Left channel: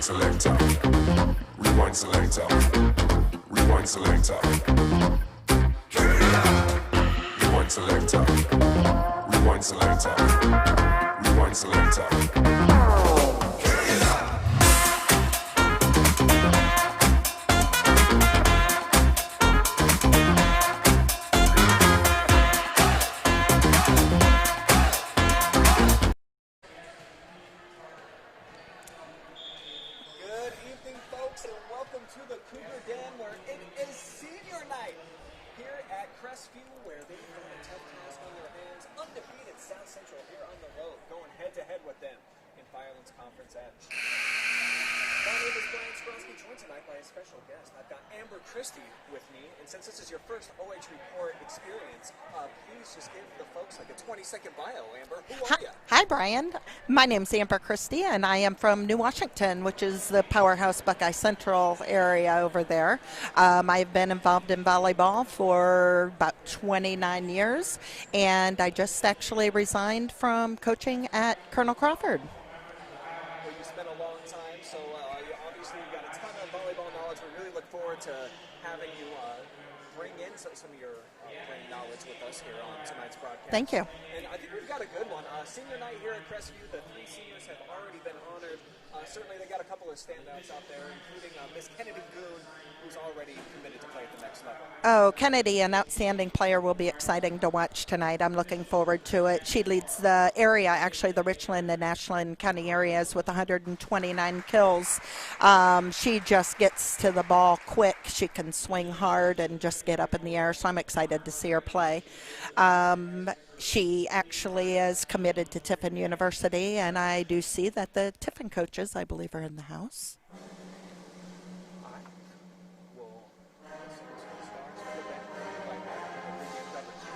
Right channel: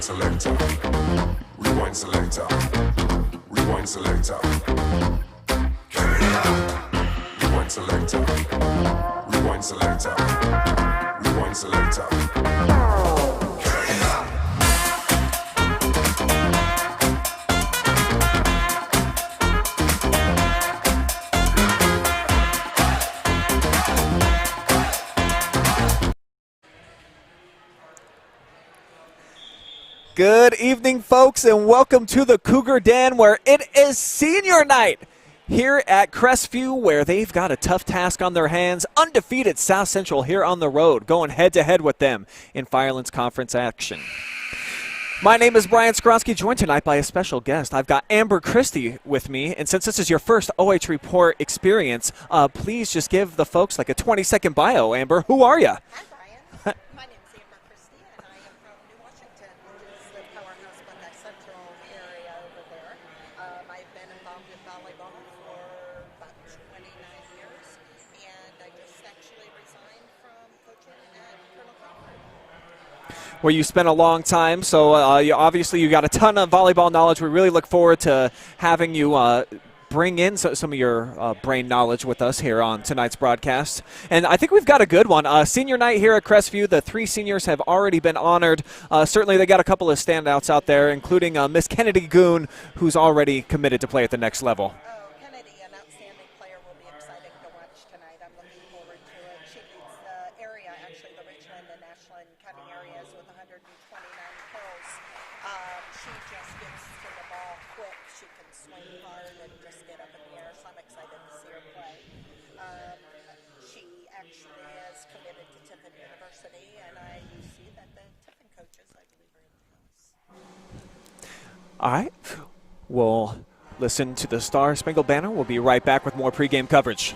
Rewind selector. Rewind selector. Rewind selector. Rewind selector. Rewind selector. Rewind selector. Good evening, folks, and welcome to the Cougar Den, where it is senior night here at Crestview, where they've got a tough task on their hands. Undefeated South Central here on the road, going head-to-head with them in Firelands Conference action. My name is Brian Skronsky, joined tonight by a special guest. I've got Amber Christie with me, and since this is your first OH Report experience, please just give the folks like a 20-second bio. Amber, who are you? Hi, Brian. My name's Amber Christie, and I am from New Washington, which is the powerhouse Buckeye Central area over there. I've been involved in volleyball for about 29 years, and I just actually resigned from coaching at Colonel Crawford. Where you spent a long time, so obviously you got a ton of volleyball knowledge. We really look forward to having you bring in some of your brain knowledge with us here on tonight's broadcast. Thank you. And I think we've got a good one. Senior night here at Crestview. The 3 seniors have already been honored. Certainly they got a couple of standouts out there, including Miss Kennedy Goon, who's already committed to play at the next level. Oh, Kennedy, an outstanding player, will be exciting to watch tonight. I'm looking forward to it. She leads the area, actually the Richland and Ashland County areas, with 129 kills. She just gets to the ball quick. She can swing hard and just get up in the air, so I'm excited to see her play. She actually is committed to Tiffin University, and I do see that the Tiffin coaches, I believe, are in the house. All right. We'll listen to the Star Spangled Banner. We'll be right back with more pregame coverage.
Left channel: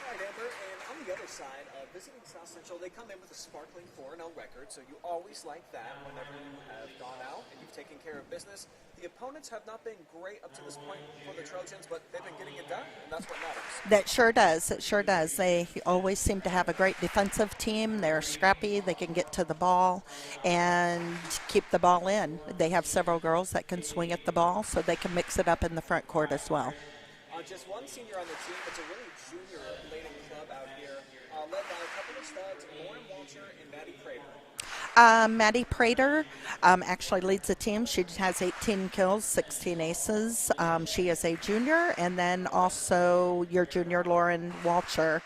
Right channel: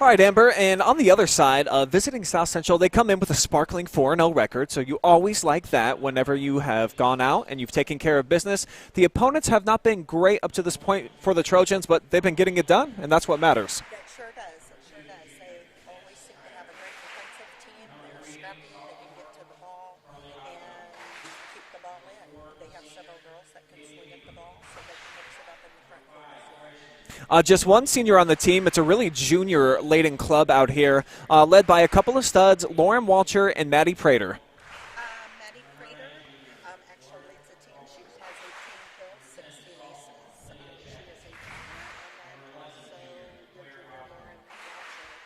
All right, Amber, and on the other side, visiting South Central, they come in with a sparkling 4-0 record, so you always like that whenever you have gone out and you've taken care of business. The opponents have not been great up to this point for the Trojans, but they've been getting it done, and that's what matters. That sure does. It sure does. They always seem to have a great defensive team. They're scrappy. They can get to the ball and keep the ball in. They have several girls that can swing at the ball, so they can mix it up in the front court as well. Just one senior on the team. It's a really junior-laden club out here, led by a couple of studs, Lauren Walcher and Maddie Prater. Maddie Prater actually leads the team. She has 18 kills, 16 aces. She is a junior, and then also your junior, Lauren Walcher.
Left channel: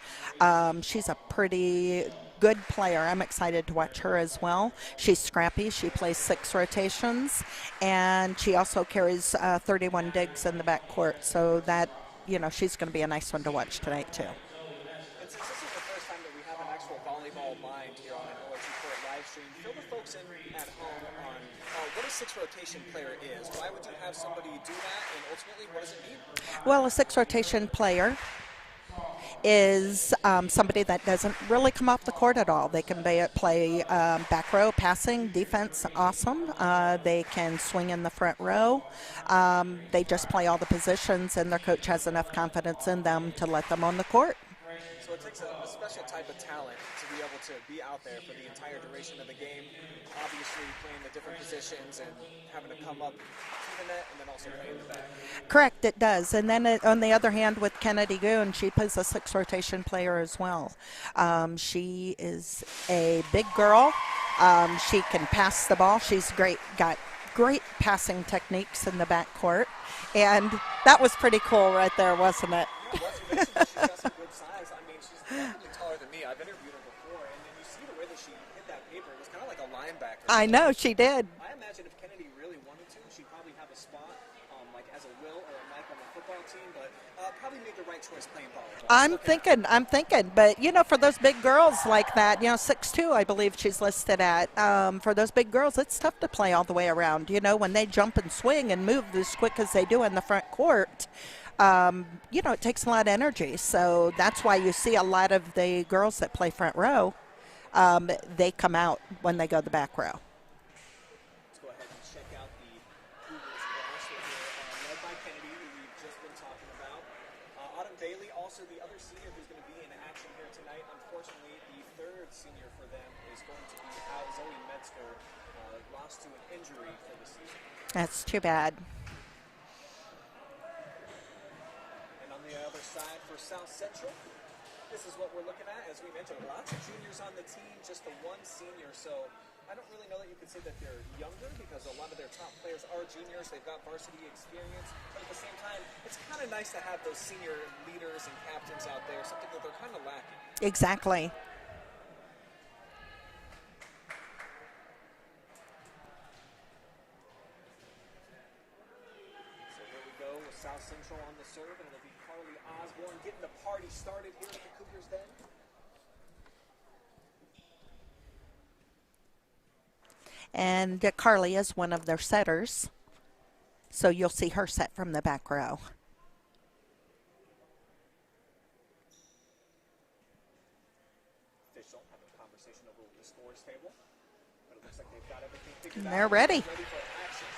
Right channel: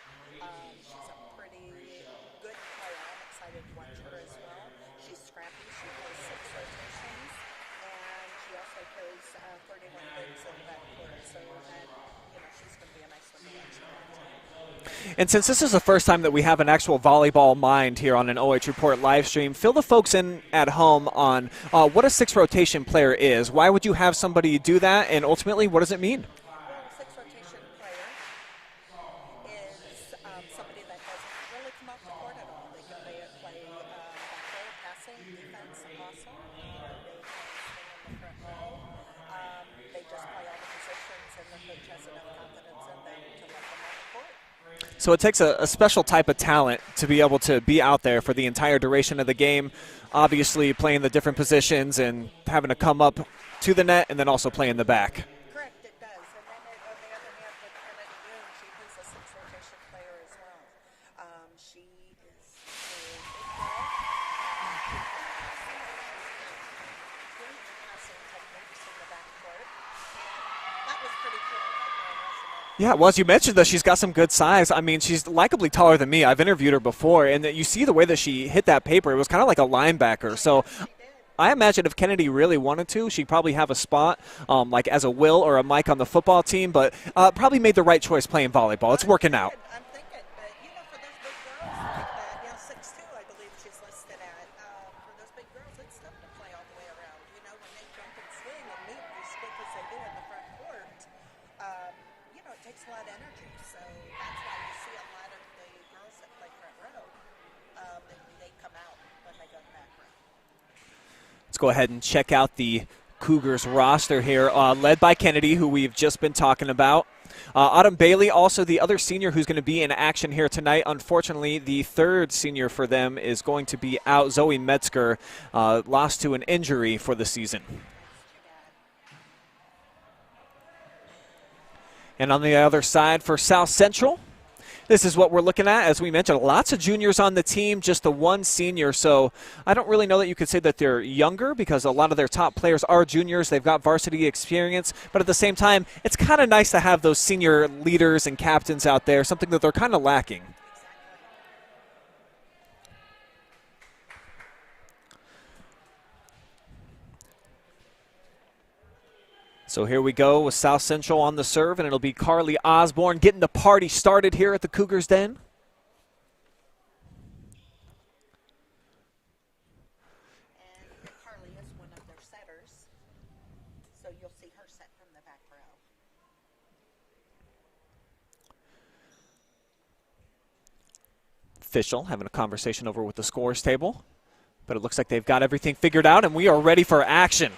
She's a pretty good player. I'm excited to watch her as well. She's scrappy. She plays 6 rotations, and she also carries 31 digs in the backcourt. So that, she's going to be a nice one to watch tonight too. And since this is the first time that we have an actual volleyball mind here on an OH Report live stream, fill the folks in at home on what a 6 rotation player is. Why would you have somebody do that, and ultimately, what does it mean? Well, a 6 rotation player is somebody that doesn't really come off the court at all. They can play back row, passing, defense, awesome. They can swing in the front row. They just play all the positions, and their coach has enough confidence in them to let them on the court. So it takes a special type of talent to be able to be out there for the entire duration of the game. obviously playing the different positions and having to come up to the net and then also play in the back. Correct, it does. And then on the other hand, with Kennedy Goon, she plays a 6 rotation player as well. She is a big girl. She can pass the ball. She's got great passing techniques in the backcourt. And that was pretty cool right there, wasn't it? Yeah, it was. You mentioned that she's got some good size. I mean, she's likably taller than me. I've interviewed her before, and you see the way that she hit that paper. It was kind of like a linebacker. I know, she did. I imagine if Kennedy really wanted to, she'd probably have a spot like as a Will or a Mike on the football team, but probably made the right choice playing volleyball. It's working out. I'm thinking. But, for those big girls like that, 6'2", I believe she's listed at, for those big girls, it's tough to play all the way around. When they jump and swing and move as quick as they do in the front court, it takes a lot of energy. So that's why you see a lot of the girls that play front row, they come out when they go the back row. Let's go ahead and check out the Cougars roster here, led by Kennedy, who we've just been talking about. Autumn Bailey, also the other senior who's going to be in action here tonight. Unfortunately, the third senior for them is going to be out. Zoe Metzger lost to an injury for the season. That's too bad. And on the other side for South Central, this is what we're looking at. As we mentioned, lots of juniors on the team, just the one senior. So I don't really know that you could say that they're younger because a lot of their top players are juniors. They've got varsity experience. But at the same time, it's kind of nice to have those senior leaders and captains out there, something that they're kind of lacking. Exactly. So here we go with South Central on the serve, and it'll be Carly Osborne getting the party started here at the Cougars Den. And Carly is one of their setters, so you'll see her set from the back row. Official having a conversation over with the scores table, but it looks like they've got everything figured out, and ready. we are ready for action.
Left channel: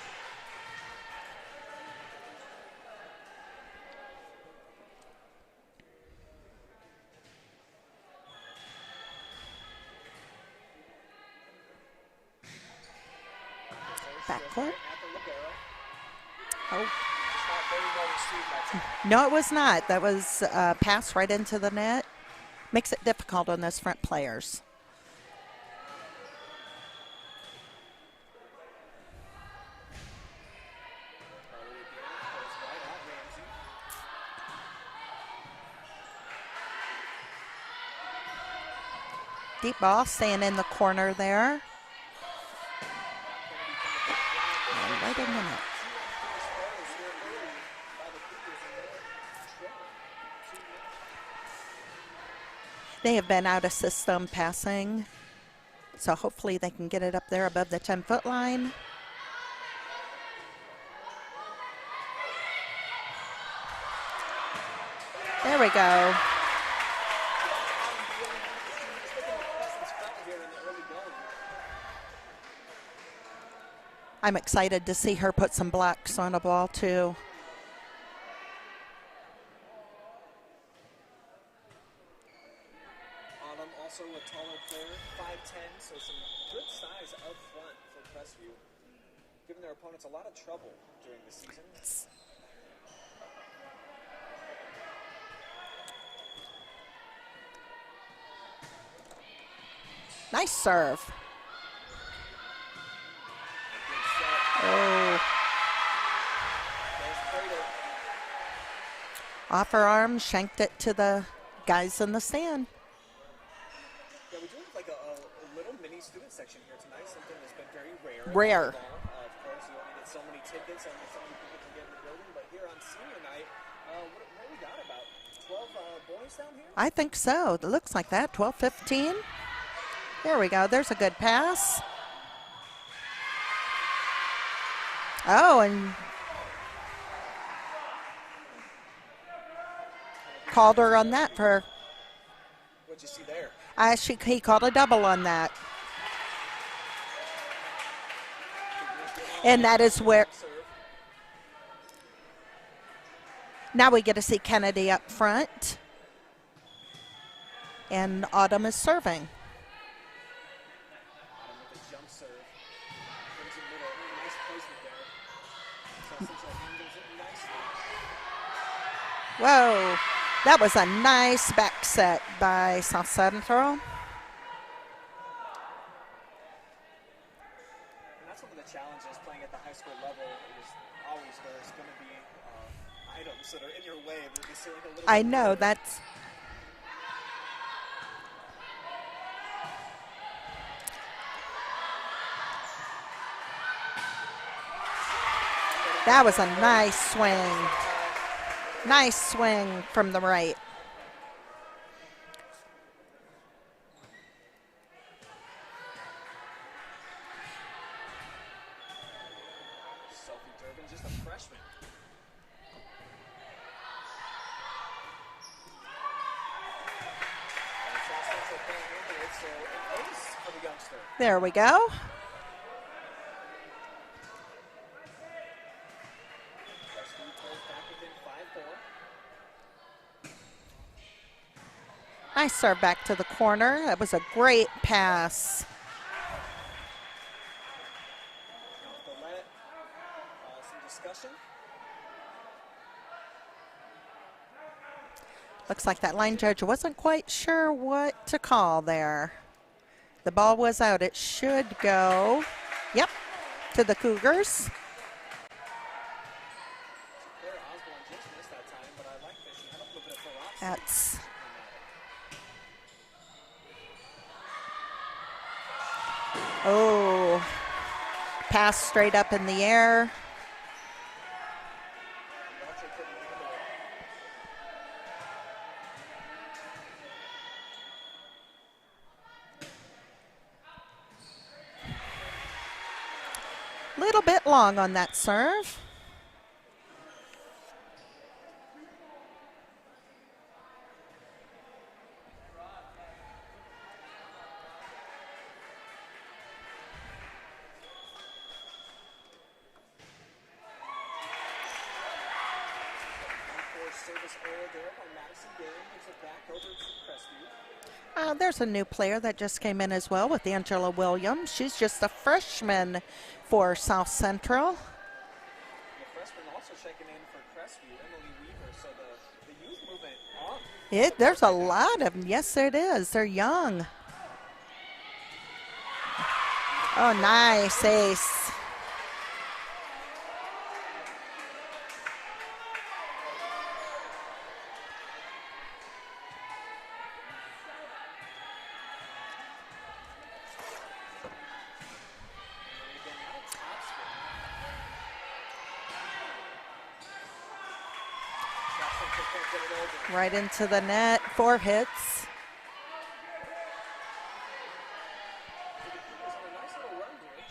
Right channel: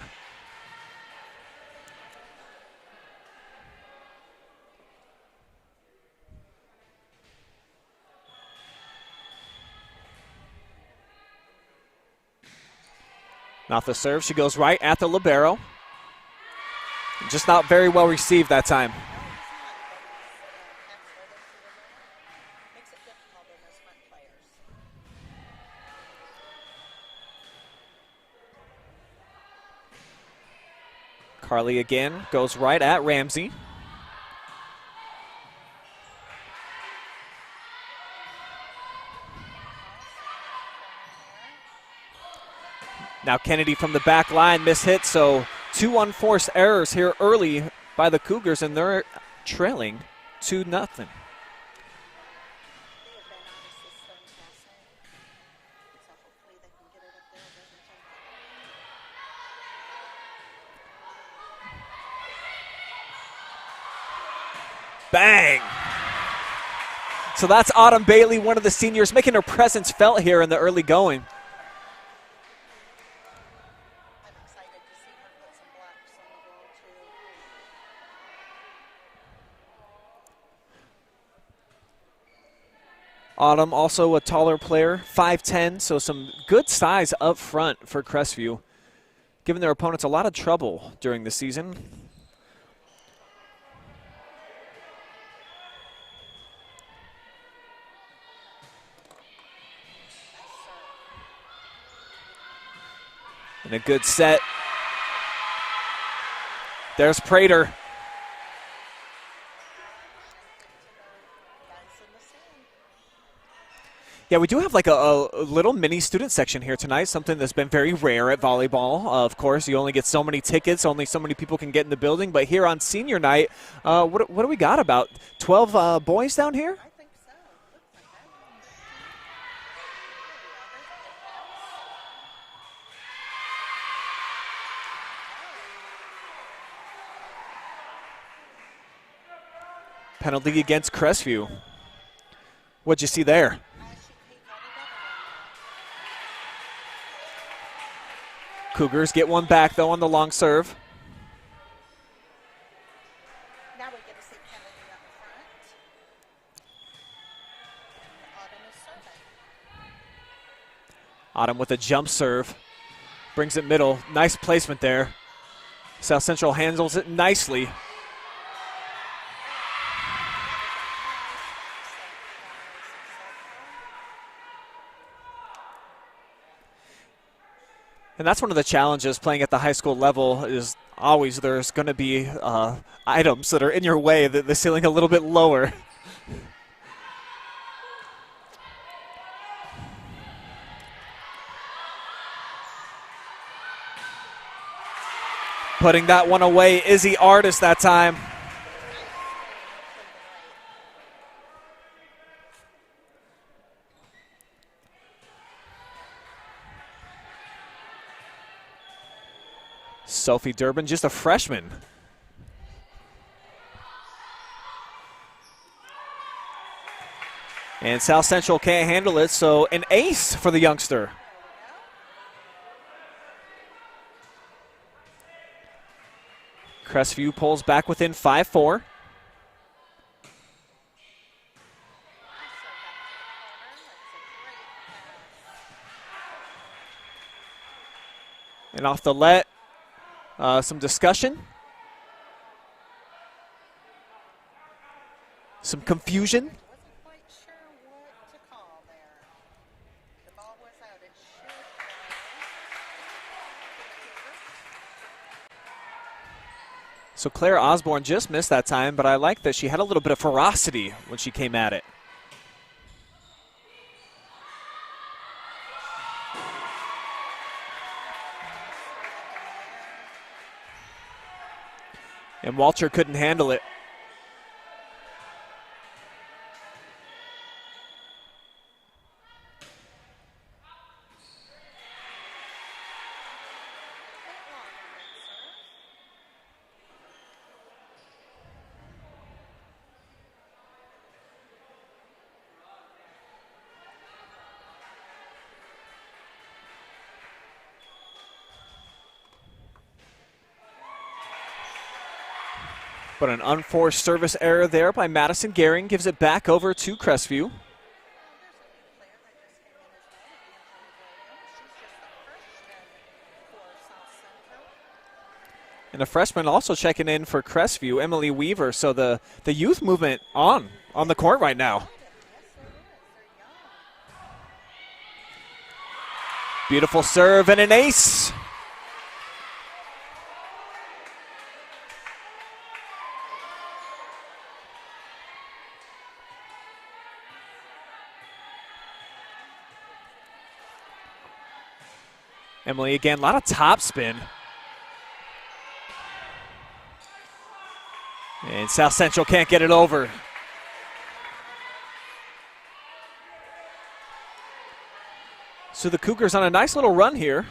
Not the serve. She goes right at the libero. Oh. Just not very well received that time. No, it was not. That was a pass right into the net. Makes it difficult on those front players. Carly again goes right at Ramsey. Deep ball staying in the corner there. Now Kennedy from the back line, mishit, so 2 unforced errors here early by the Cougars, and they're trailing 2-0. They have been out of system passing, so hopefully they can get it up there above the 10-foot line. Bang! There we go. So that's Autumn Bailey, one of the seniors, making her presence felt here in the early going. I'm excited to see her put some blocks on a ball, too. Autumn, also a taller player, 5'10", so some good size up front for Crestview, giving their opponents a lot of trouble during the season. Nice serve. And a good set. Oh. There's Prater. Off her arm, shanked it to the guys in the stand. Yeah, we do have like a little mini student section here tonight, something that's been very rare at volleyball. Of course, you only get so many tickets, only so many people can get in the building. But here on senior night, what do we got, about 12 boys down here? I think so. It looks like that, 12, 15. There we go. There's a good pass. Oh, and penalty against Crestview. What'd you see there? He called a double on that. Cougars get one back, though, on the long serve. Now we get to see Kennedy up front. And Autumn is serving. Autumn with a jump serve. Brings it middle. Nice placement there. South Central handles it nicely. Whoa. That was a nice back set by South Central. And that's one of the challenges playing at the high school level is always there's going to be items that are in your way, that the ceiling a little bit lower. That's Putting that one away, nice Izzy swing. Artist that time. Nice swing from the right. Sophie Durbin, just a freshman. And South Central can't handle it, so an ace for the youngster. There we go. Crestview pulls back within 5-4. Nice serve back to the corner. That was a great pass. And off the let, some discussion. Some Looks like confusion. that line judge wasn't quite sure what to call there. The ball was out. It should go, yep, to the Cougars. So Claire Osborne just missed that time, but I like that she had a little bit of ferocity That's when she came at it. Oh, pass straight up in the air. And Walter couldn't handle it. Little bit long on that serve. But an unforced service error there by Madison Gehring gives it back over to Crestview. There's a new player that just came in as well with Angela Williams. She's just a freshman for South Central. And a freshman also checking in for Crestview, Emily Weaver. So the youth movement on the court right now. There's a lot of them. Yes, it is. They're young. Beautiful serve and an nice ace. Emily again, a lot of top spin. And South Central can't get it over. Right into the net, 4 hits. So the Cougars on a nice little run here,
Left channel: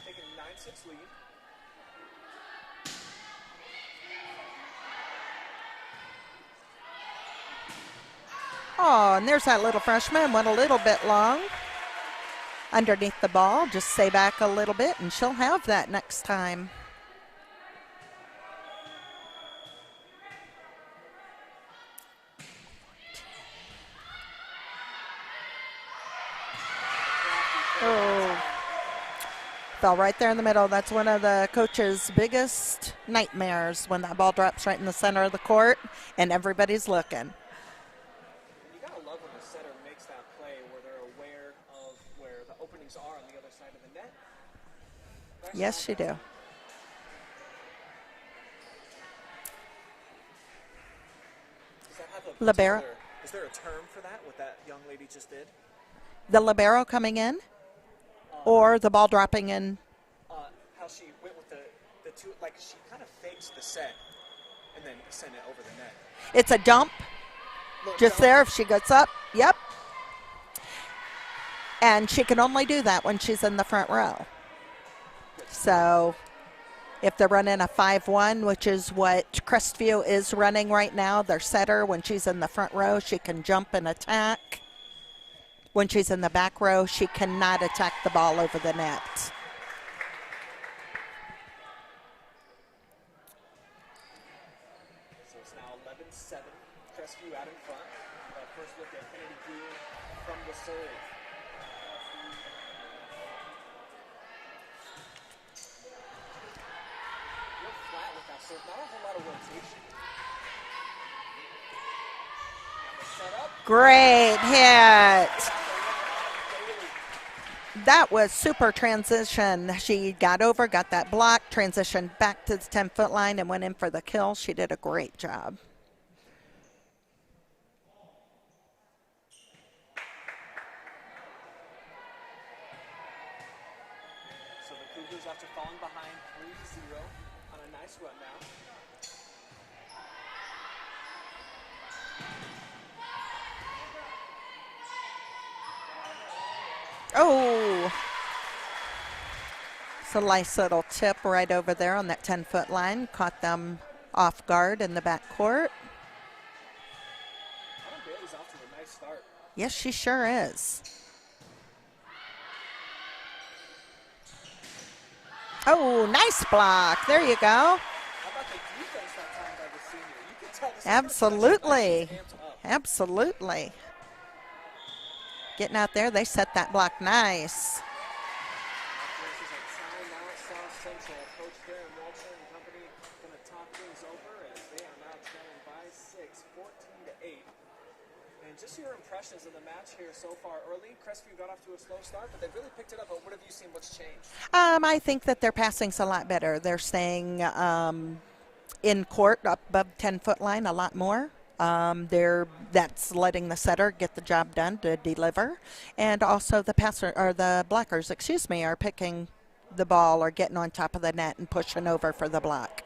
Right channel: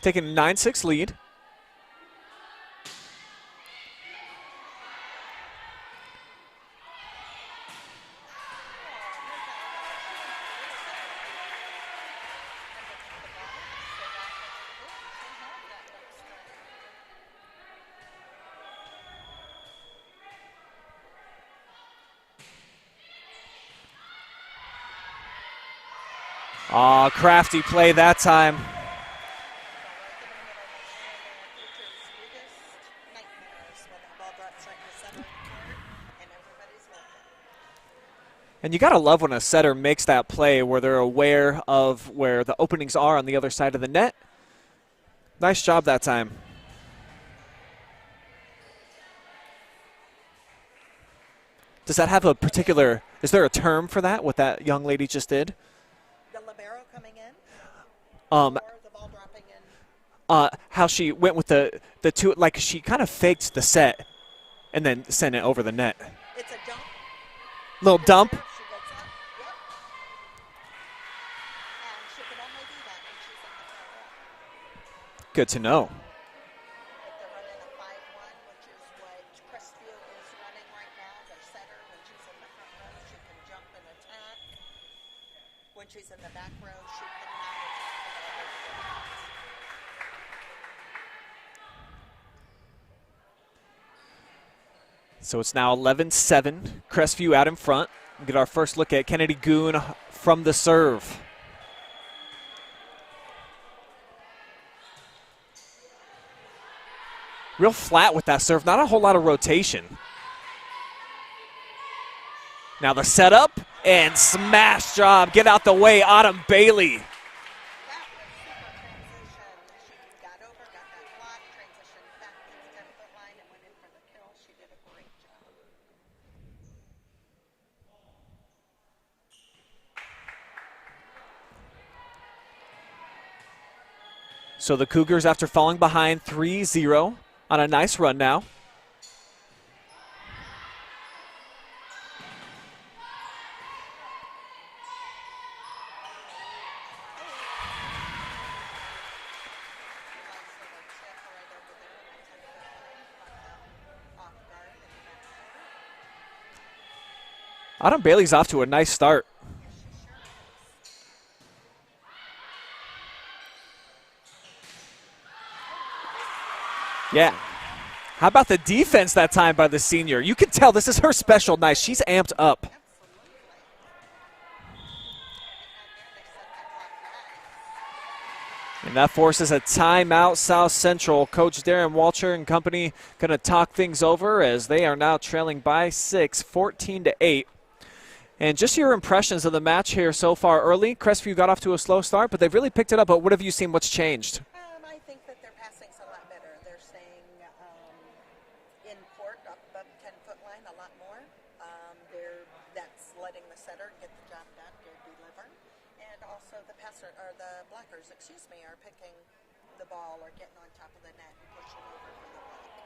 taking a 9-6 lead. Oh, and there's that little freshman, went a little bit long. Underneath the ball, just stay back a little bit and she'll have that next time. Crafty play that time. Fell right there in the middle. That's one of the coach's biggest nightmares, when that ball drops right in the center of the court and everybody's looking. And you got to love when a setter makes that play where they're aware of where the openings are on the other side of the net. Nice job that time. Does that have a particular, is there a term for that, what that young lady just did? The libero coming in or the ball dropping in? How she went with the two, like she kind of faked the set and then sent it over the net. It's a dump. Little Just dump. there if she gets up. Yep. And she can only do that when she's in the front row. Good to know. So if they're running a 5-1, which is what Crestview is running right now, their setter, when she's in the front row, she can jump and attack. When she's in the back row, she cannot attack the ball over the net. So it's now 11-7. Crestview out in front. We'll get our first look at Kennedy Goon from the serve. real flat with that serve. Not a whole lot of rotation. Now the setup. Great. And smash job. Get out the way, Autumn Bailey. That was super transition. She got over, got that block, transitioned back to the 10-foot line, and went in for the kill. She did a great job. So the Cougars, after falling behind 3-0, on a nice run now. Oh, it's a nice little tip right over there on that 10-foot line. Caught them off guard in the backcourt. Autumn Bailey's off to a nice start. Yes, she sure is. Oh, nice block. There you go. How about the defense that time by the senior? You can tell this is her special night. Absolutely. She's amped up. Absolutely. Getting out there, they set that block nice. And that forces a timeout. South Central. Coach Darren Walcher and company going to talk things over as they are now trailing by 6, 14-8. And just your impressions of the match here so far early. Crestview got off to a slow start, but they've really picked it up. But what have you seen? What's changed? I think that their passing's a lot better. They're staying in court up above 10-foot line a lot more. That's letting the setter get the job done to deliver, and also the passer or the blockers, are picking the ball or getting on top of the net and pushing over for the block.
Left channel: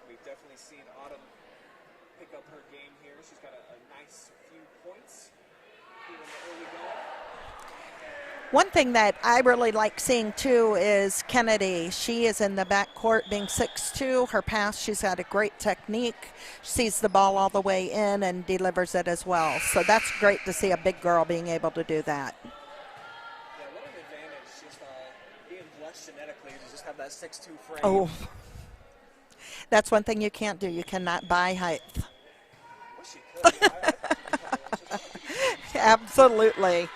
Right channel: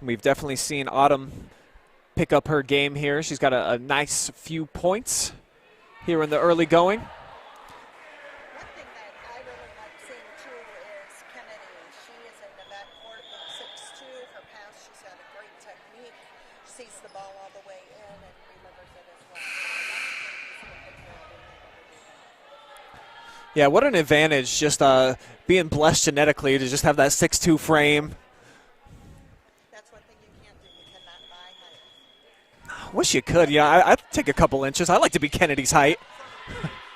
We've definitely seen Autumn pick up her game here. She's got a nice few points here in the early going. One thing that I really like seeing, too, is Kennedy. She is in the backcourt being 6'2". Her pass, she's got a great technique. Sees the ball all the way in and delivers it as well. So that's great to see a big girl being able to do that. Yeah, what an advantage just being blessed genetically to just have that 6'2" frame. Oh. That's one thing you can't do. You cannot buy height. Wish you could. Yeah, I'd take a couple inches. I like to be Kennedy's height. Absolutely.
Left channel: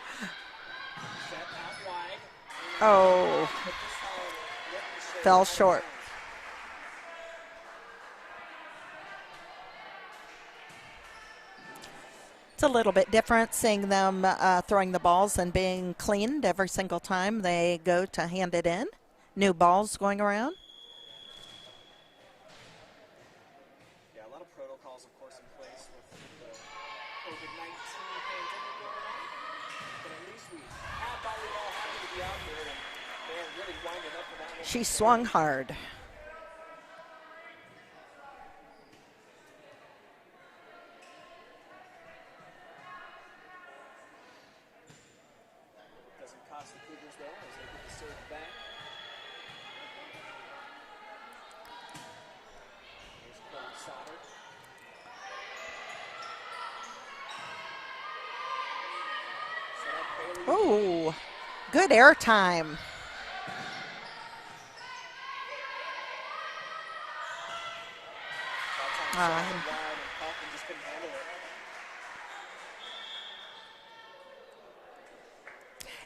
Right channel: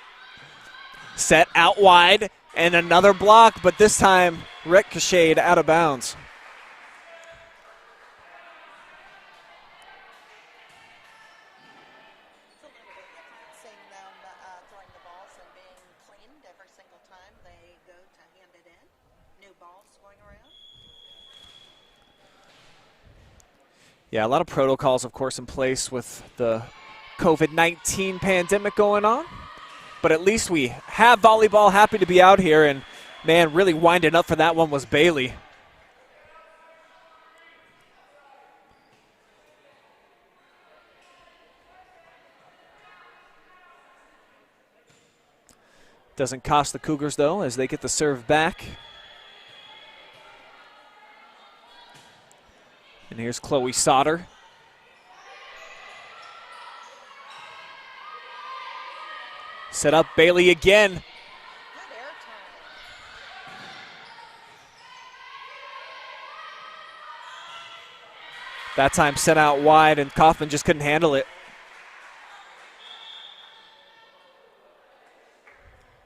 Set out wide and another block, but this time ricocheted out of bounds. It's a little bit different seeing them throwing the balls and being cleaned every single time they go to hand it in. New balls going around. Yeah, a lot of protocols, of course, in place with the COVID-19 pandemic going on. But at least we have volleyball. Happy to be out here. And, man, really winding up for that one was Bailey. She swung hard. Doesn't cost the Cougars, though, as they get the serve back. And here's Chloe Sauter. Set up Bailey again. Ooh, good air time. That time sent out wide, and Kaufman just couldn't handle it.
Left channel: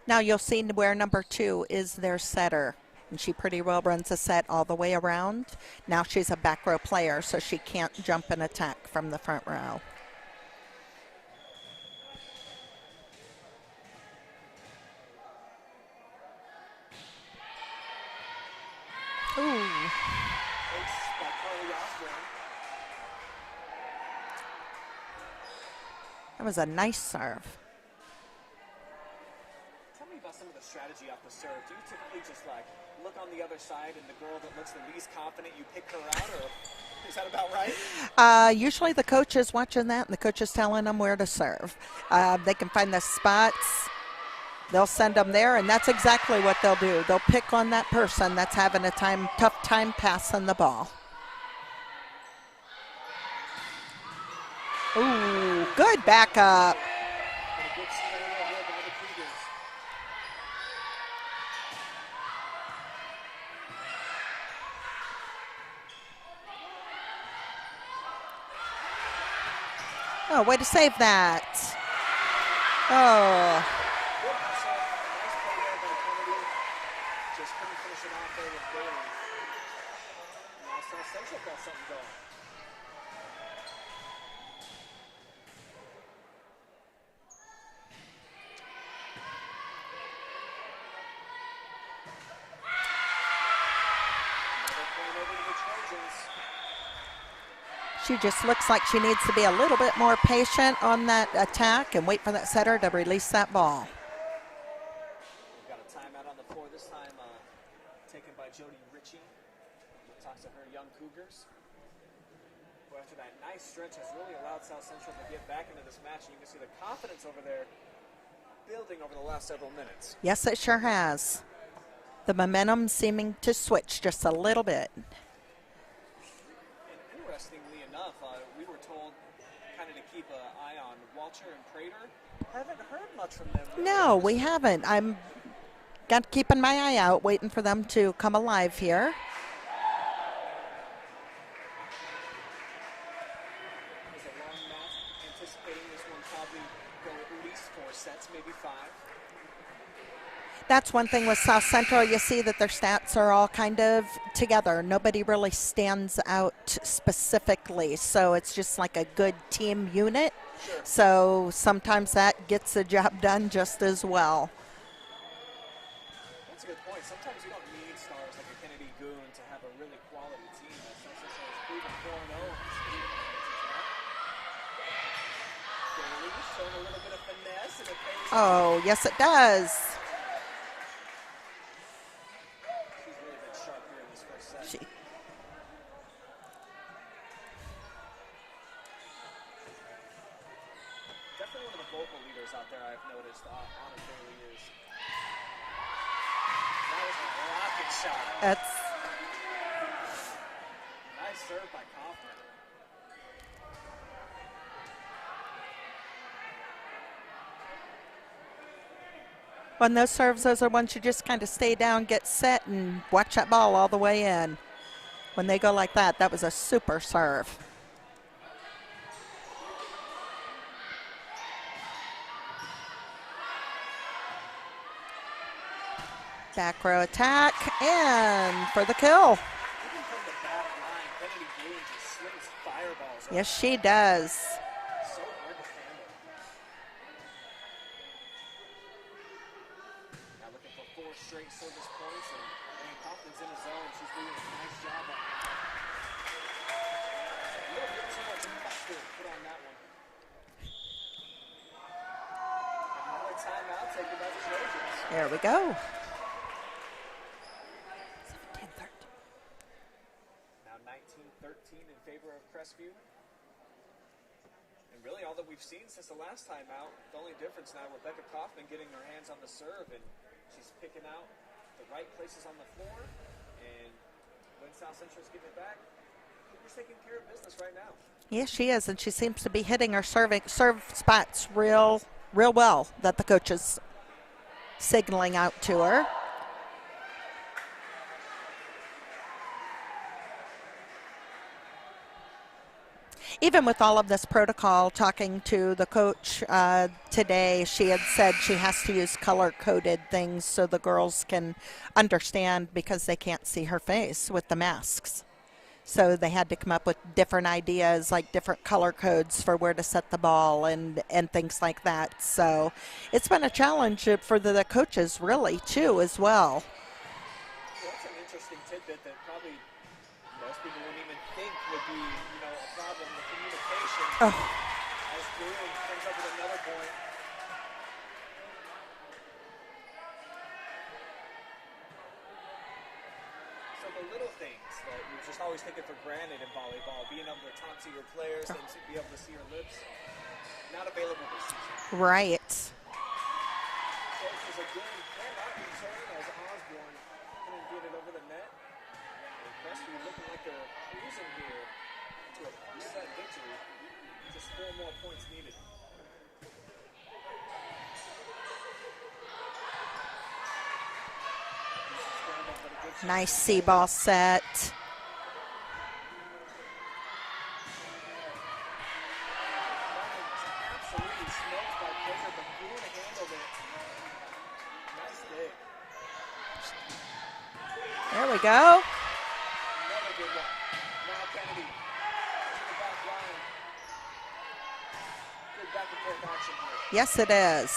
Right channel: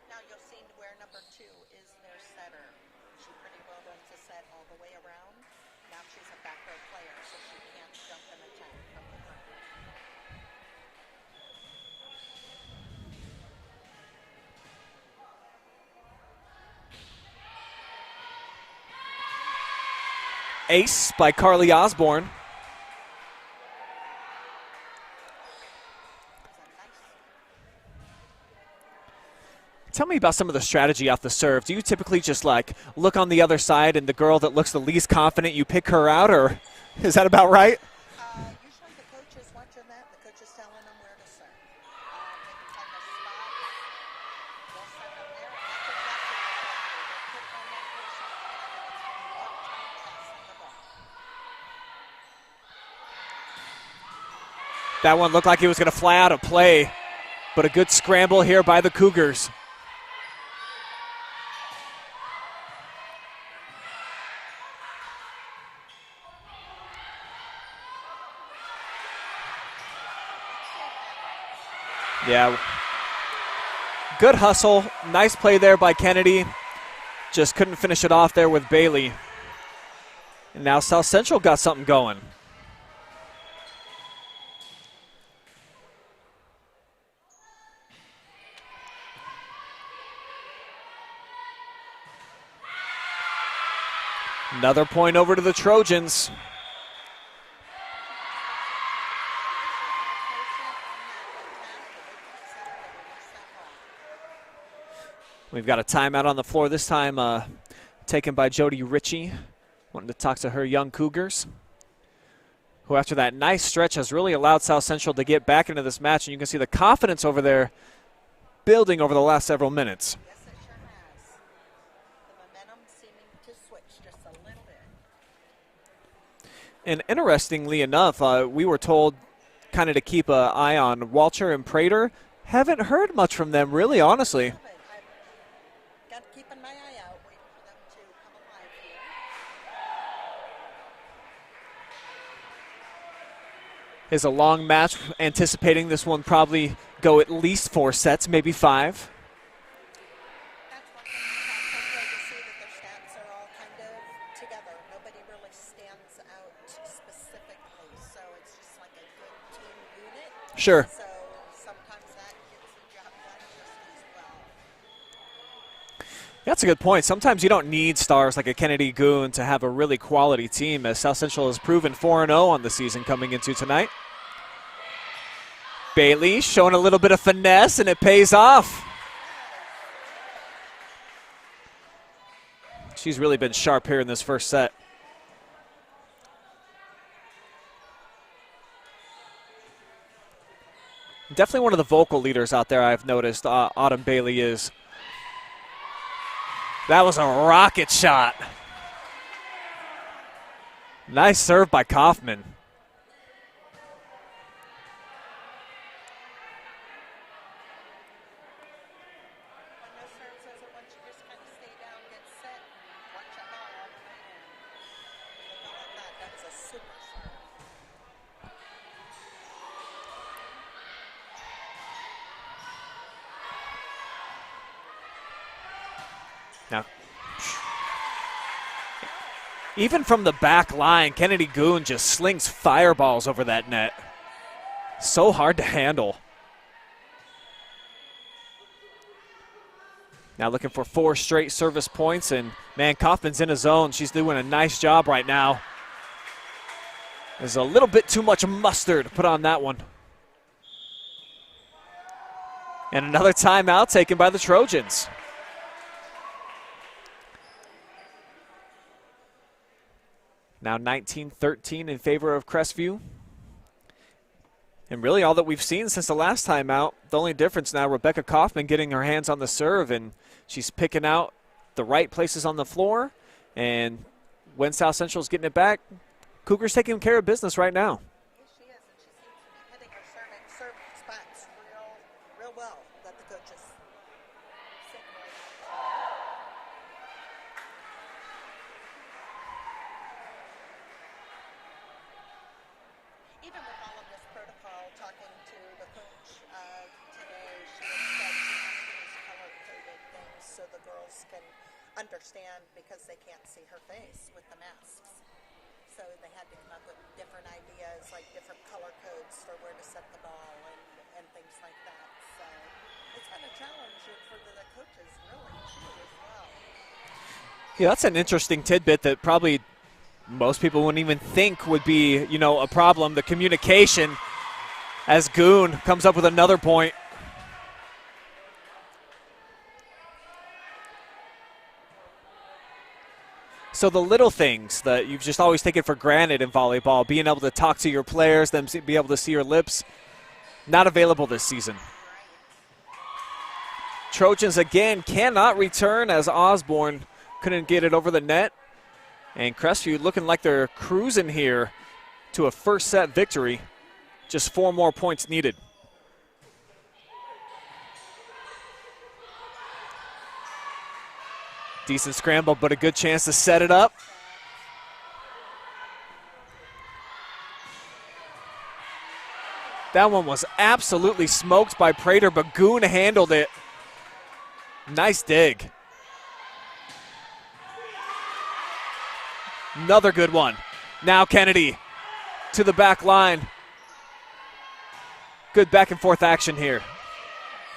Now you'll see where number 2 is their setter. And she pretty well runs a set all the way around. Now she's a back row player, so she can't jump and attack from the front row. Ooh. Ace by Carly Osborne. That was a nice serve. Tell me about some of the strategy off the serve. Do you typically just like look on the other side and the girl that looks the least confident, you pick her out, or is that about right? Usually the coach is watching that and the coach is telling them where to serve. They can find the spots. They'll send them there, and that's exactly what they'll do. They'll pick on that person that's having a tough time passing the ball. That one looked like it was going to fly out of play, but a good scramble here by the Cougars. Oh, way to save that. Yeah. Oh. Good hustle. Nice play there by Kennedy. Just couldn't finish it off there with Bailey. And now South Central got something going. Another point over to the Trojans. She just looks like she needs to be a little bit more patient on that attack and wait for that setter to release that ball. We've got a timeout on the floor this time taken by Jody Ritchie, wanting to talk to her young Cougars, who after that nice stretch has really allowed South Central to get back into this match. And you can see the confidence over there building over the last several minutes. Yes, it sure has. The momentum seeming to switch just a little bit. And interestingly enough, we were told kind of to keep an eye on Walcher and Prater. Haven't heard much from them, really, no, honestly. We haven't. I'm keeping my eye out, waiting for them to come alive here. Is a long match, anticipating this one probably go at least 4 sets, maybe 5. That's one thing with South Central. You see that their stats are all kind of together. Nobody really stands out specifically, so it's just like a good team unit. Sure. So sometimes that gets the job done just as well. That's a good point. Sometimes you don't need stars like a Kennedy Goon to have a really quality team, as South Central has proven 4-0 on the season coming into tonight. Bailey showing a little bit of finesse, and it pays off. Oh, yes, it does. She's really been sharp here in this first set. Definitely one of the vocal leaders out there, I've noticed, Autumn Bailey is. That was a rocket shot. That's nice serve by Kaufman. when those serves, those are ones you just kind of stay down, get set, and watch that ball all the way in. When they go like that, that was a super serve. Back row attack, and for the kill. Even from the back line, Kennedy Goon just slings fireballs over that net. She does. So hard to handle. Now looking for 4 straight service points, and man, Kaufman's in his zone. She's doing a nice job right now. There's a little bit too much mustard put on that one. And another timeout taken by the Trojans. There we go. Now 19-13 in favor of Crestview. And really all that we've seen since the last time out, the only difference now, Rebecca Kaufman getting her hands on the serve, and she's picking out the right places on the floor. And when South Central's getting it back, Cougars taking care of business right now. Yes, she is, and she seems to be hitting her serve spots real well that the coach is signaling out to her. Even with all of this protocol, talking to the coach today, she had said she has to use color-coded things so the girls can understand, because they can't see her face with the masks. So they had to come up with different ideas, like different color codes for where to set the ball and things like that. So it's been a challenge for the coaches, really, too, as well. Yeah, that's an interesting tidbit that probably most people wouldn't even think would be, you know, a problem. The communication as Goon comes up with another point. So the little things that you've just always taken for granted in volleyball, being able to talk to your players, them be able to see your lips, not available this season. Right. Trojans again cannot return as Osborne couldn't get it over the net. And Crestview looking like they're cruising here to a first set victory. Just 4 more points needed. Decent scramble, but a good chance to set it up. Set. That one was absolutely smoked by Prater, but Goon handled it. Nice dig. There we go. Another good one. Now Kennedy to the back line. Good back and forth action here. Yes, it is.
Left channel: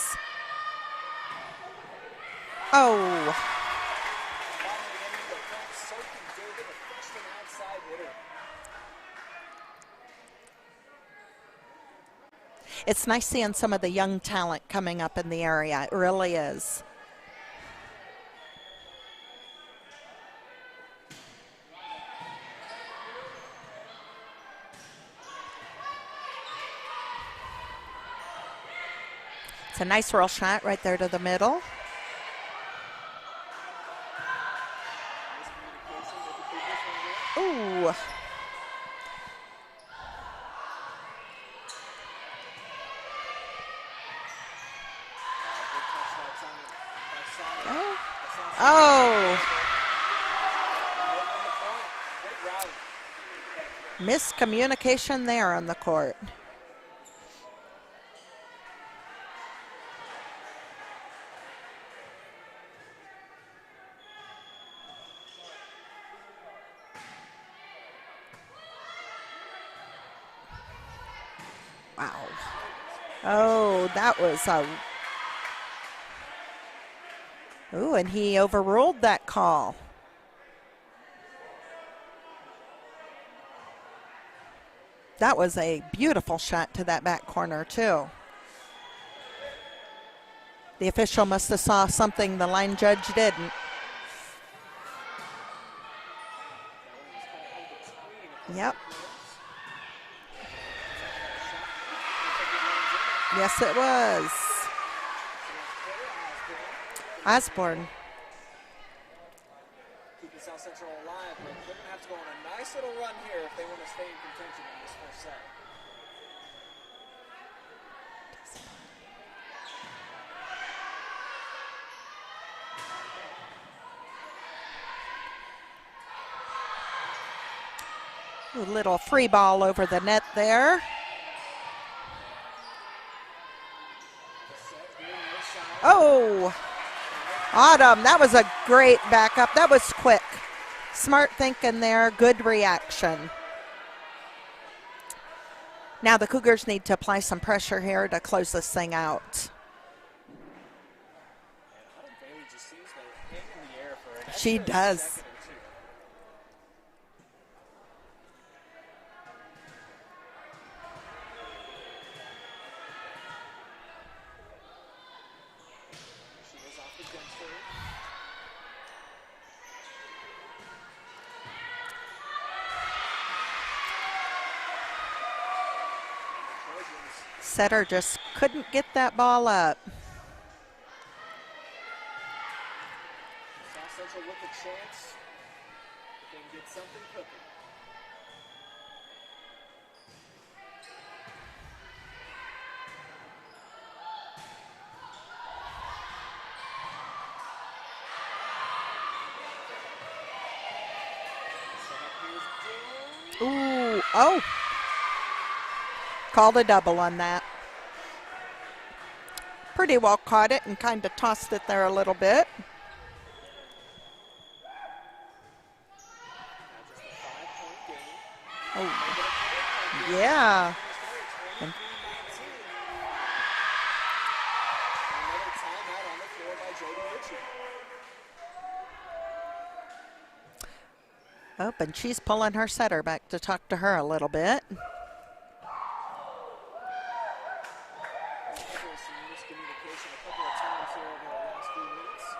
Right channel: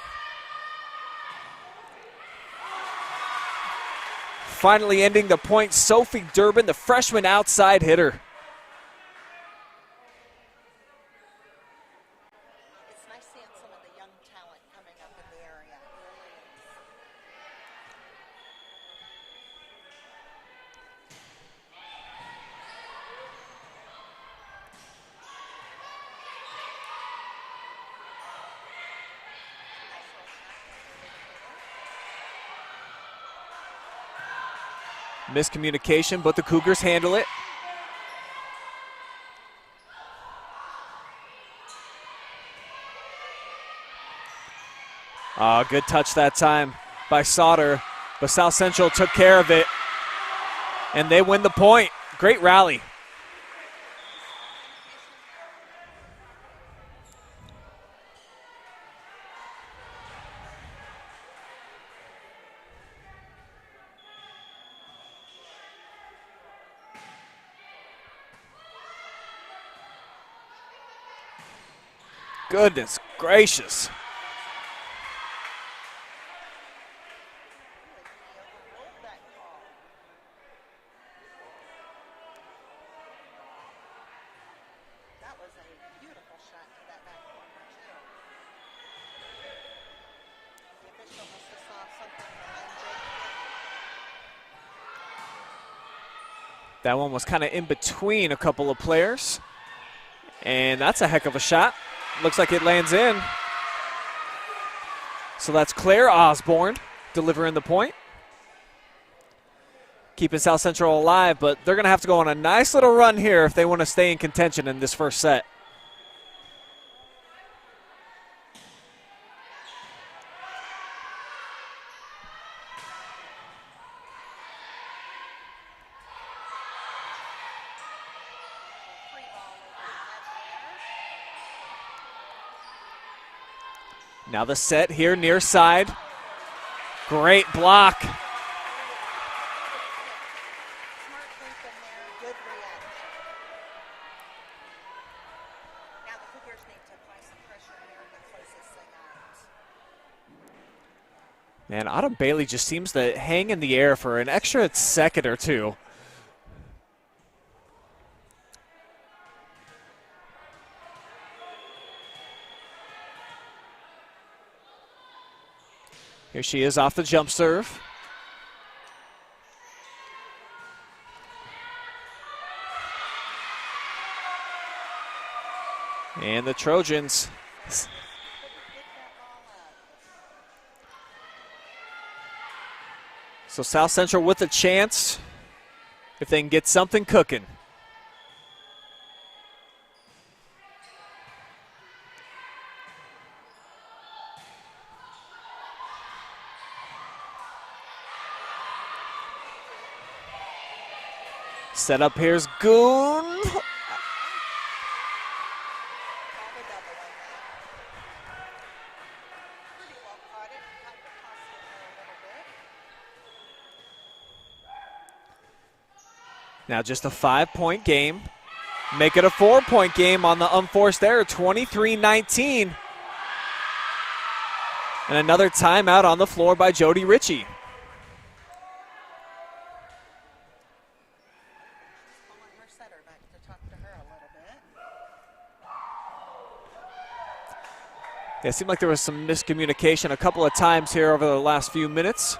Oh. Finally ending the point, Sophie Durbin, the freshman outside hitter. It's nice seeing some of the young talent coming up in the area. It really is. It's a nice roll shot right there to the middle. Miscommunication, but the Cougars handle it. Ooh. Good touch that time by Sauter, but South Central took care of it, and they win the point. Great rally. Miscommunication there on the court. Wow. Goodness gracious. Oh, that was a... Ooh, and he overruled that call. That was a beautiful shot to that back corner, too. The official must have saw something the line judge didn't. That one was kind of in between a couple of players. And that's a heck of a shot. Looks like it lands in. Yes, it was. So that's Claire Osborne delivering the point. Keeping South Central alive, but they're going to have to go on a nice little run here if they want to stay in contention in this first set. A little free ball over the net there. Now the set here near side. Oh. Great block. Autumn, that was a great backup. That was quick. Smart thinking there, good reaction. Now the Cougars need to apply some pressure here to close this thing out. Man, Autumn Bailey just seems to hang in the air for an extra second or two. Here she is off the jump serve. And the Trojans. Setter just couldn't get that ball up. So South Central with a chance if they can get something cooking. Set up here's Goon. Ooh, oh. Called a double on that. Pretty well caught it and kind of tossed it there a little bit. Now just a 5-point game. Make it a 4-point game on the unforced error, 23-19. And another timeout on the floor by Jody Ritchie. Oh, and she's pulling her setter back to talk to her a little bit. Yeah, it seemed like there was some miscommunication a couple of times here over the last few minutes.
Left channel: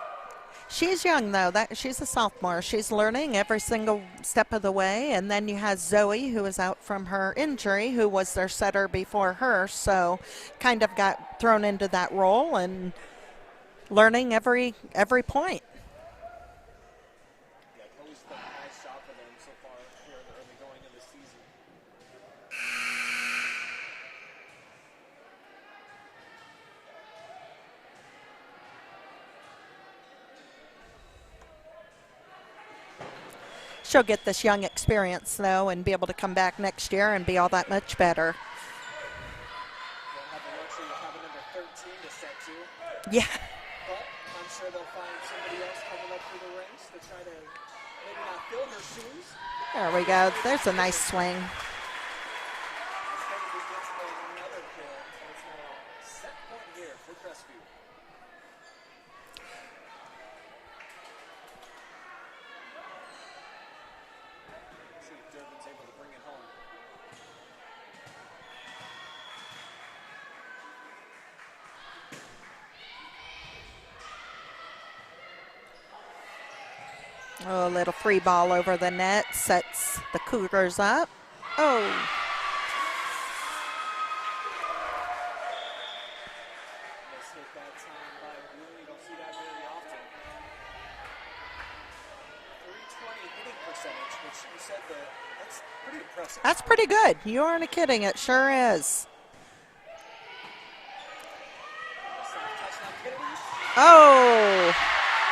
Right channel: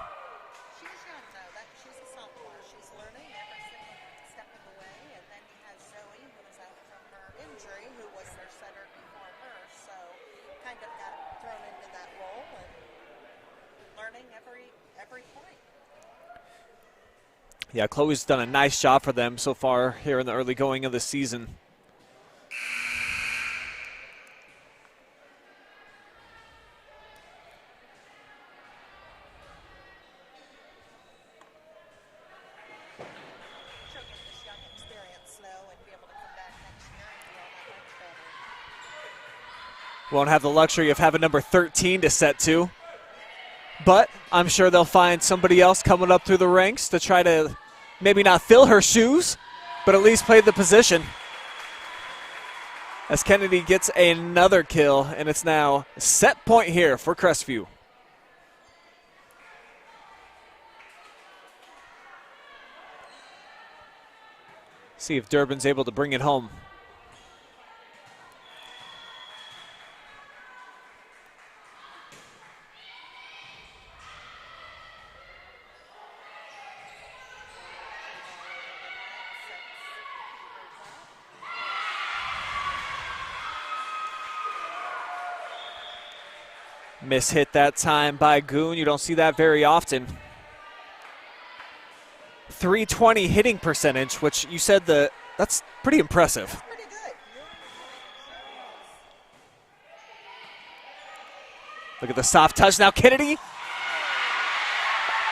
She's young, though. She's a sophomore. She's learning every single step of the way. And then you have Zoe, who is out from her injury, who was their setter before her. So kind of got thrown into that role and learning every point. Yeah, Chloe's done a nice job for them so far here in the early going of the season. She'll get this young experience, though, and be able to come back next year and be all that much better. Won't have the luxury of having number 13 to set to. Yeah. But I'm sure they'll find somebody else coming up through the ranks to try to maybe not fill her shoes. but at least played the There's a position. nice swing. As Kennedy gets another kill, and it's now set point here for Crestview. See if Durbin's able to bring it home. Oh, a little free ball over the net sets the Cougars up. Oh. Miss hit that time by Goon. You don't see that very often. 320 hitting percentage, which you said that's pretty impressive. That's pretty good. You aren't kidding. It sure is. Look at the soft touch now, Kennedy. Oh,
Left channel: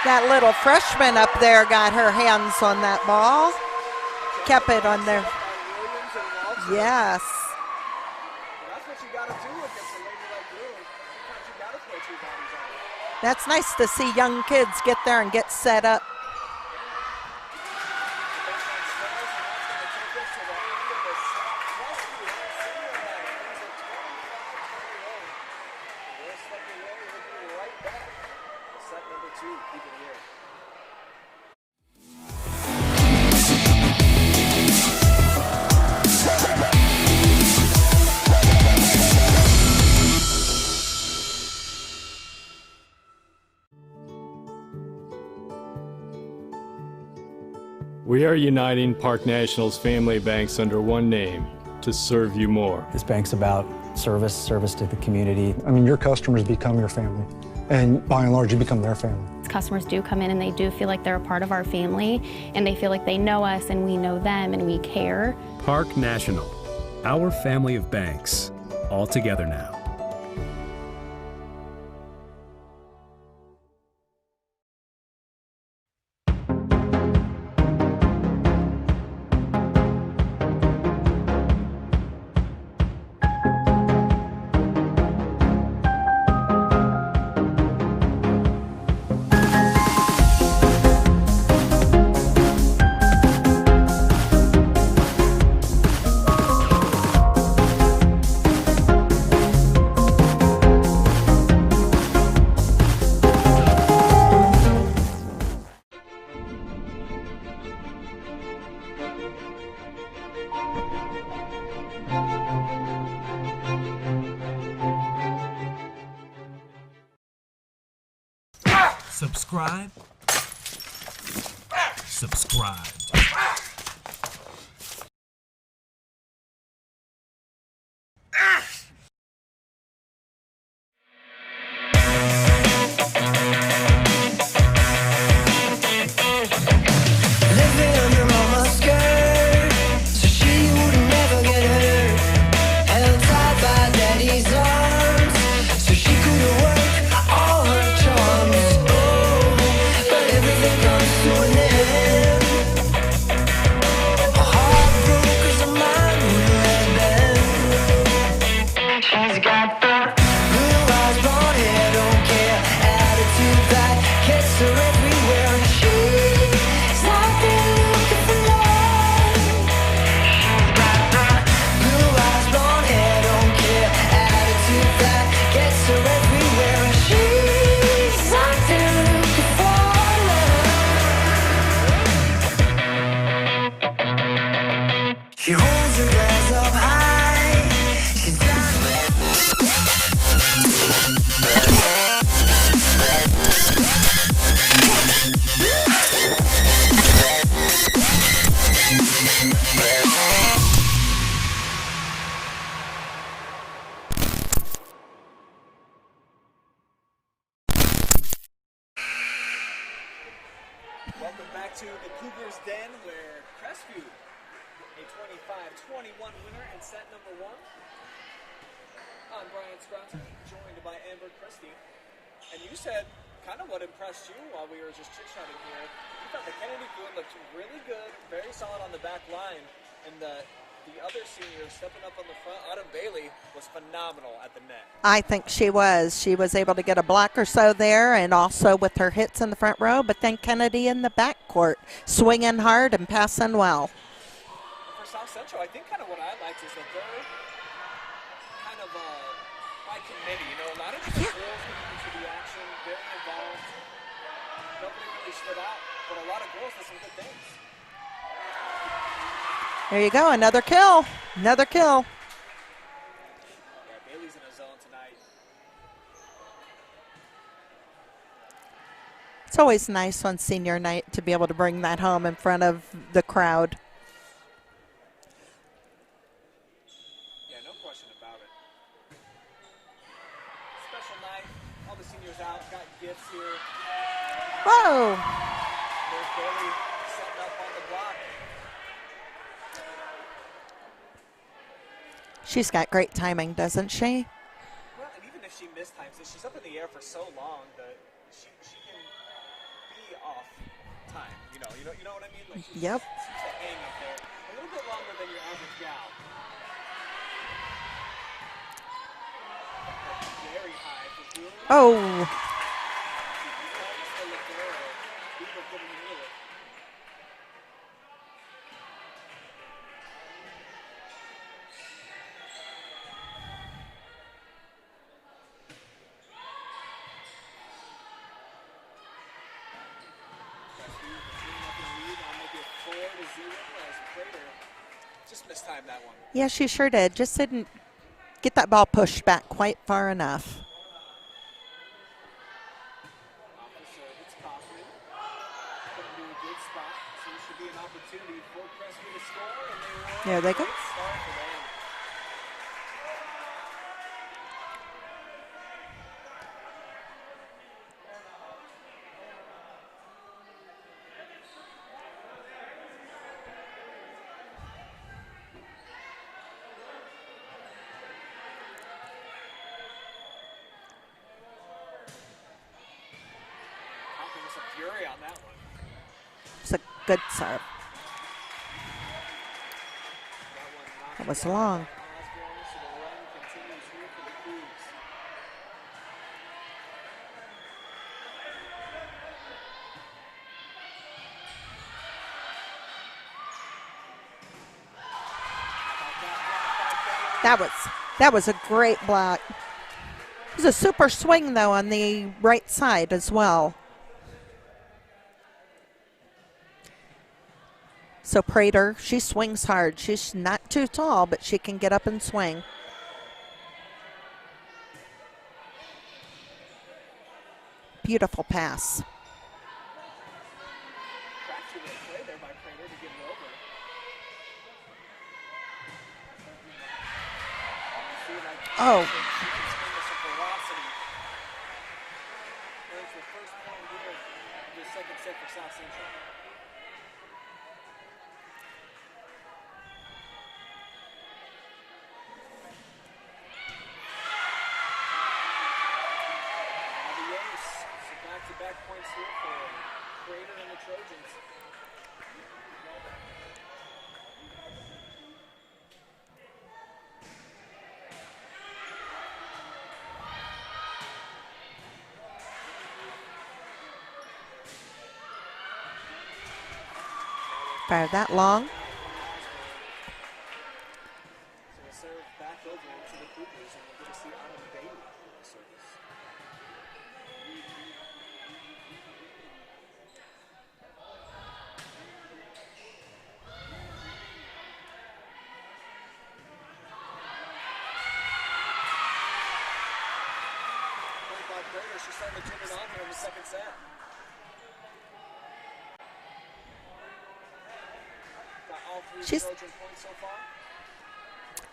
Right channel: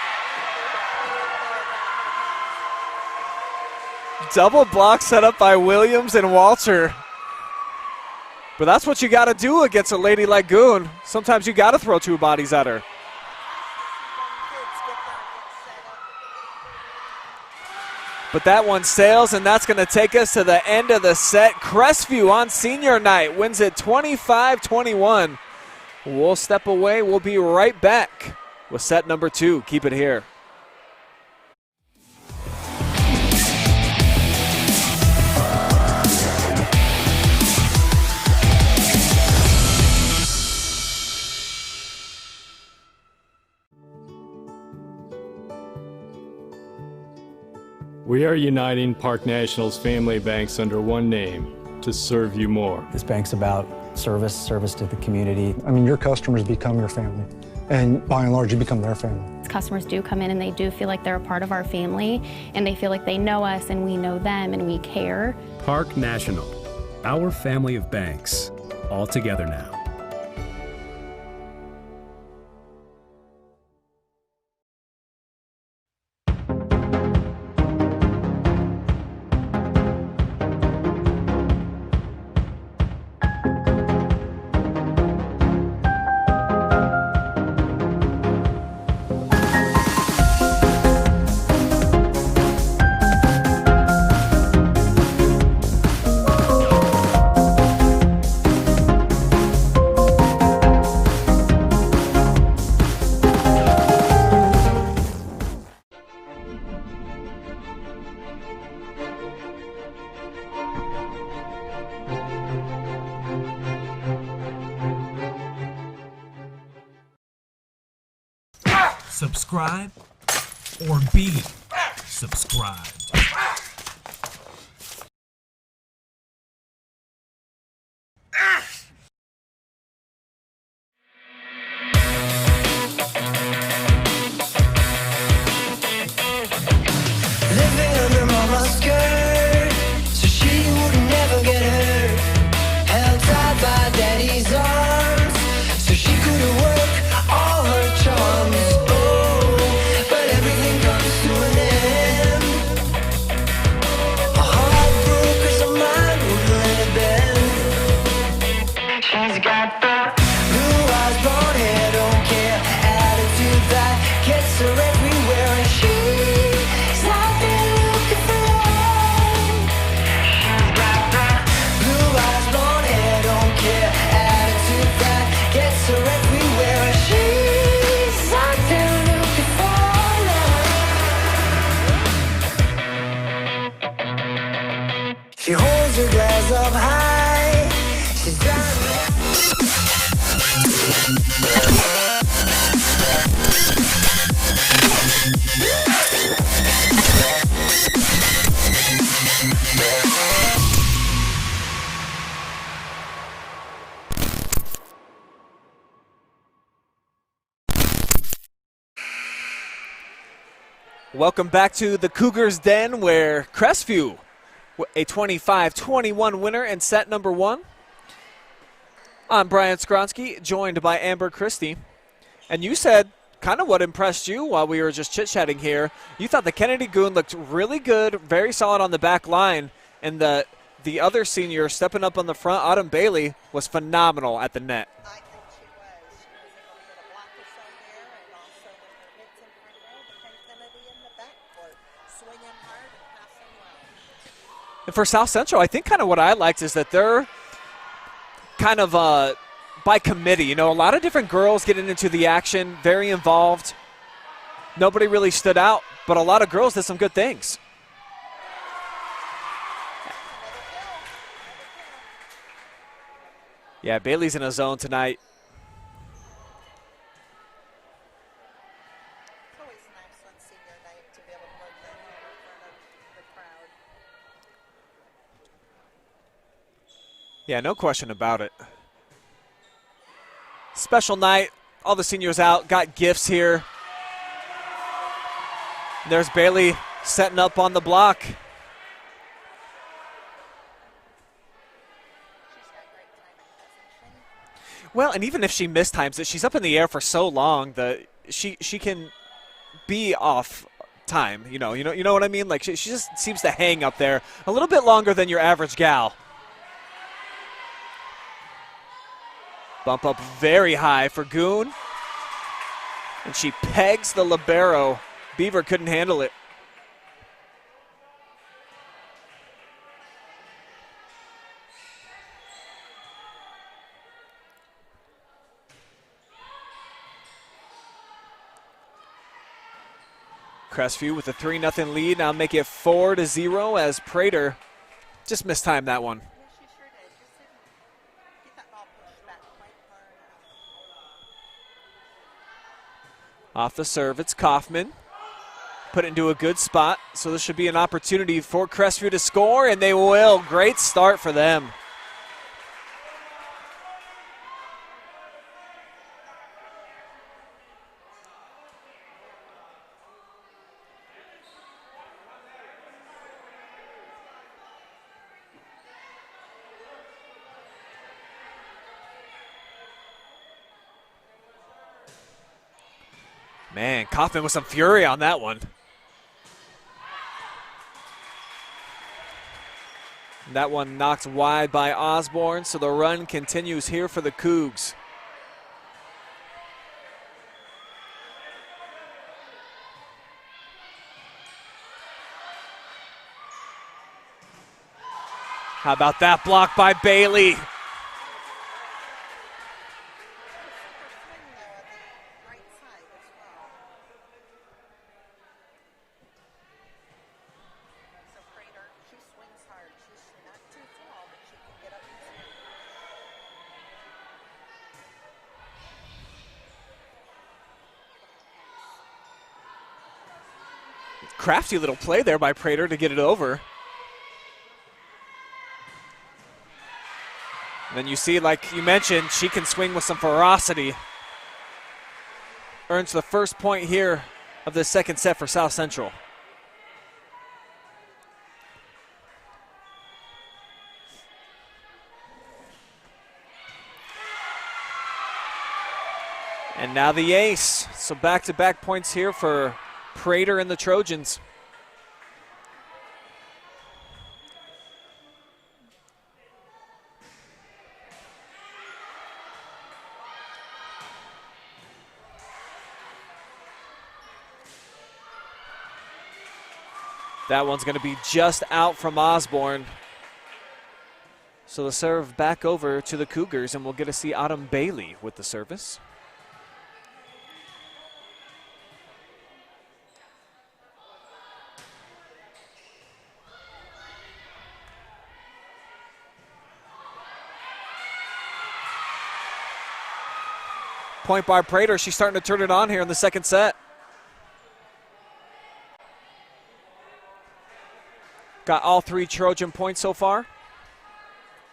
that little freshman up there got her hands on that ball. Double Kept it block on set the- up by Williams and Walter. Yes. But that's what you got to do against a lady like Goon. Sometimes you got to throw two bodies at her. That's nice to see young kids get there and get set up. But that one sails, and that's going to take us to the end of the set. Crestview on senior night wins it 25-21. We'll step away. We'll be right back with set number 2. Keep it here. We are uniting Park National's family banks under one name to serve you more. This bank's about service to the community. I mean, your customers become your family, and by and large, you become their family. Customers do come in and they do feel like they're a part of our family, and they feel like they know us and we know them and we care. Park National, our family of banks, all together now. Subscribe or be subscribed. Living under mama's skirt, so she would never get hurt. Held tight by daddy's arms, so she could work all her charms. Oh, but everything comes to an end. Her heart broke 'cause her mind wouldn't let bend. She's got the blue eyes, blonde hair, don't care attitude that gets her everywhere, and she's out there looking for love. She's got the blue eyes, blonde hair, don't care attitude that gets her everywhere, and she's out there looking for love. She holds her glass up high. She's driving. Welcome back to the Cougars Den, where Crestview, a 25-21 winner in set number 1. I'm Brian Skronsky, joined by Amber Christie. And you said kind of what impressed you while we were just chit-chatting here. You thought the Kennedy Goon looked really good, very solid on the back line, and the other senior stepping up on the front, Autumn Bailey, was phenomenal at the net. I think she was. She was able to get a block or so there, and also with her hits in the front row, but then Kennedy in the back court, swinging hard and passing well. And for South Central, I think kind of what I liked is that they're kind of by committee. You know, a lot of different girls getting into the action, very involved. Nobody really stood out, but a lot of girls did some good things. There you go, another kill. Another kill. Yeah, Bailey's in a zone tonight. It's always nice on senior night to be able to bring that home in front of the crowd. Yeah, no question about it. Special night. All the seniors out, got gifts here. Whoa! There's Bailey setting up on the block. She's got great timing, doesn't she? Well, and even if she mistimes it, she's up in the air for so long that she can be off time. You know what I mean? Like she just seems to hang up there a little bit longer than your average gal. Bump up very high for Goon. Oh. And she pegs the libero. Beaver couldn't handle it. Crestview with a 3-0 lead. Now make it 4-0 as Prater just mistimed that one. Yeah, she sure did. Just didn't get that ball pushed back quite far enough. Off the serve, it's Kaufman. Put it into a good spot, so this should be an opportunity for Crestview to score, and they will. Great start for them. Man, Kaufman with some fury on that one. It's a good serve. That one knocked wide by Osborne, so the run continues here for the Cougs. How about that block by Bailey? That was a great block. It was a super swing, though, on the right side as well. So Prater, she swings hard. She's not too tall, but she can get up and swing. Beautiful pass. Crafty little play there by Prater to get it over. And then you see, like you mentioned, she can swing with some ferocity. Earns the first point here of the second set for South Central. And now the ace. So back-to-back points here for Prater and the Trojans. That one's going to be just out from Osborne. So the serve back over to the Cougars, and we'll get to see Autumn Bailey with the service. Point by Prater. She's starting to turn it on here in the second set. Got all three Trojan points so far.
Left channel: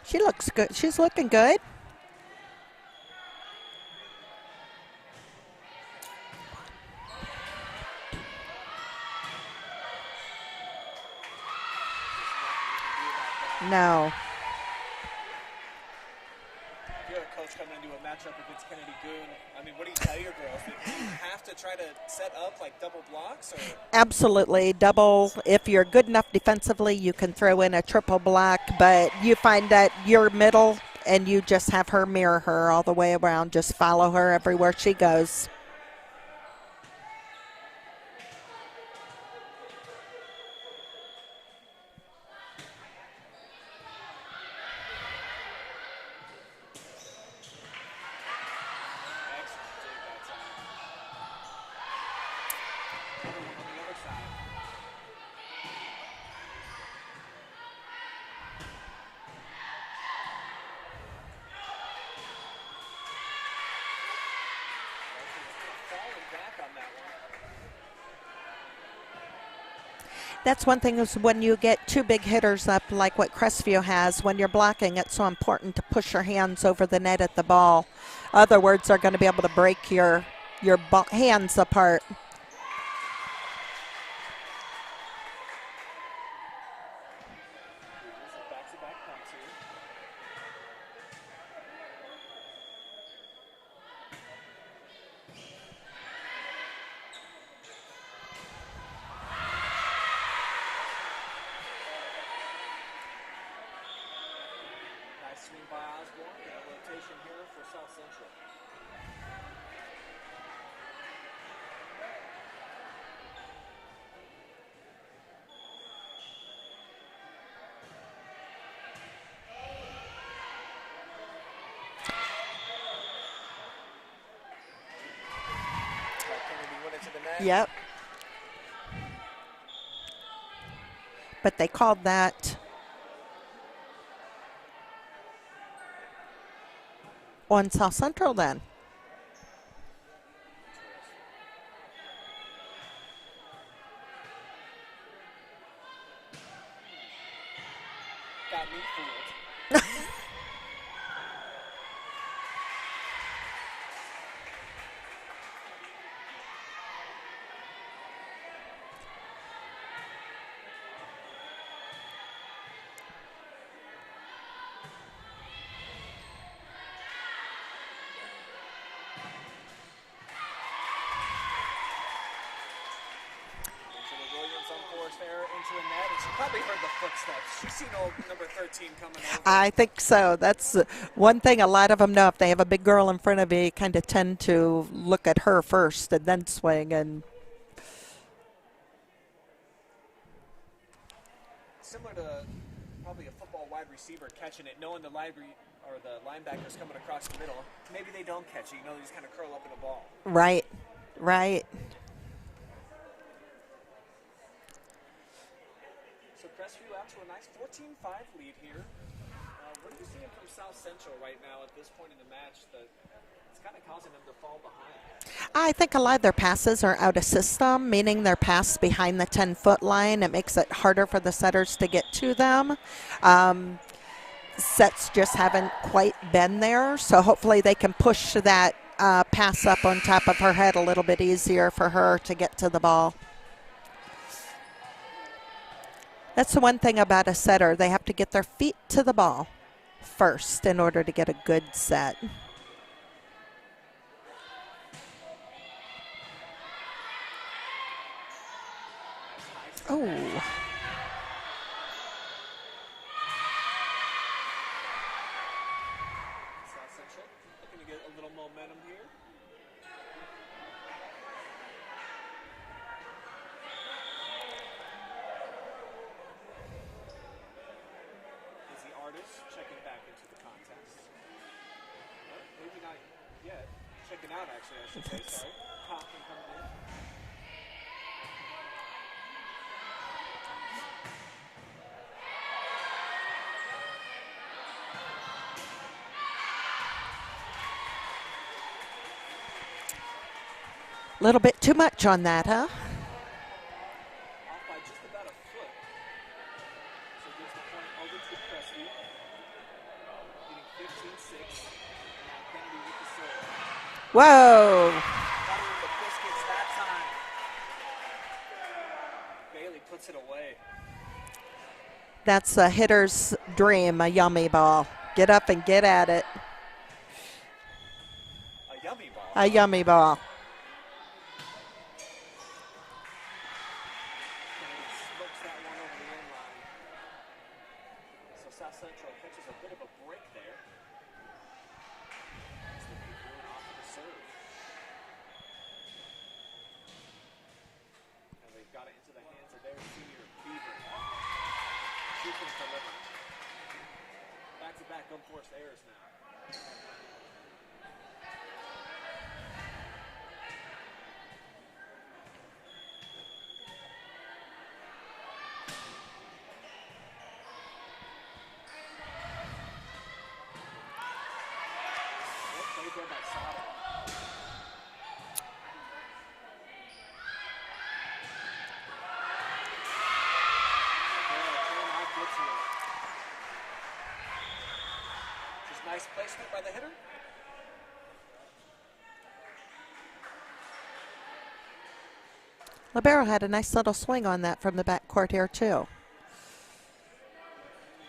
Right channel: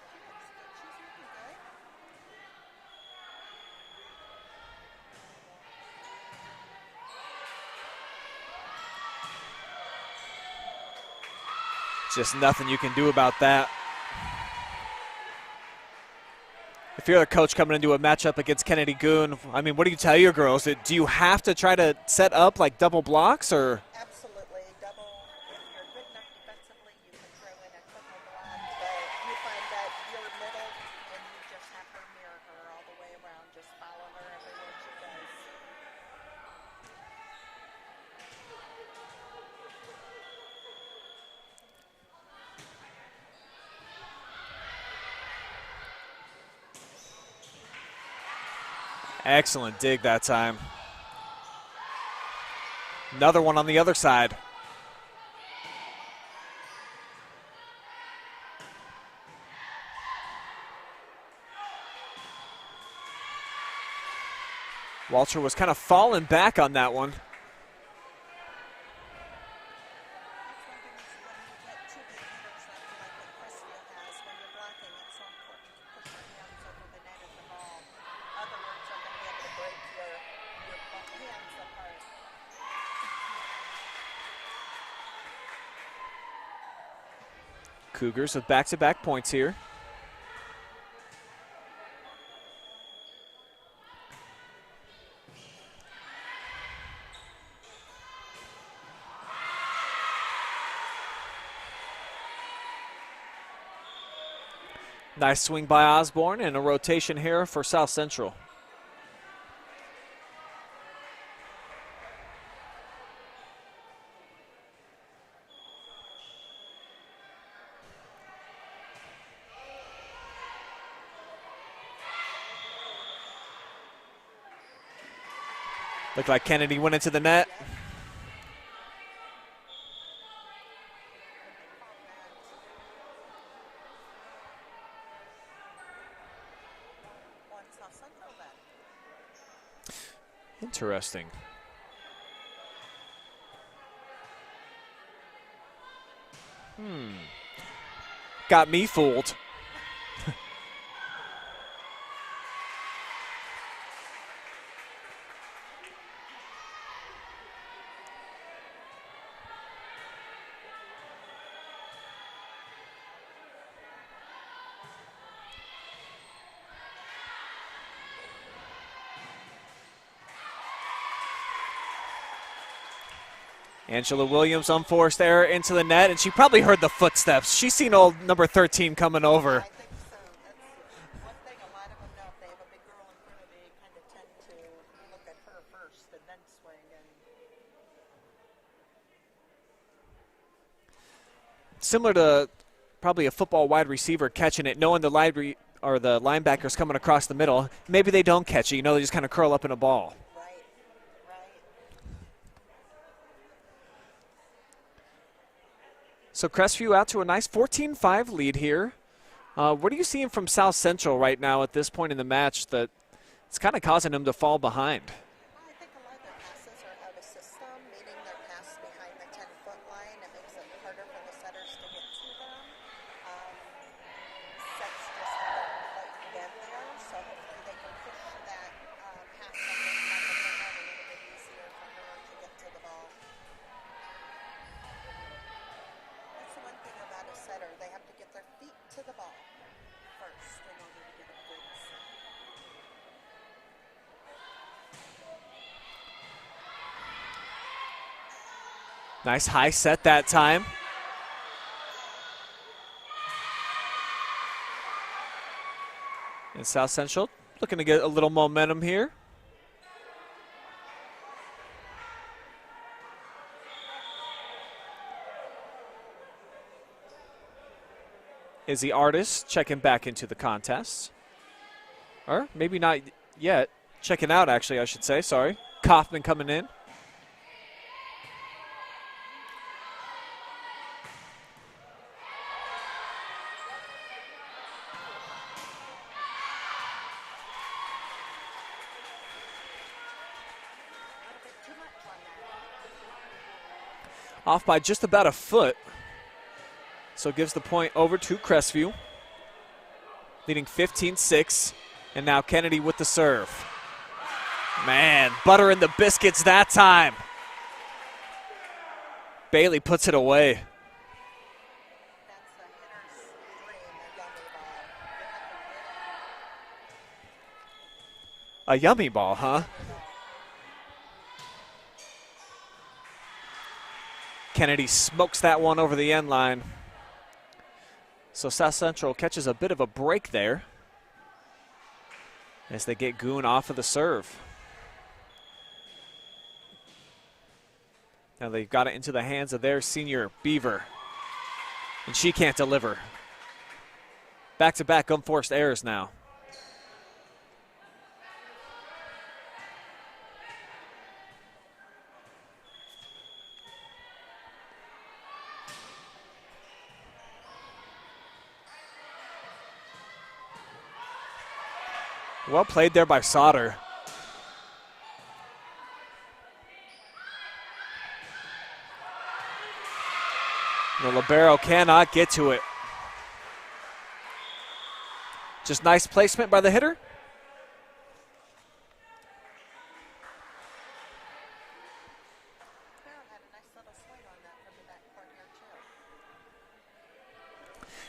She looks good. She's looking good. Just nothing you can do about that. No. If you're a coach coming into a matchup against Kennedy Goon, I mean, what do you tell your girls? Do you have to try to set up like double blocks or? Absolutely, double. If you're good enough defensively, you can throw in a triple block, but you find that you're middle and you just have her mirror her all the way around. Just follow her everywhere she goes. Excellent dig that time. Another one on the other side. Walter was kind of falling back on that one. That's one thing is when you get two big hitters up like what Crestview has, when you're blocking, it's so important to push your hands over the net at the ball. Other words, are going to be able to break your hands apart. Cougars with back-to-back points here. Nice swing by Osborne and a rotation here for South Central. Looked like Kennedy went into the net. Yep. But they called that on South Central then. Interesting. Got me fooled. Angela Williams, unforced error into the net, and she probably heard the footsteps. She's seen old number 13 coming over. I think so. That's one thing a lot of them know. If they have a big girl in front of you, kind of tend to look at her first and then swing. And similar to probably a football wide receiver catching it, knowing the linebacker's coming across the middle. Maybe they don't catch it. You know, they just kind of curl up in a ball. Right, right. So Crestview out to a nice 14-5 lead here. What are you seeing from South Central right now at this point in the match that it's kind of causing them to fall behind? I think a lot of their passes are out of system, meaning they're passed behind the 10-foot line. It makes it harder for the setters to get to them. Sets just haven't quite been there, so hopefully they can push that pass up on top of her head a little bit easier for her to get to the ball. That's the one thing about a setter. They have to get their feet to the ball first in order to get a good set. Nice high set that time. And South Central looking to get a little momentum here. Izzy Artis checking back into the contest. Or maybe not yet. Checking out, actually, I should say. Sorry. Kaufman coming in. A little bit too much on that, huh? Off by just about a foot. So gives the point over to Crestview, leading 15-6, and now Kennedy with the serve. Whoa! Man, buttering the biscuits that time. Bailey puts it away. That's a hitter's dream, a yummy ball. Get up and get at it. A yummy ball, huh? A yummy ball. Kennedy smokes that one over the end line. So South Central catches a bit of a break there as they get Goon off of the serve. Now they've got it into the hands of their senior Beaver, and she can't deliver. Back-to-back unforced errors now. Well played there by Sauter. The libero cannot get to it. Just nice placement by the hitter. Libero had a nice little swing on that from the backcourt here, too.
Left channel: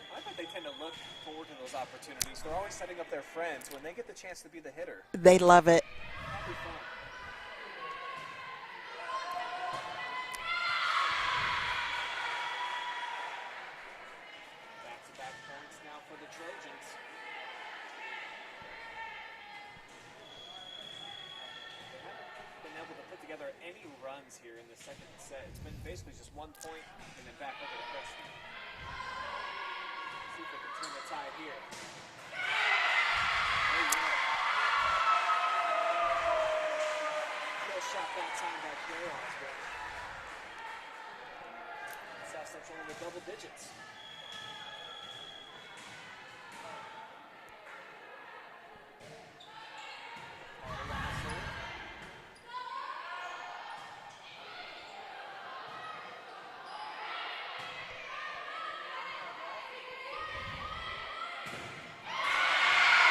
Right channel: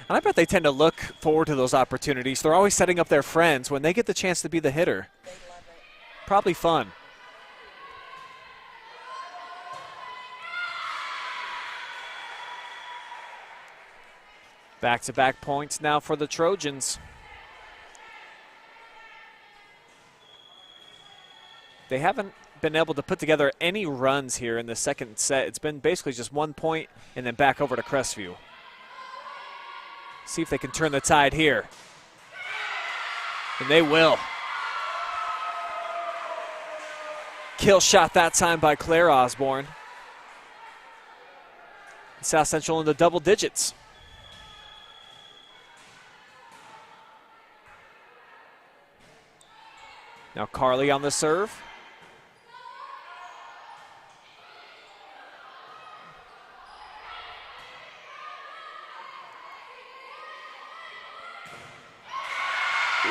And I bet they tend to look forward to those opportunities. They're always setting up their friends when they get the chance to be the hitter. They love it. Probably fun. Back-to-back points now for the Trojans. They haven't been able to put together any runs here in the second set. It's been basically just 1 point and then back over to Crestview. See if they can turn the tide here. And they will. Kill shot that time by Claire Osborne. South Central in the double digits. Now Carly on the serve.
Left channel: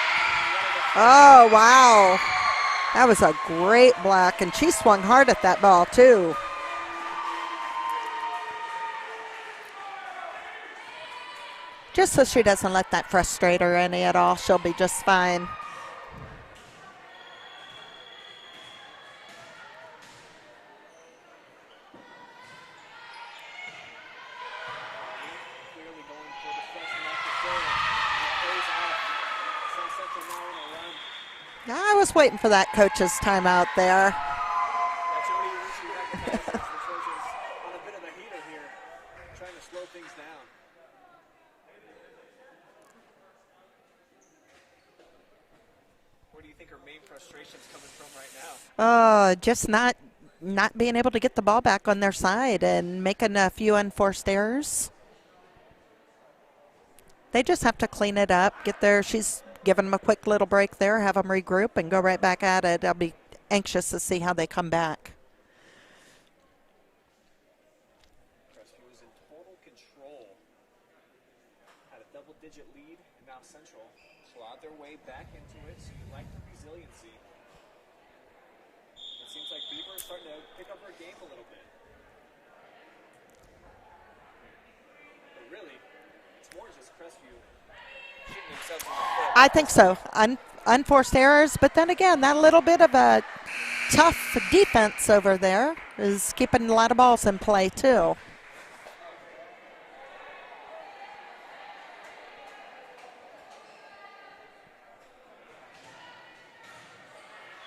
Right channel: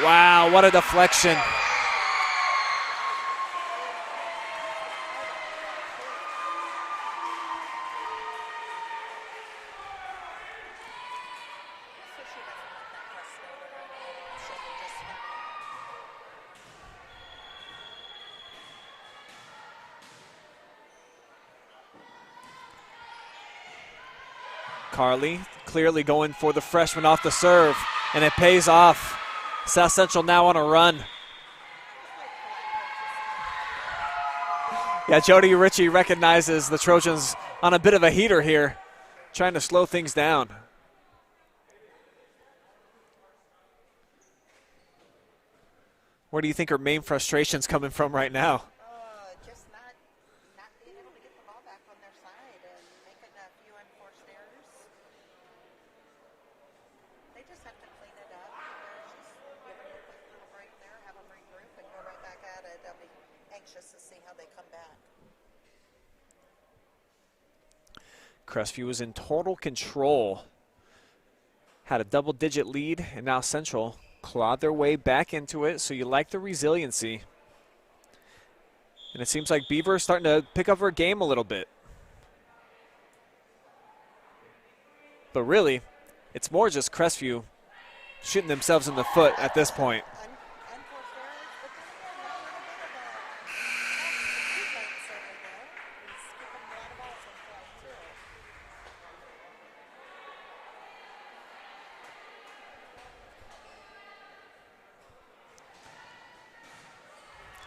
Wow, what a deflection. Oh, wow. That was a great block, and she swung hard at that ball, too. Just so she doesn't let that frustrate her any at all, she'll be just fine. Carly clearly going for the freshman off the serve, and it pays off. South Central now on a run. I was waiting for that coach's timeout there. Yeah, Jody Ritchie recognizes the Trojans on a bit of a heater here, trying to slow things down. Where do you think her main frustration's coming from right now? Just not being able to get the ball back on their side and making a few unforced errors. They just have to clean it up, get there. She's giving them a quick little break there, have them regroup and go right back at it. I'll be anxious to see how they come back. Crestview was in total control. Had a double-digit lead, and now Central clawed their way back into it, so you like the resiliency. And it seems like Beaver is starting to pick up her game a little bit. But really, it's more just Crestview shooting themselves in the foot I at think this so. point. Unforced errors, but then again, that little bit of a tough defense over there is keeping a lot of balls in play, too.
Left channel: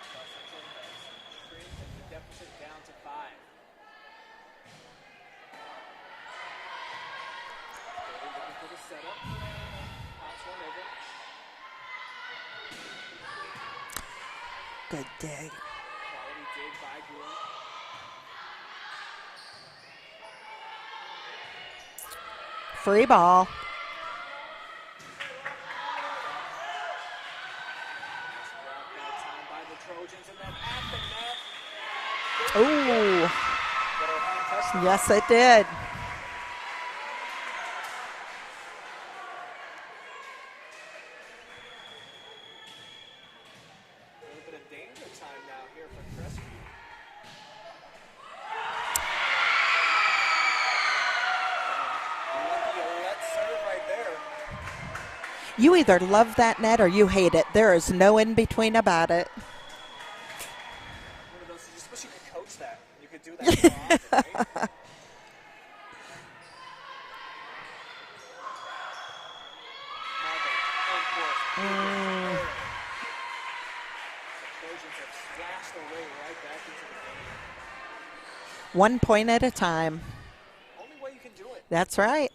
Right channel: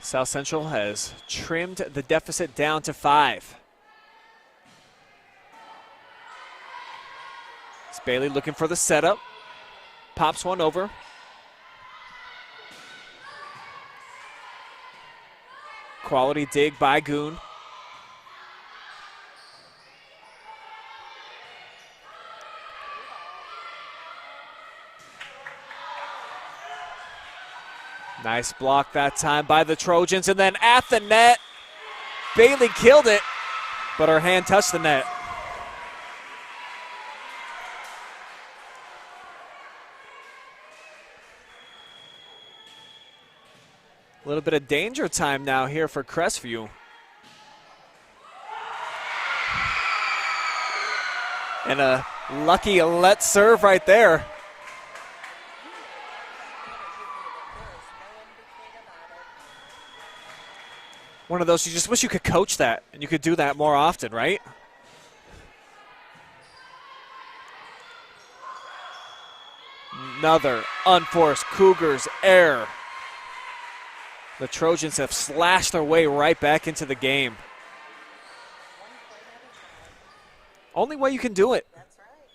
South Central has trimmed the deficit down to 5. It's Bailey looking for the setup. Pops one over. Good dig. Quality dig by Goon. Free ball. Nice block that time by the Trojans, and then at the net, Bailey killed it, but her hand touched the net. Yes, it did. A little bit of danger time now here for Crestview. And a lucky let serve right there. You either love that net or you hate it. There is no in between about it. One of those, you just wish you could coach that and you could do that more often, right? Another unforced Cougars error. The Trojans have slashed their way right back into the game. 1 point at a time. Only way you can do it. That's right.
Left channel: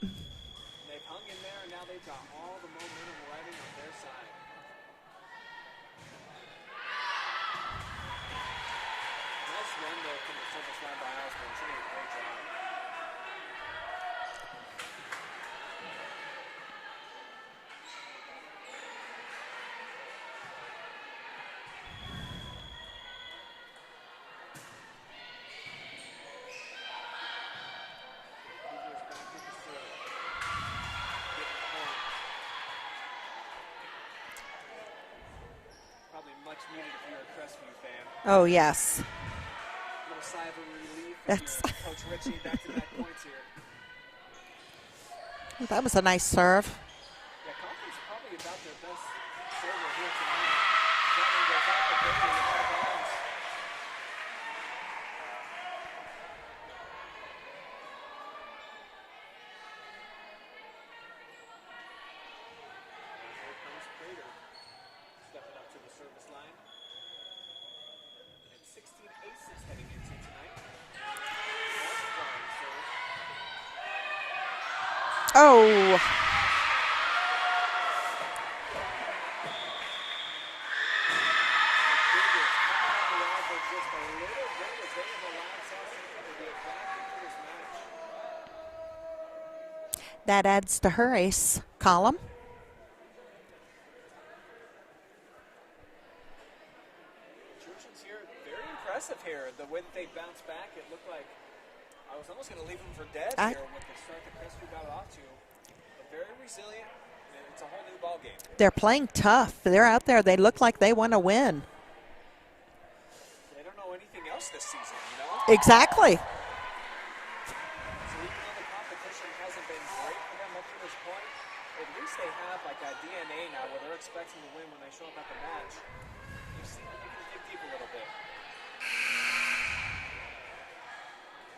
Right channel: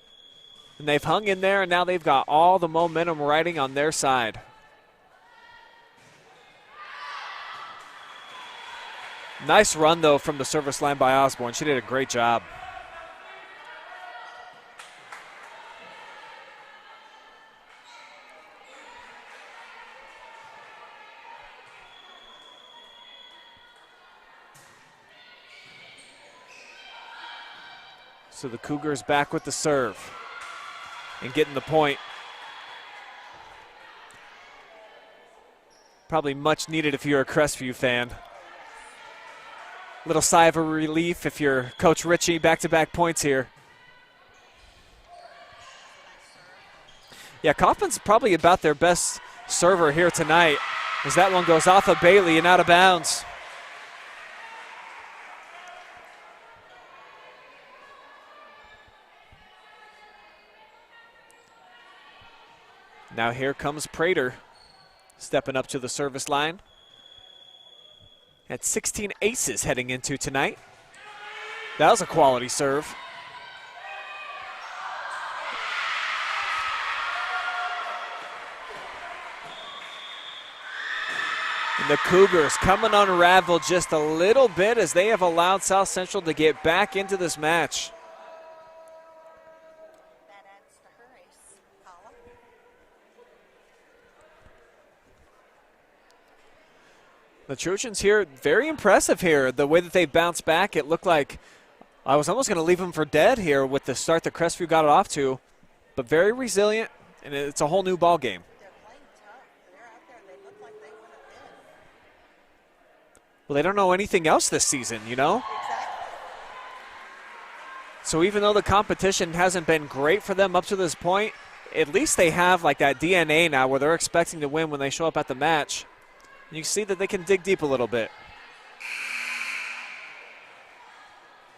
And they've hung in there, and now they've got all the momentum riding on their side. Nice run, though, from the service line by Osborne. She did a great job. So the Cougars back with the serve and getting the point. Probably much needed if you're a Crestview fan. Oh, yes. Little sigh of relief if you're Coach Ritchie. Back-to-back points here. That was a nice serve. Yeah, Kaufman's probably about their best server here tonight, as that one goes off of Bailey and out of bounds. Now here comes Prater, stepping up to the service line. Had 16 aces heading into tonight. That was a quality serve. Oh. And the Cougars coming unraveled just a little bit as they have allowed South Central to get back into this match. That adds to her ace column. The Trojans here, very impressive here. The way that they bounced back, it looked like I was almost going to leave them for dead here with the start that Crestview got it off to. But very resilient, and it's a whole new ball game. They're playing tough. They're out there. They look like they want to win. Well, they don't know anything else this season, you know? Exactly. So even though the competition hasn't been great for them up to this point, at least they have like that DNA now where they're expecting to win when they show up at the match. You see that they can dig deep a little bit.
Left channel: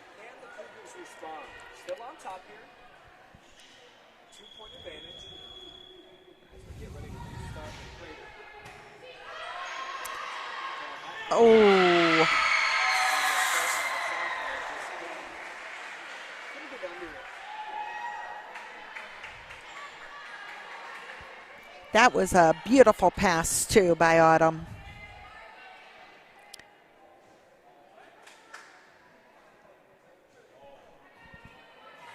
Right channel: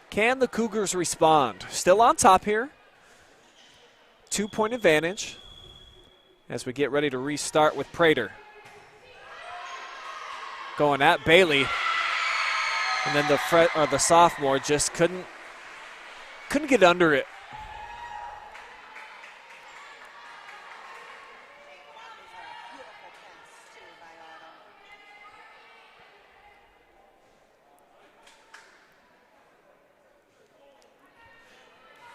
Can the Cougars respond? Still on top here. 2-point advantage as we get ready to restart with Prater. Going at Bailey. Oh. And then the sophomore just couldn't get under it. That was a beautiful pass, too, by Autumn.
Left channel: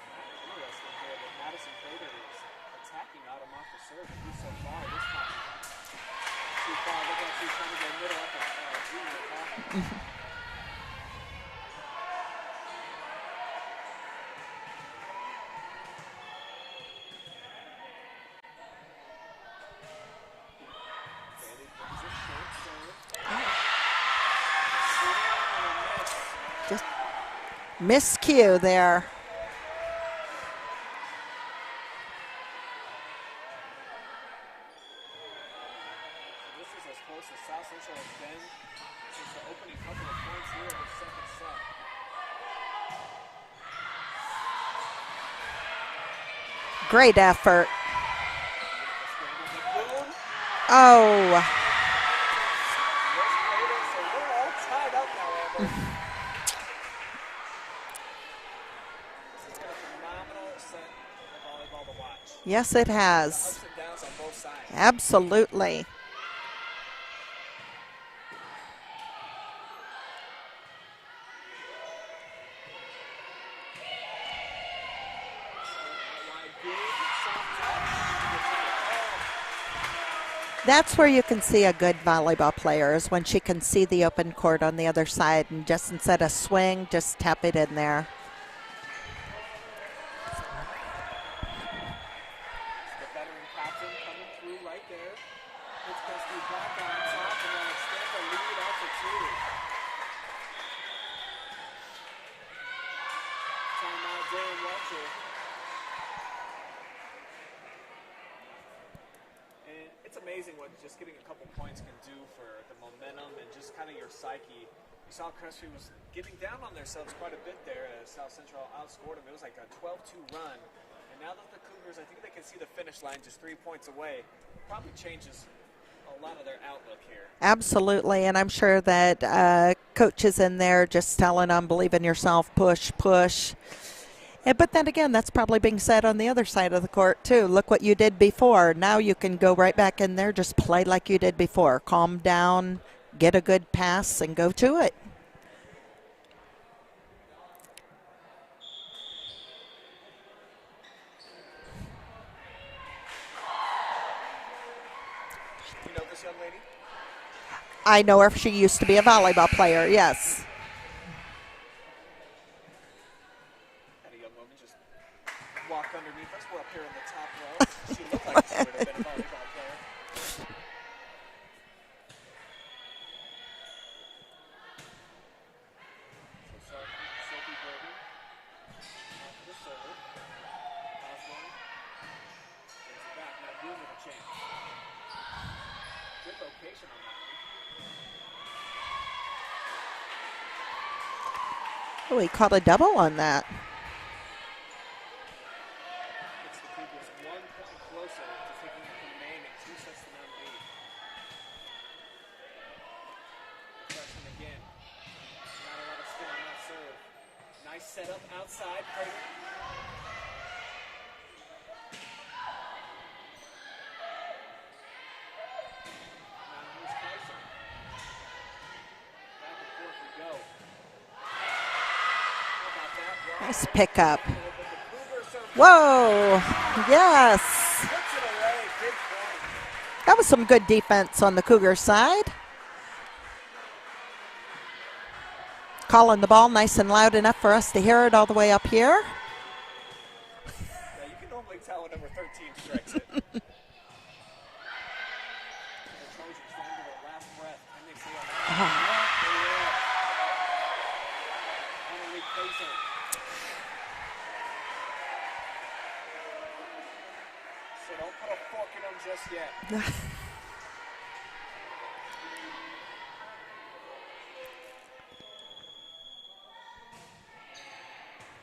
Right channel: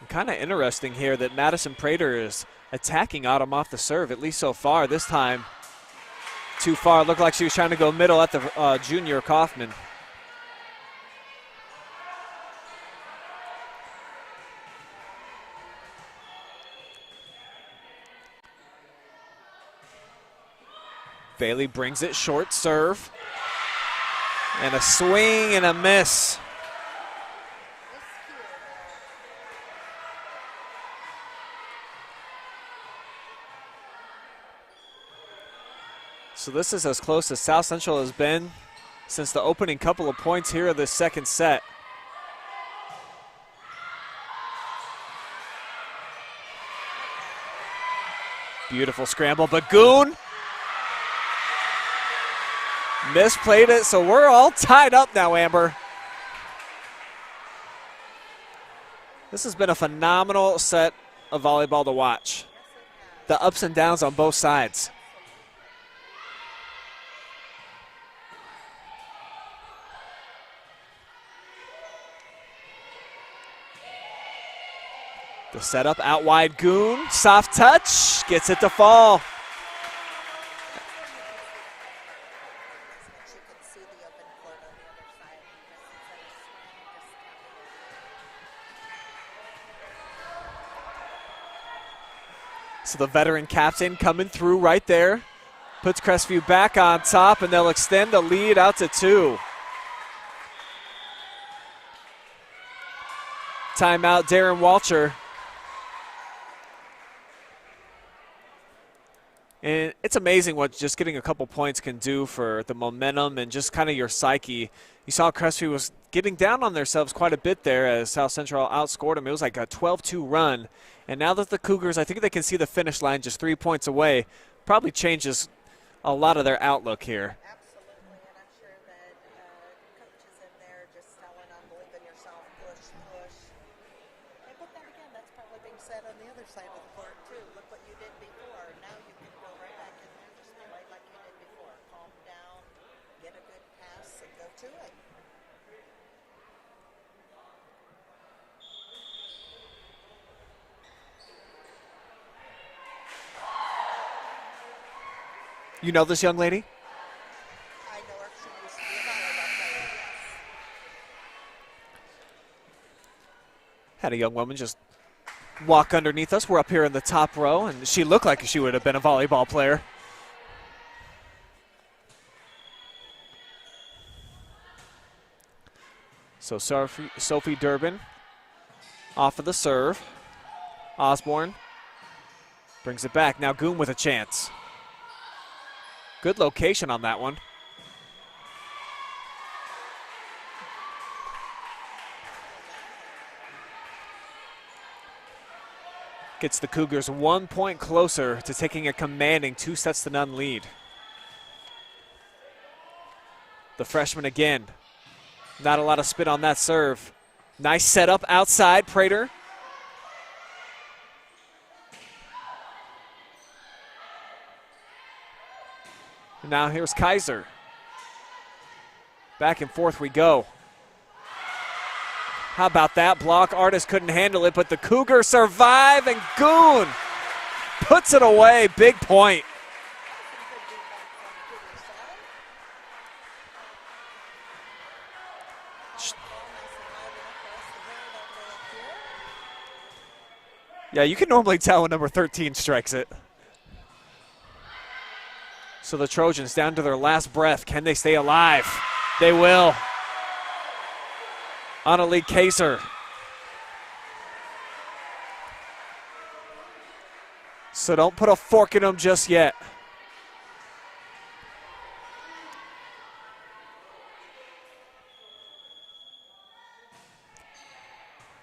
Kind of interesting here that Madison Prater is attacking Autumn off the serve, at least so far. This time, too far. It looked like she was trying to go middle at the junior Kaufman. Bailey brings it short serve. And a swing and a miss. Just miscue there. So this is as close as South Central has been since the opening couple of points here of the second set. Great effort. Beautiful scramble. Bagoon. Oh. Misplayed it, so we're all tied up now, Amber. This has been a phenomenal set of volleyball to watch. Yes, it has. The ups and downs on both sides. Absolutely. The setup out wide, Goon, soft touch, gets it to fall. That's where you can see a good volleyball player, is when she can see the open court on the other side and just instead of swing, just tap it in there. So the veteran captain coming through right there. Puts Crestview back on top, and they'll extend the lead out to 2. Timeout, Darren Walcher. And it's amazing what just getting a couple points can do for the momentum and just kind of your psyche. You saw Crestview was getting down on themselves quite a bit there as South Central outscored them. It was like a 12-2 run. And now that the Cougars, I think they can see the finish line just 3 points away, probably changes a lot of their outlook here. Absolutely, and I'm sure that coach is in there just telling them, believe in yourself, push, push. But then again, that's probably being said on the other side of the court, too. Look what you did before. Now you can go right back in there, just play like you did before. Calm down, get a good pass, and go to it. You know this young lady? I know her. She used to be a volleyball player, yes. Had a young woman just walk underneath us. We're up here in the top row, and she looked like she would have been a volleyball player. So Sophie Durbin off of the serve. Osborne brings it back. Now Goon with a chance. Good location on that one. Oh, he caught a double on that. Gets the Cougars 1 point closer to taking a commanding 2-0 lead. The freshman again. Not a lot of spin on that serve. Nice setup outside, Prater. And now here's Kaiser. Back and forth we go. How about that block? Nice Artist couldn't pickup. handle it, but the Cougars survive. Whoa. And Goon Yes. puts it away. Big point. That was some good defense on the Cougar side. Calling the ball nice and loud enough for us to hear it all the way up here. Yeah, you can normally tell when number 13 strikes it. So the Trojans down to their last breath. Can they stay alive? They will. Annalie Kaiser. So don't put a fork in them just yet.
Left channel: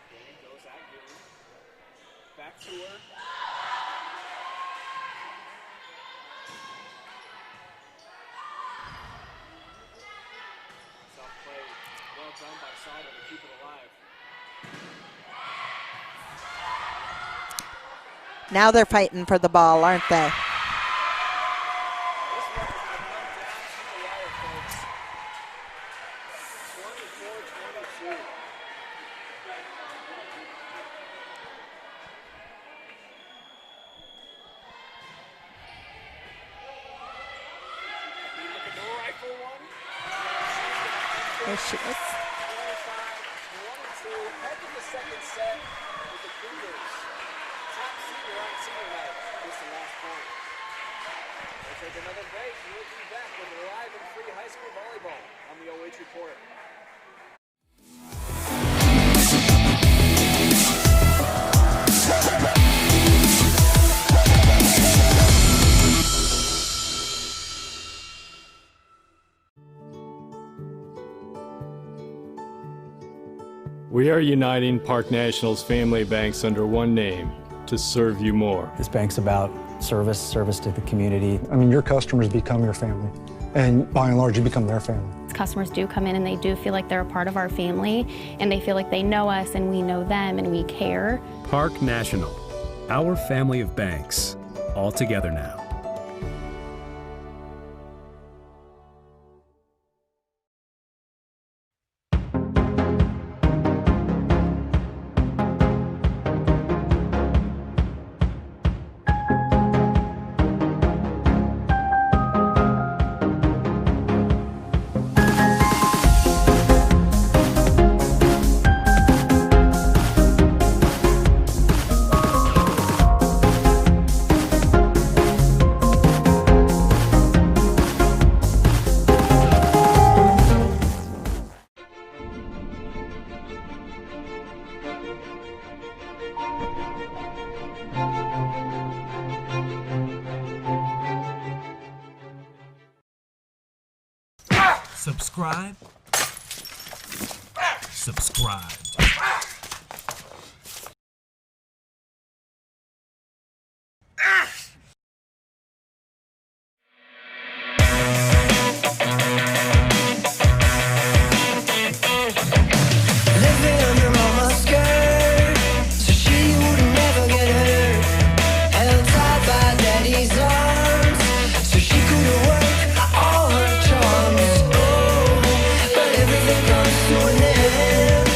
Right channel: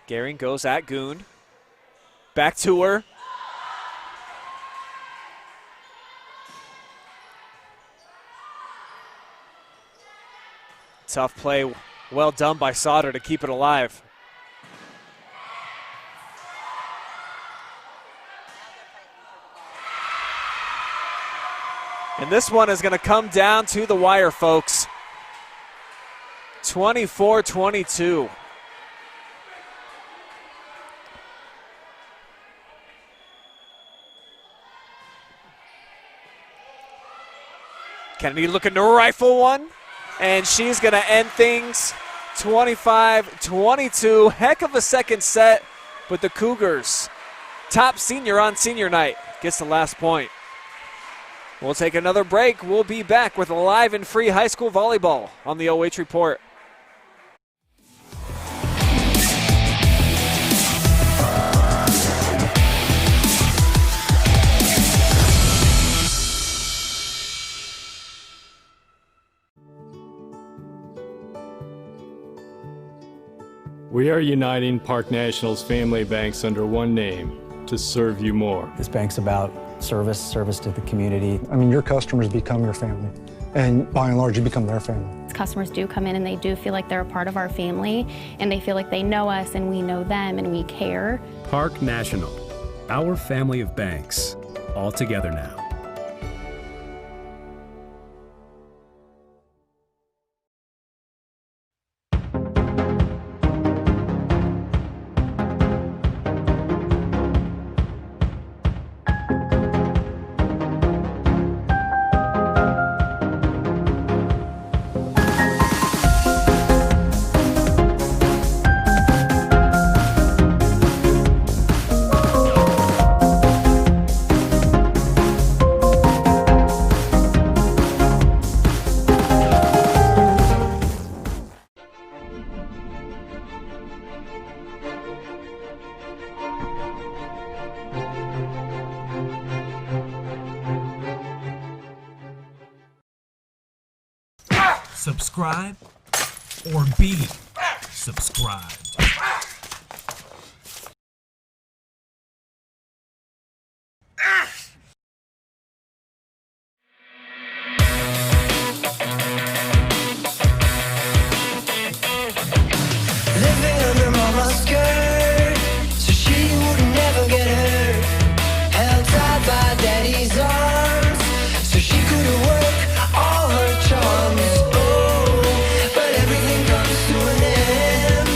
Gehring goes at Goon. Back to her. Tough play. Well done by Sauter to keep it alive. Now they're fighting for the ball, aren't they? And this one is going to come down to the wire, folks. 24-22. Kennedy looking to rifle one, and she's going to end things 25-22. Heck of a second set, but the Cougars, top senior on senior night, gets the last point. We'll take another break. We'll be back with live and free high school volleyball on the OH Report. We are uniting Park National's family banks under one name to serve you more. This bank's about service to the community. I mean, your customers become your family, and by and large, you become their family. Customers do come in and they do feel like they're a part of our family, and they feel like they know us and we know them and we care. Park National, our family of banks, all together now. Subscribe or be subscribed. Living under mama's skirt, so she would never get hurt. Held tight by daddy's arms, so she could work all her charms. Oh, but everything comes to an end.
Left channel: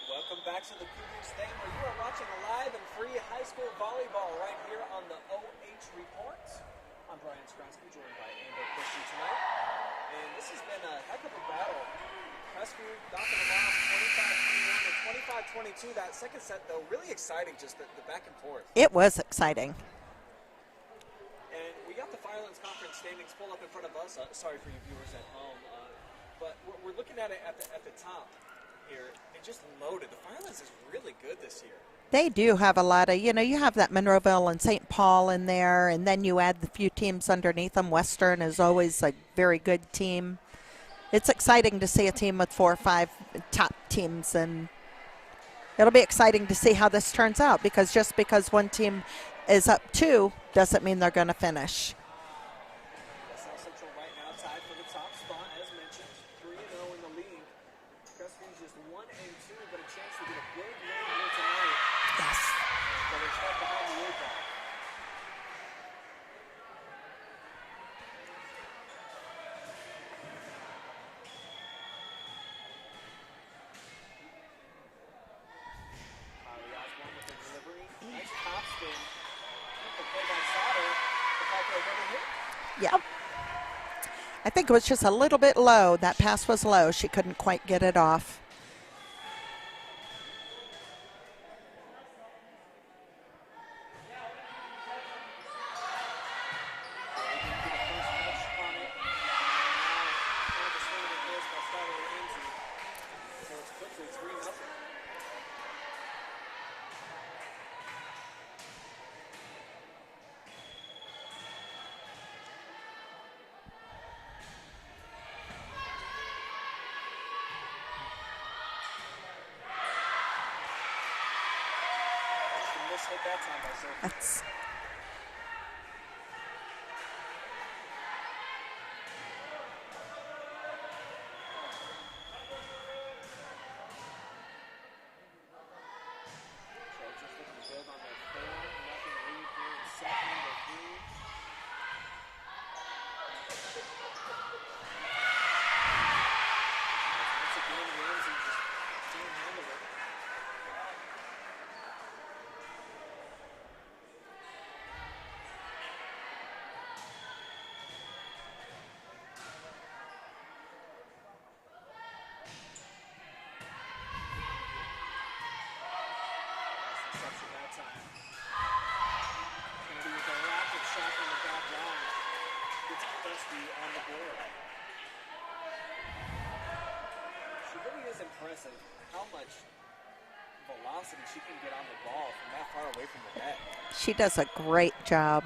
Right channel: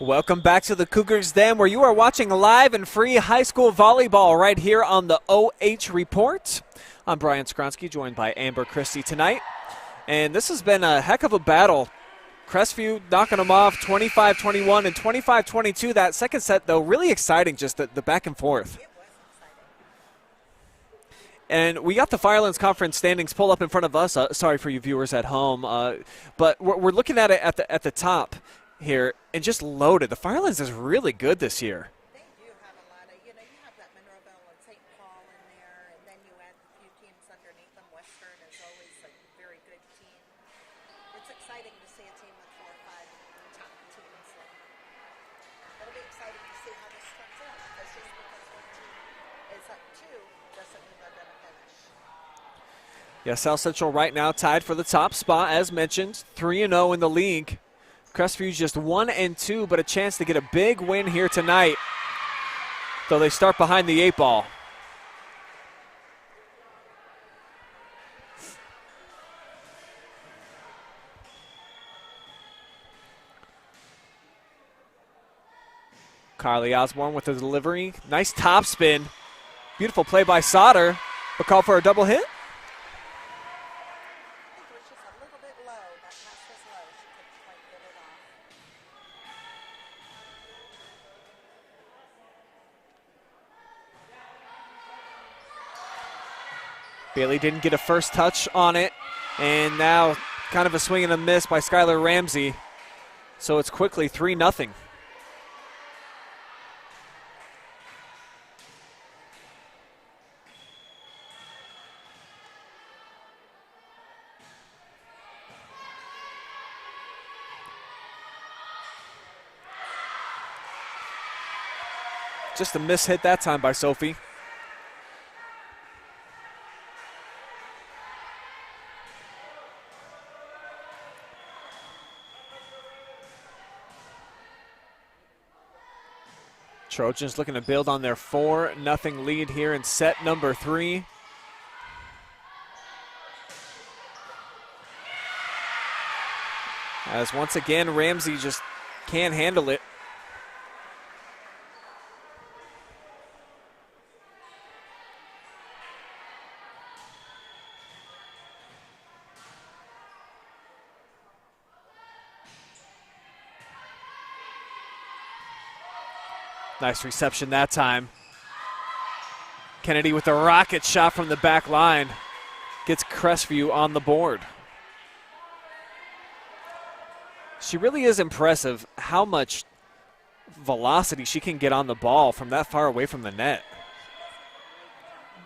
Welcome back to the Cougars Den, where you are watching live and free high school volleyball right here on the OH Report. I'm Brian Skronsky, joined by Amber Christie tonight. And this has been a heck of a battle. Crestview knocking them off 25-21 and 25-22. That second set, though, really exciting, just the back and forth. It was exciting. And we got the Firelands Conference standings pulled up in front of us. Sorry for you viewers at home. But we're looking at it at the top here and just loaded. The Firelands is really good this year. They do have a lot of, you have that Monroeville and St. Paul in there, and then you add the few teams underneath them. Western is always a very good team. It's exciting to see a team with 4 or 5 top teams, and it'll be exciting to see how this turns out, because just because one team is up 2 doesn't mean they're going to finish. Yeah, South Central right now tied for the top spot, as mentioned, 3-0 in the league. Crestview's just 1-2, but a chance to get a big win here tonight. Yes. Though they start behind the 8 ball. Carly Osborne with the delivery. Nice top spin. Beautiful play by Sauter. A call for a double hit? Yeah. I think it was just a little bit low. That pass was low. She couldn't quite get it off. Bailey didn't get a first touch on it. And now kind of a swing and a miss by Skylar Ramsey. So it's quickly 3-0. Just a miss hit that time by Sophie. Trojans looking to build on their 4-0 lead here in set number 3. As once again, Ramsey just can't handle it. Nice reception that time. Kennedy with a rocket shot from the back line. Gets Crestview on the board. She really is impressive how much velocity she can get on the ball from that far away from the net. She does a great job.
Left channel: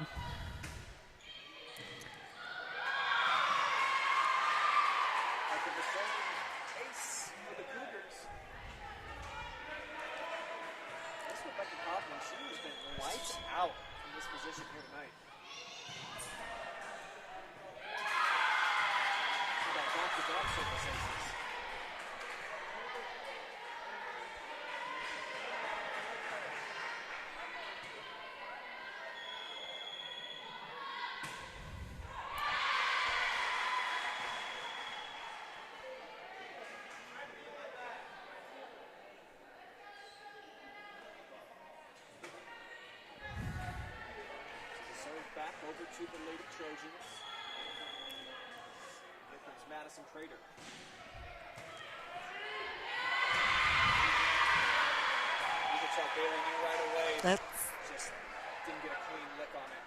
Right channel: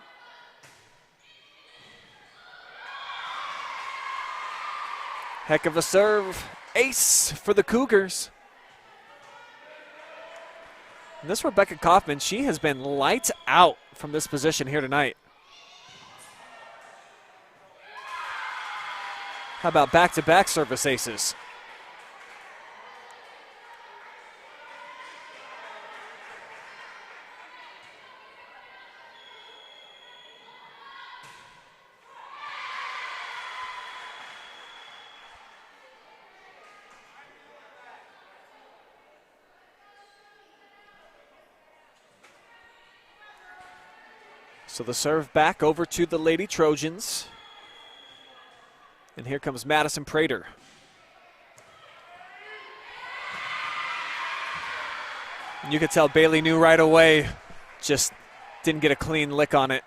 Heck of a serve. Ace for the Cougars. And this Rebecca Kaufman, she has been lights out from this position here tonight. How about back-to-back service aces? So the serve back over to the Lady Trojans. And here comes Madison Prater. You could tell Bailey knew right away. Just didn't get a clean lick on it.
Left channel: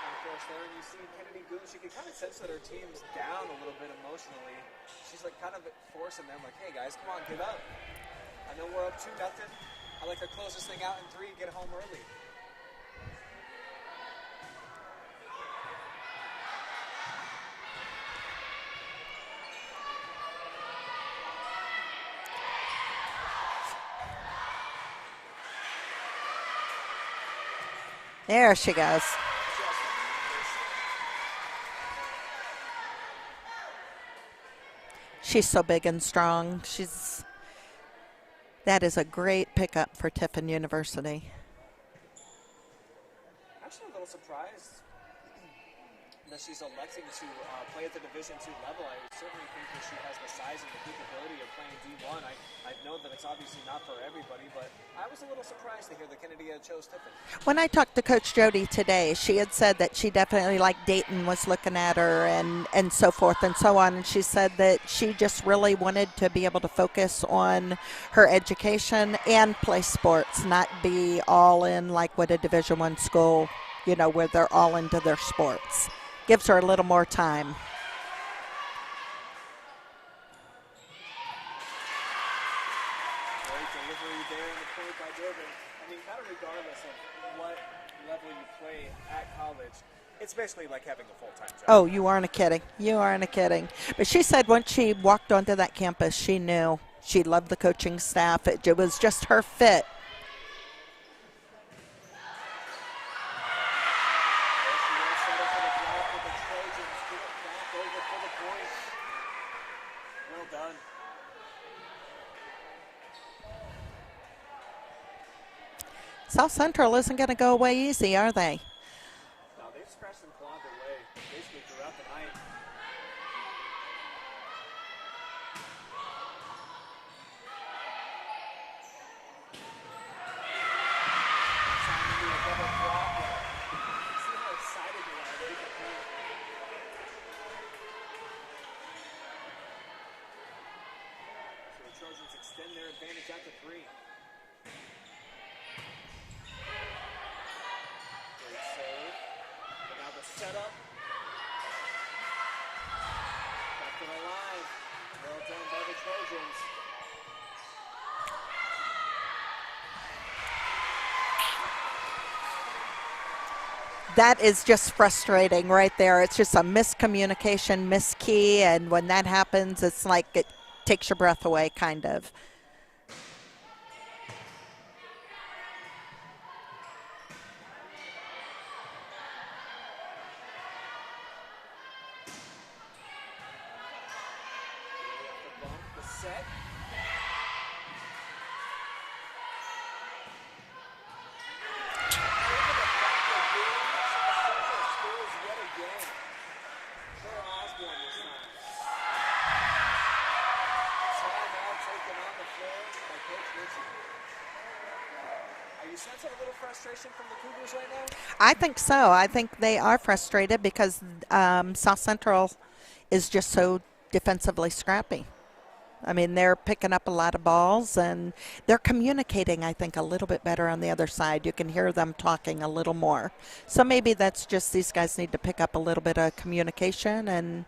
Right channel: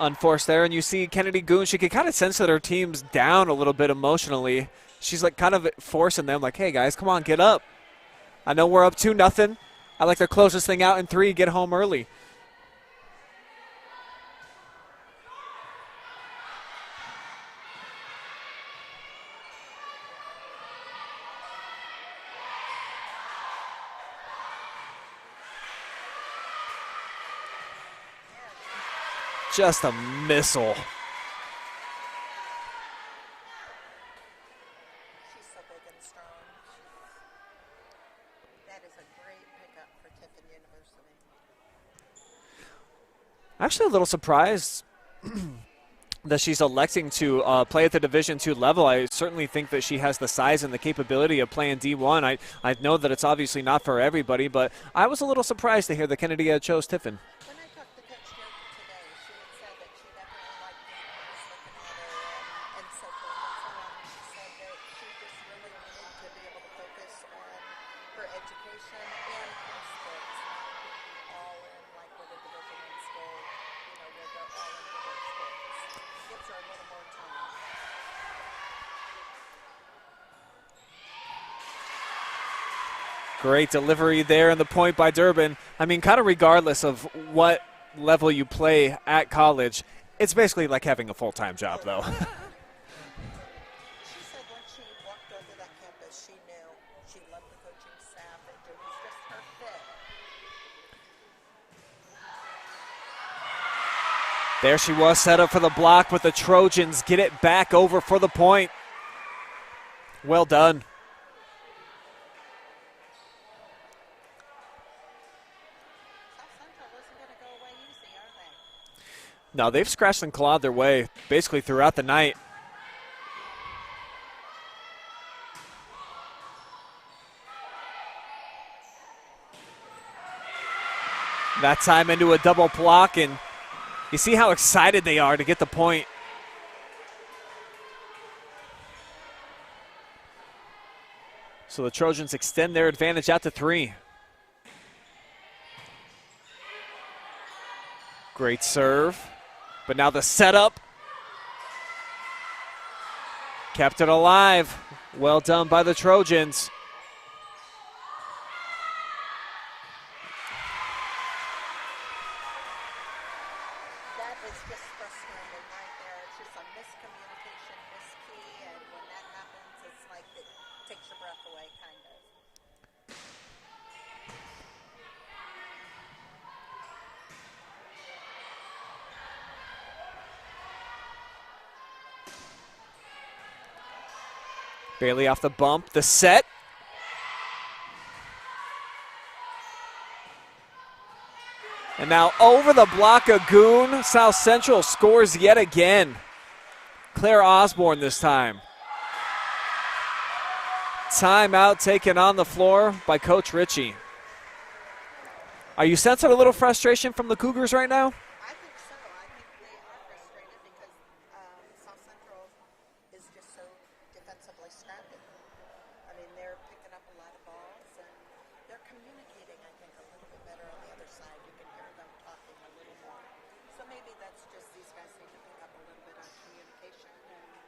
Unforced there, and you see Kennedy Goon, she can kind of sense that her team's down a little bit emotionally. She's like kind of forcing them, like, hey guys, come on, get up. I know we're up 2-0. I like to close this thing out in 3, get home early. There she goes. Just a missile. She's so big and strong. That is a great pickup for Tiffin University. Actually, a little surprised that she's electing to play at the Division II level. I certainly think that she has the size and the capability of playing D1. I know that it's obviously not for everybody, but I was a little surprised to hear that Kennedy chose Tiffin. When I talked to Coach Jody today, she had said that she definitely, like Dayton was looking at her and so forth and so on. And she said that she just really wanted to be able to focus on her education and play sports, not be all in like what a Division I school, you know, where they're all into their sports. Gives her a little more time. Great delivery there, and the point by Durbin. I mean, kind of regardless of what level you play at college, it's basically like having a full-time job. Oh, though. you aren't kidding. You aren't kidding. But she said once she walked onto that campus, she knew she loved the coaching staff. It was just her fit. There she was, set up for the block, but the Trojans get it back over for the point. Well done. South Central isn't going to go away easy, are they? No, they've scratched and clawed their way basically throughout the night. That time into a double block, and you see how excited they are to get the point. So the Trojans extend their advantage out to 3. Great serve, but now the setup. Kept it alive. Well done by the Trojans. That is just frustrating right there. It's just a miscommunication, miskey, and when that happens, it's like it takes your breath away, kind of. Bailey off the bump, the set. And now over the block of Goon, South Central scores yet again. Claire Osborne this time. Timeout taken on the floor by Coach Ritchie. Are you sensing a little frustration from the Cougars right now? I think so. I think they are frustrated because South Central is just so defensively scrappy. I mean, they're picking up a lot of balls, and they're communicating, I think, a little bit better on the other side. You can hear them talking a little more. So maybe that's just these guys need to pick up a little bit of communication. And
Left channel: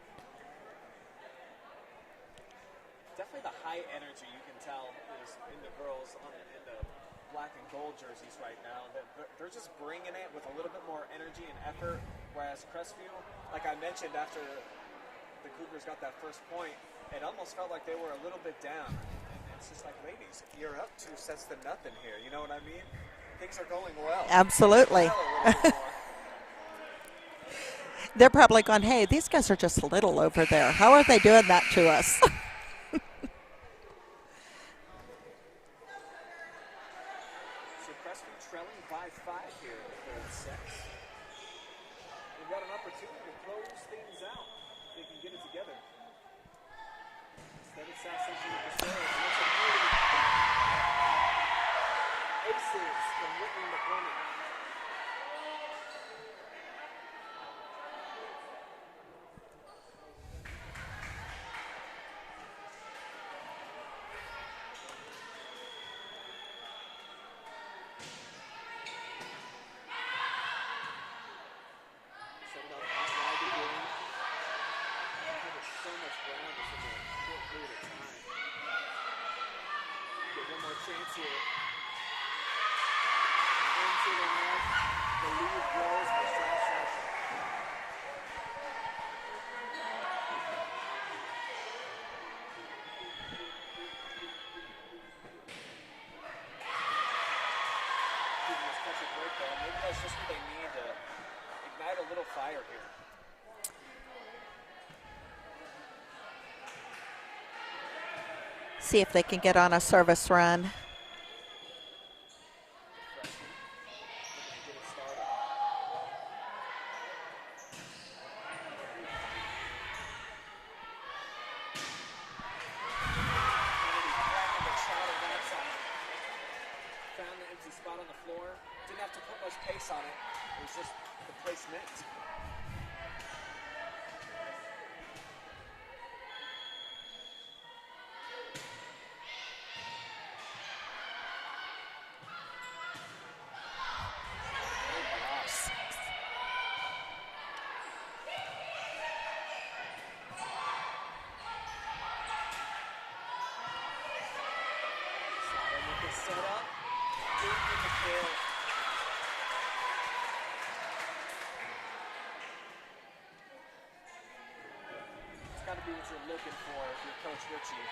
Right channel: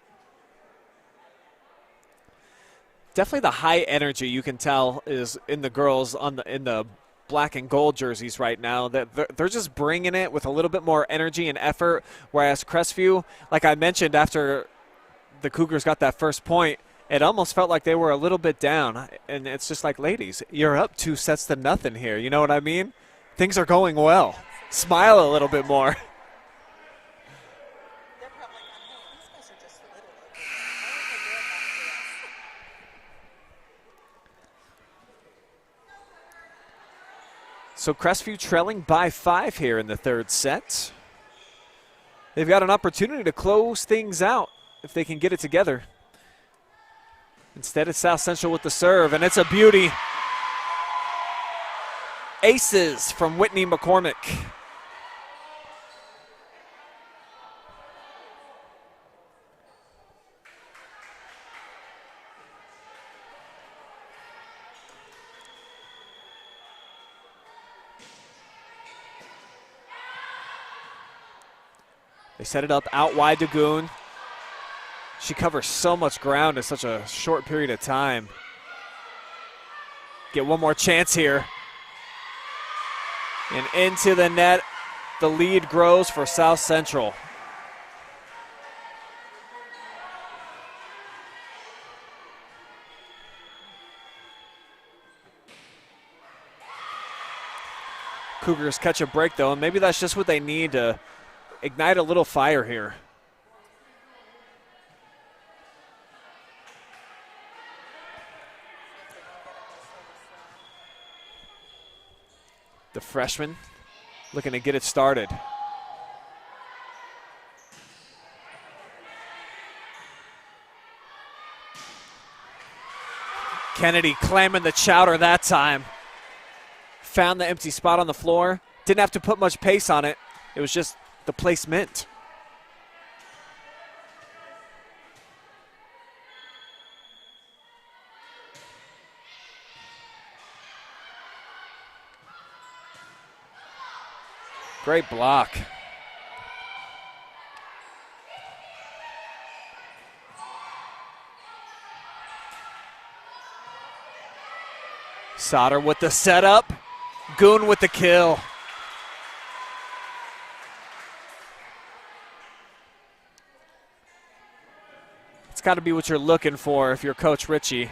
definitely the high energy you can tell is in the girls in the black and gold jerseys right now. That they're just bringing it with a little bit more energy and effort, whereas Crestview, like I mentioned after the Cougars got that first point, it almost felt like they were a little bit down. And it's just like, ladies, you're up 2-0 here. You know what I mean? Things are going well. Absolutely. Smile a little bit more. They're probably going, hey, these guys are just little over there. How are they doing that to us? So Crestview trailing by 5 here in the third set. They've got an opportunity to close things out if they can get it together. Instead, it's South Central with the serve, and it's a beauty. Aces from Whitney McCormick. They set it up out wide to Goon. She covers so much ground in such a short period of time. Get one more chance here. And into the net. The lead grows for South Central. Cougars catch a break though, and maybe that's just what they need to ignite a little fire here. See if they can get on a service run. The freshman looking to get it started. Kennedy clamming the chowder that time. Found the empty spot on the floor. Didn't have to put much pace on it. It was just the placement. Great block. Sauter with the setup. Goon with the kill. It's got to be what you're looking for if you're Coach Ritchie.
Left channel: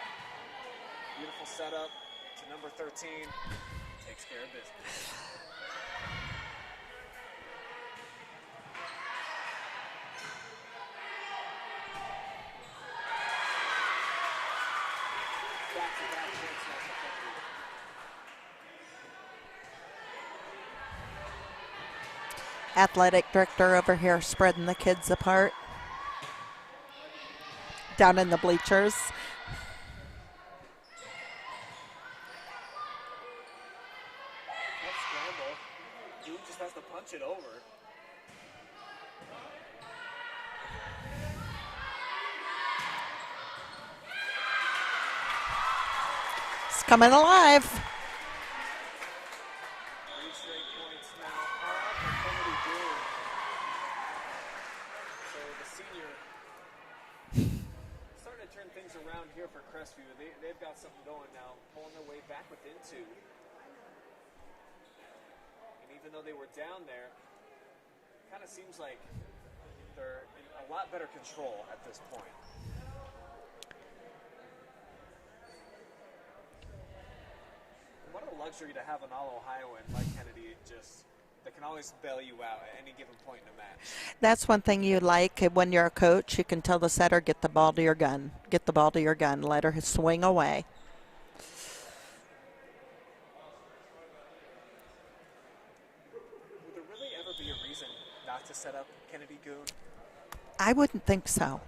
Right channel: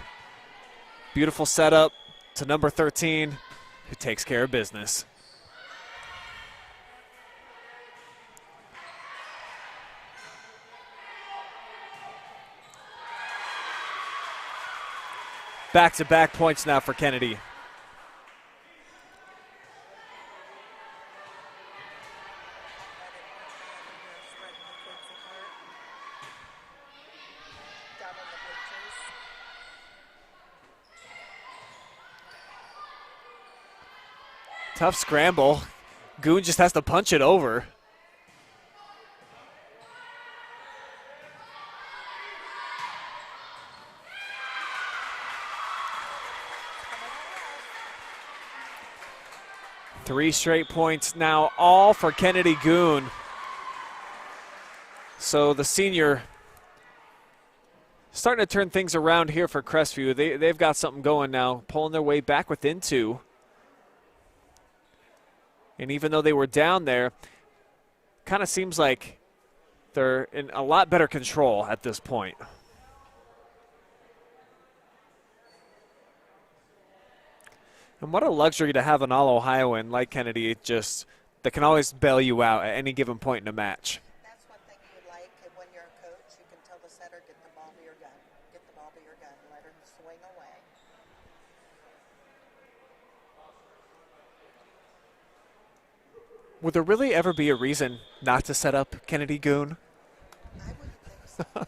Beautiful setup to number 13, who takes care of business. Back-to-back points now for Kennedy. Athletic director over here spreading the kids apart. Down in the bleachers. Tough scramble. Goon just has to punch it over. It's coming alive. 3 straight points now, all for Kennedy Goon. So the senior starting to turn things around here for Crestview. They've got something going now, pulling their way back within 2. And even though they were down there, kind of seems like they're in a lot better control at this point. And what a luxury to have an All-Ohioan like Kennedy, just that can always bail you out at any given point in a match. That's one thing you like when you're a coach. You can tell the setter, get the ball to your gun. Get the ball to your gun. Let her swing away. Would there really ever be a reason not to set up Kennedy Goon? I wouldn't think so.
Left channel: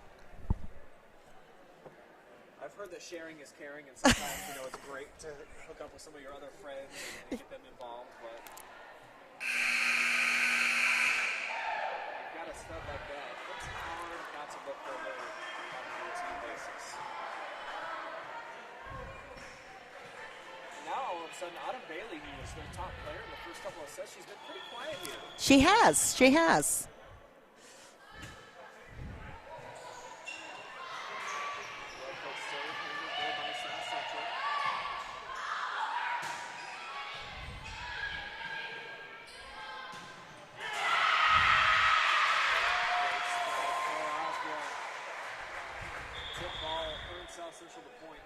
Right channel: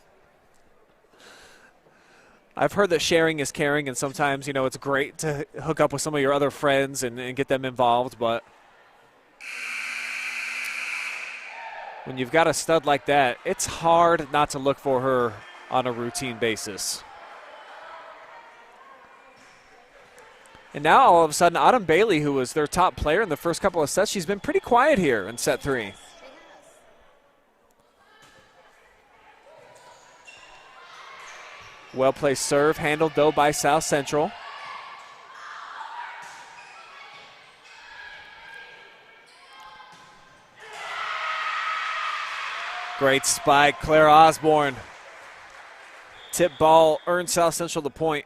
I've heard that sharing is caring, and sometimes, you know, it's great to hook up with some of your other friends and get them involved, but when you've got a stud like that, it's hard not to look for her on a routine basis. And now all of a sudden, Autumn Bailey, who was their top player in the first couple of sets, she's been pretty quiet here in set 3. She has. Well-placed serve, handled though by South Central. Great spike, Claire Osborne. Tip ball earned South Central the point.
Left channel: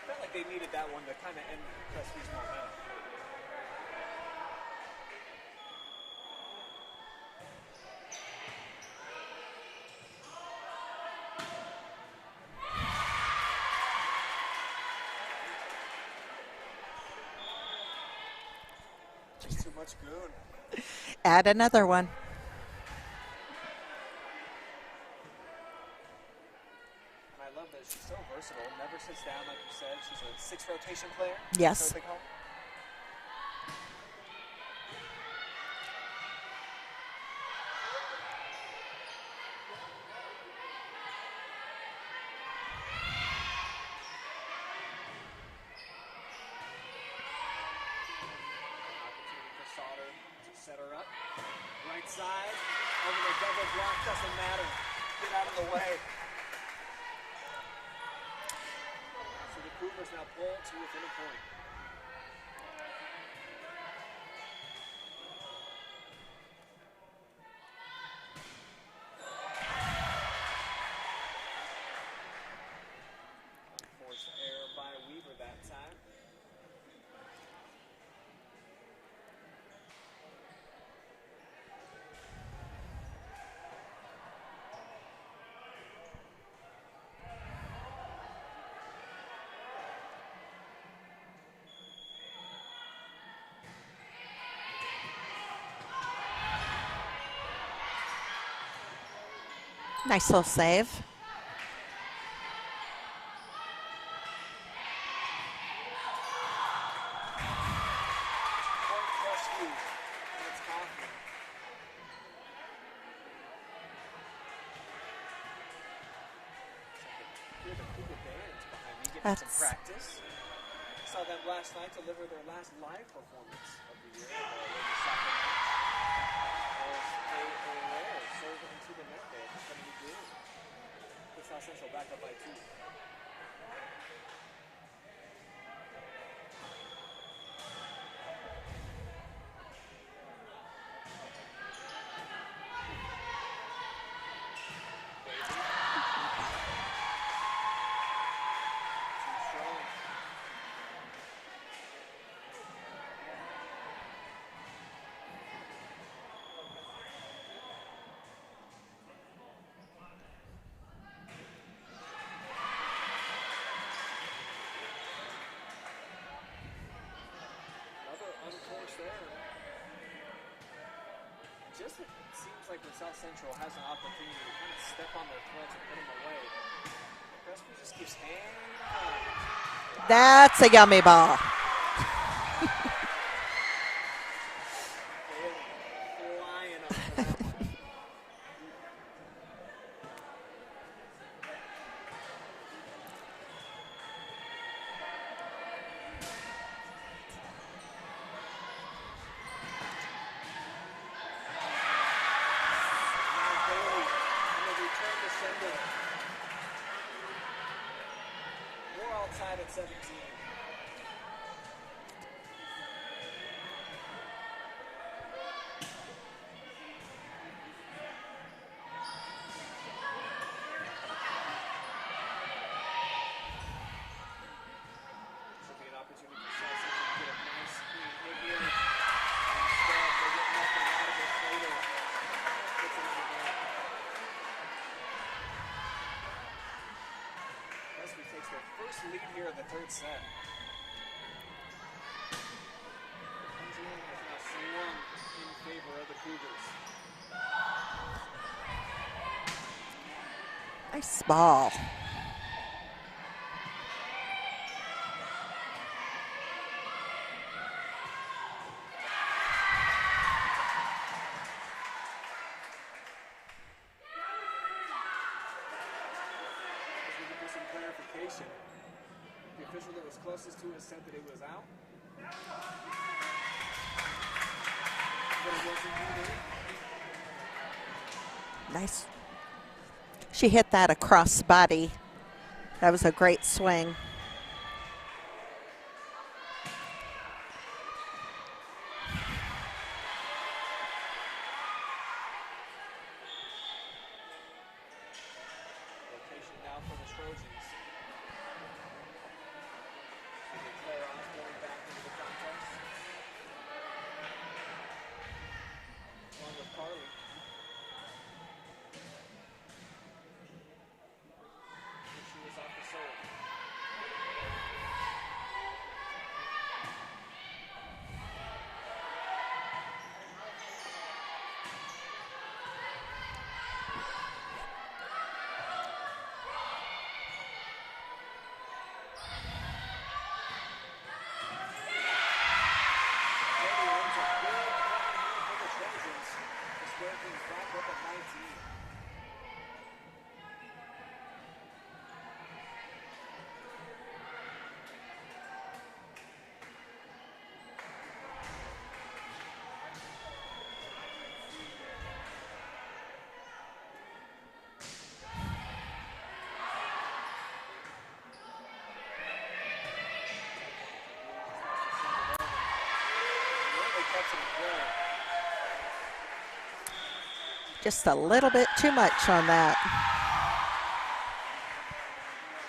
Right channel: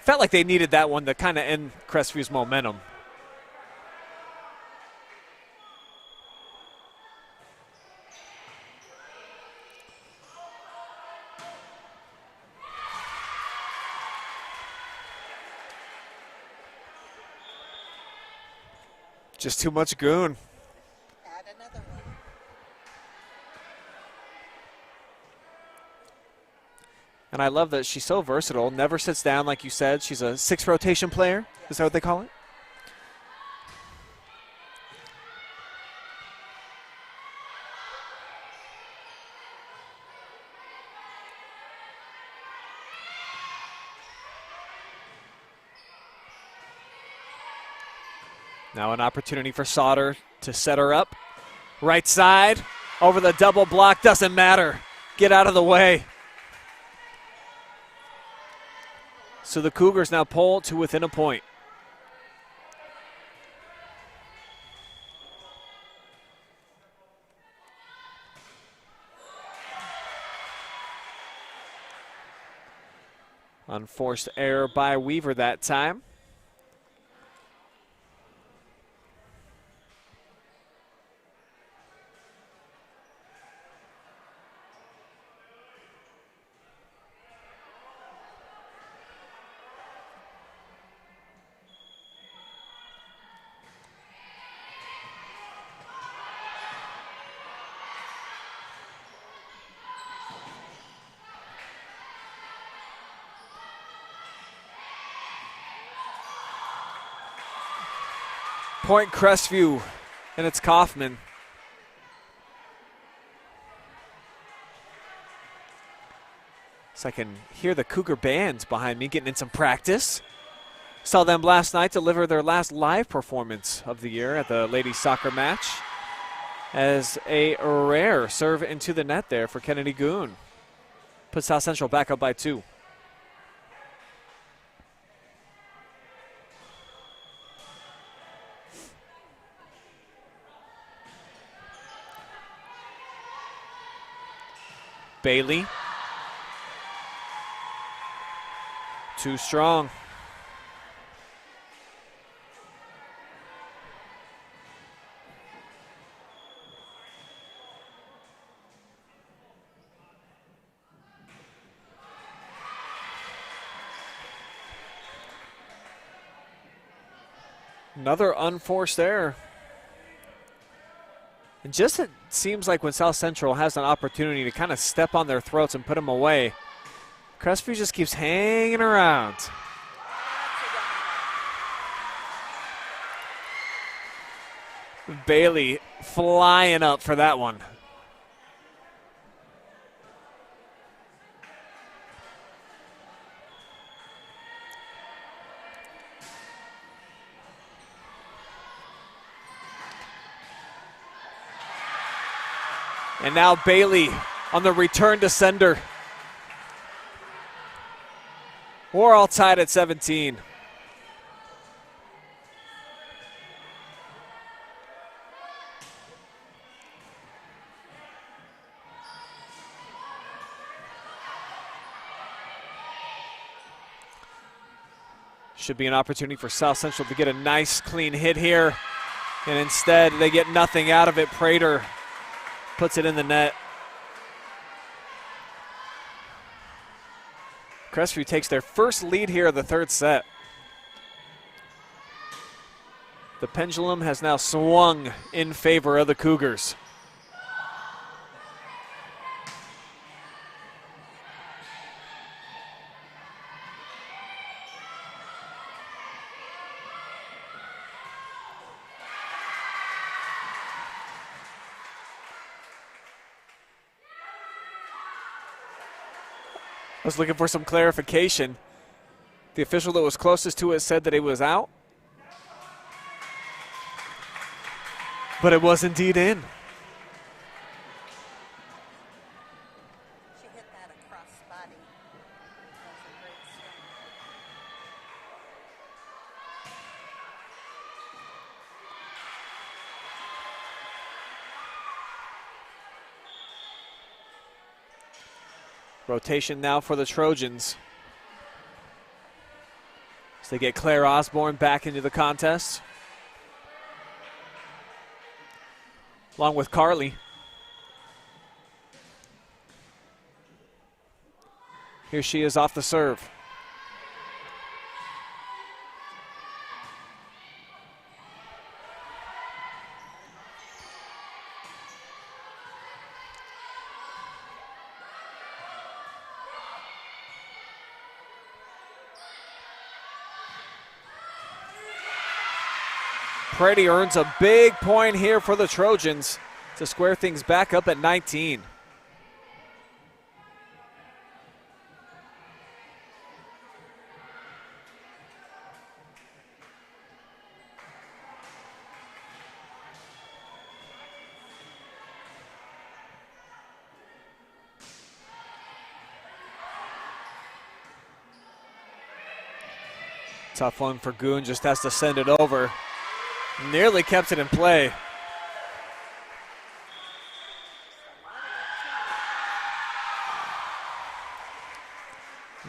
Felt like they needed that one to kind of end Crestview's momentum. Just too much Goon. Add another one. And I love that she's so versatile, never sits down like you said. She's a 6 rotation player. Yes. Is that what they call it? Now an opportunity for Sauter to set her up. Right side, over the double block, doesn't matter. Get out of the way. So the Cougars now pull to within a point. Unforced error by Weaver that time. Nice little save. Point Crestview, and it's Kaufman. So I can hear the Cougar bands behind me getting in some practice. Saw them last night deliver their last live performance of the year at the ladies soccer match as a rare serve into the net there for Kennedy Goon. Put South Central back up by 2. Bailey. Too strong. Another unforced error. And just it seems like when South Central has an opportunity to kind of step on their throats and put them away, Crestview just keeps hanging around. That's a yummy ball. Bailey flying up for that one. And now Bailey on the return to sender. We're all tied at 17. Should be an opportunity for South Central to get a nice clean hit here. And instead they get nothing out of it. Prater puts it in the net. Crestview takes their first lead here of the third set. The pendulum has now swung in favor of the Cougars. Nice ball. I was looking for some clarification. The official that was closest to it said that it was out, but it was indeed in. Nice. She hit that across body. That was a great swing. Rotation now for the Trojans. As they get Claire Osborne back into the contest. Along with Carly. Here she is off the serve. Brady earns a big point here for the Trojans to square things back up at 19. Tough one for Goon, just has to send it over. Nearly kept it in play. Just a little bit too much on that.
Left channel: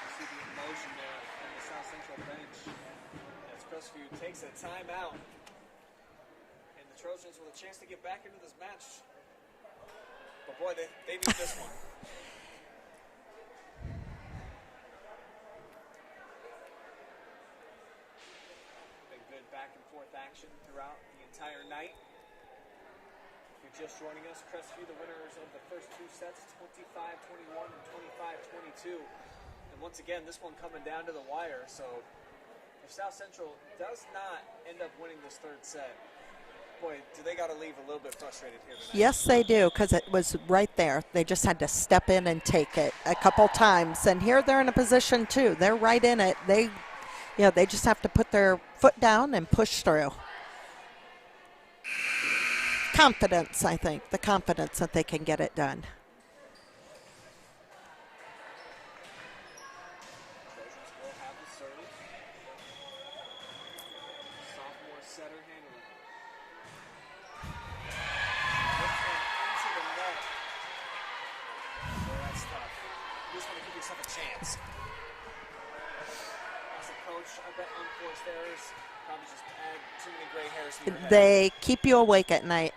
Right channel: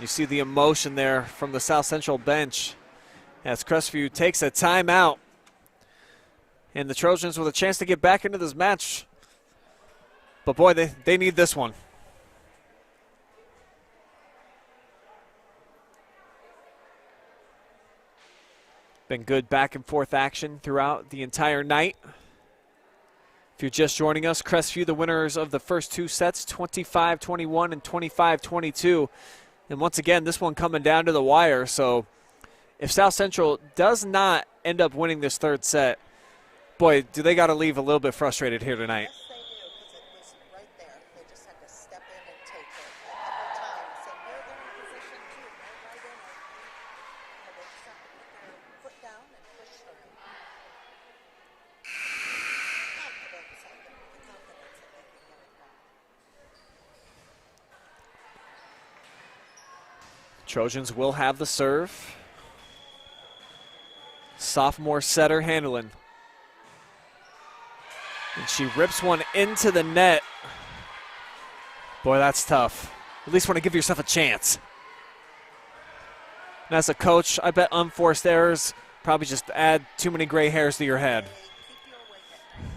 You see the emotion there from the South Central bench as Crestview takes a timeout. And the Trojans with a chance to get back into this match. But boy, they need this one. Been good back and forth action throughout the entire night. If you're just joining us, Crestview, the winners of the first 2 sets, 25-21 and 25-22. And once again, this one coming down to the wire. So if South Central does not end up winning this 3rd set, boy, do they got to leave a little bit frustrated here tonight. Yes, they do, because it was right there. They just had to step in and take it a couple times. And here they're in a position, too. They're right in it. They just have to put their foot down and push through. Confidence, I think. The confidence that they can get it done. Trojans will have the serve. Sophomore setter Handelin. And she rips one into the net. Boy, that's tough. At least want to give yourself a chance. And as a coach, I bet unforced errors probably just add too many gray hairs to your head. They keep you awake at night.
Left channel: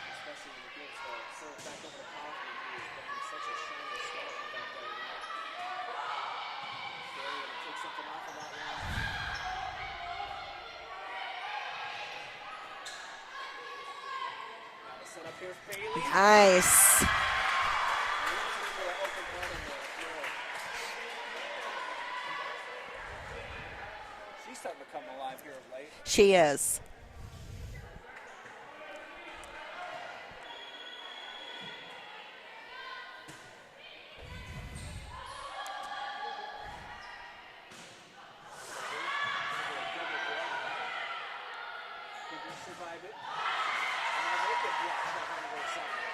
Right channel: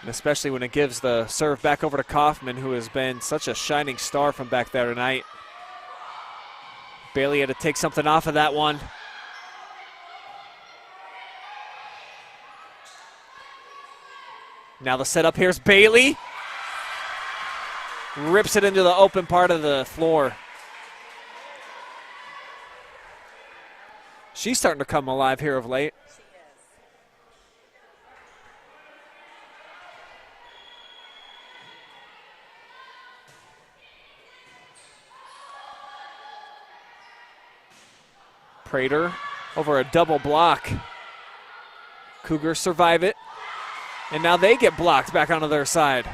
And especially when it gives the serve back over to Kaufman, who has been such a shining star from back there tonight. Bailey had to take something off of that one. Now the setup, here's Bailey. Nice. Rips it into the open part of the floor. She's starting to come alive here of late. She is. Prater over a double block. Cougars survive it. And now they get blocked back onto their side.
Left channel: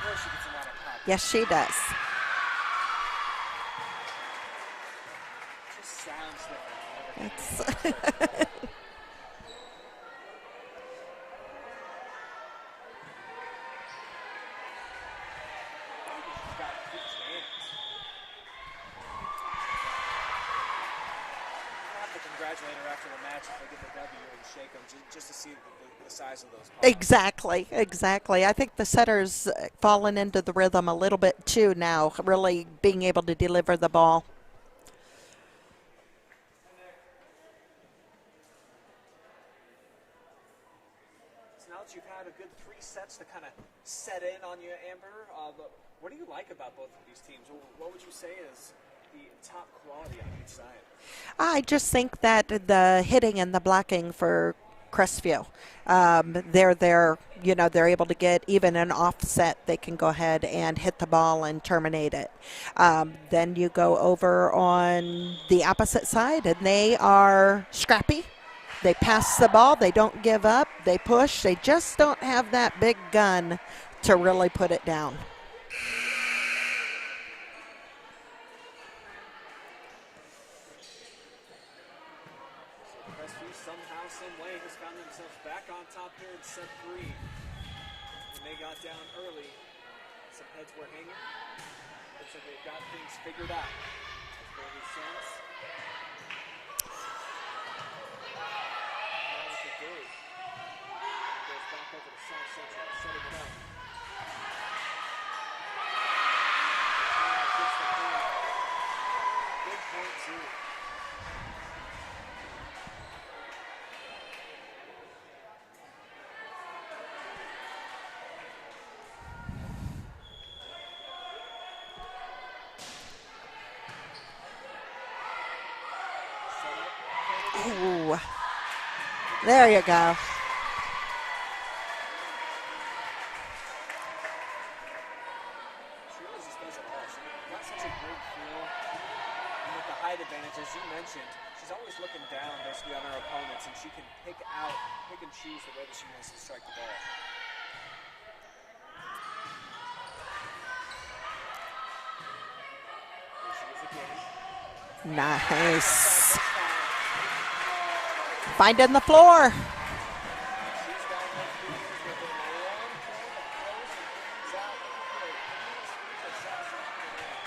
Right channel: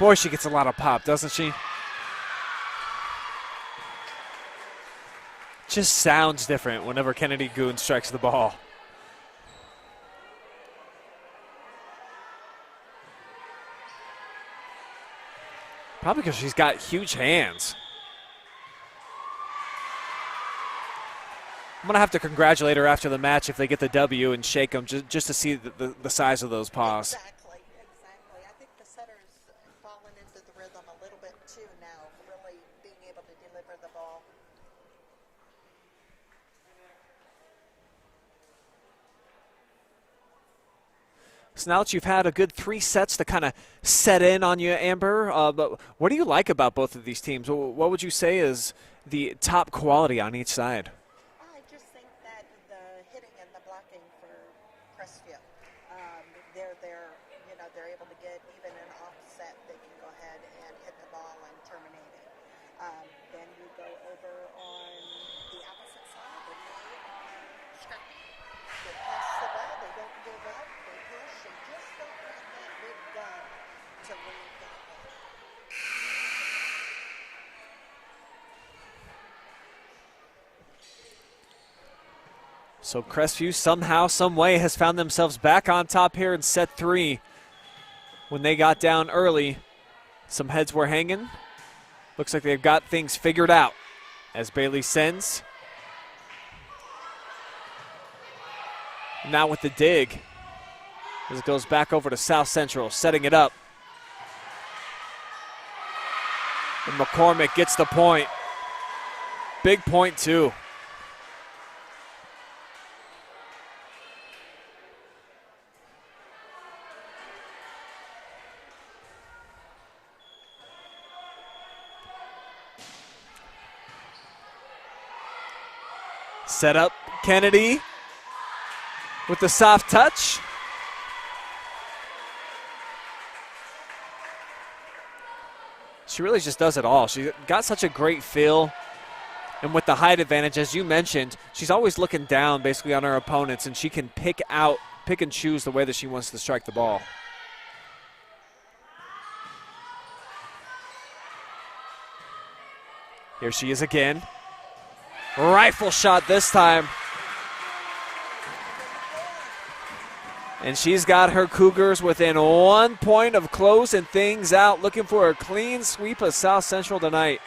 Boy, she gets a lot of pop, doesn't she? Yes, she does. Just sounds different whenever Kennedy Goode strikes the ball. Probably because she's got huge hands. I'm going to have to congratulate her after the match if they get the W and shake them just to see the size of those paws. Exactly, exactly. I think the setter's fallen into the rhythm a little bit too now, really being able to deliver the ball. So now that you've had a good 3 sets to kind of set in on you, Amber, but what do you like about both of these teams? What would you say is the top quality on each side? I just think that the hitting and the blocking for Crestview, they're able to get even an offset. They can go ahead and hit the ball and terminate it. Then you go over on the opposite side, and they are scrappy. They pass the ball. They don't give up. They push. They just don't have that big gun to really put it down. So Crestview somehow, some way has found themselves back on top here in set 3. When they got down early, some heads were hanging. Looks like they've got things figured out as Bailey sends. Now with the dig, as it goes back over to South Central, setting it up. And McCormick gets the point. Big point, too. Set up, Kennedy. Ooh. With the There soft you go. touch. She really just does it all. She got such a great feel. And with the height advantage, as you mentioned, she's always looking down basically on her opponents, and she can pick and choose the way that she wants to strike the ball. Here she is again. Nice. Rifle shot this time. Finding the floor. And she's got her Cougars within 1 point of closing things out, looking for a clean sweep of South Central tonight.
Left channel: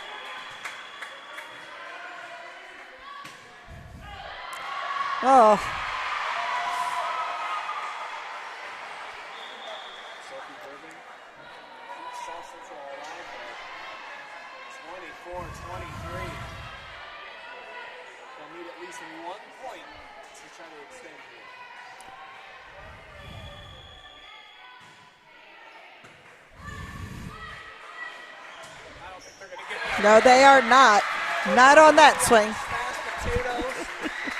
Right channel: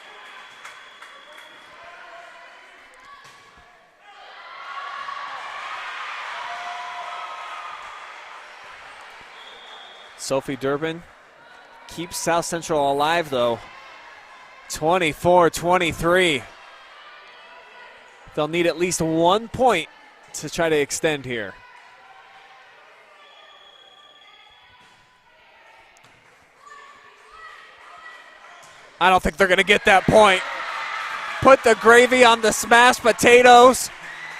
Oh. Sophie Durbin keeps South Central alive, though. 24-23. They'll need at least 1 point to try to extend here. I don't think they're going to get that No, point. they are not. Put Not the on gravy that on swing. the smashed potatoes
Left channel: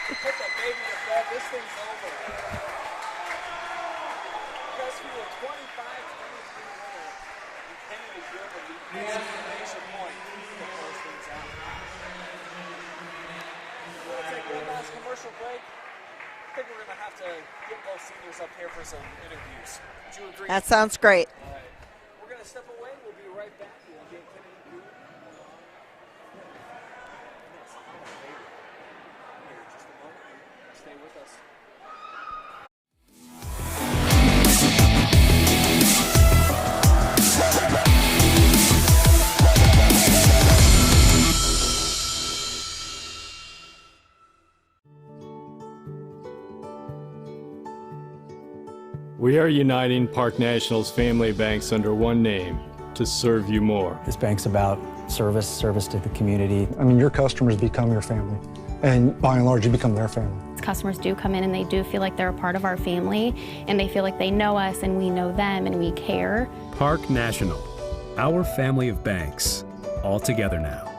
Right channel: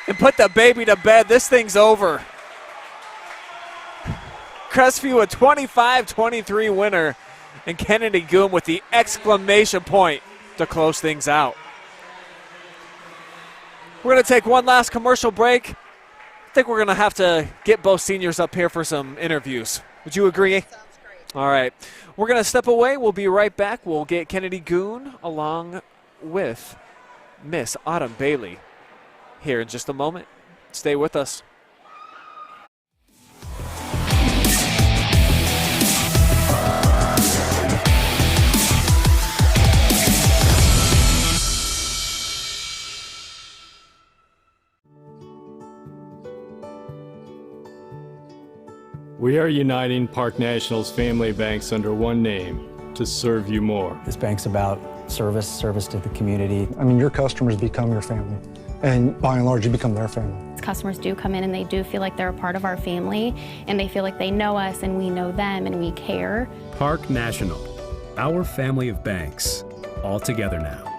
and put the baby to bed. This thing's over. Crestview a 25-23 winner, and Kennedy Goom with the exclamation point to close things out. We're going to take one last commercial break. I think we're going to have to get both seniors up here for some interviews. Would you agree? That sounds great. All right. We're going to step away. We'll be right back. We'll get Kennedy Goon along with Miss Autumn Bailey here in just a moment. Stay with us. We are uniting Park National's family banks under one name to serve you more. This bank's about service to the community. I mean, your customers become your family, and by and large, you become their family. Customers do come in and they do feel like they're a part of our family, and they feel like they know us and we know them and we care. Park National, our family of banks, all together now.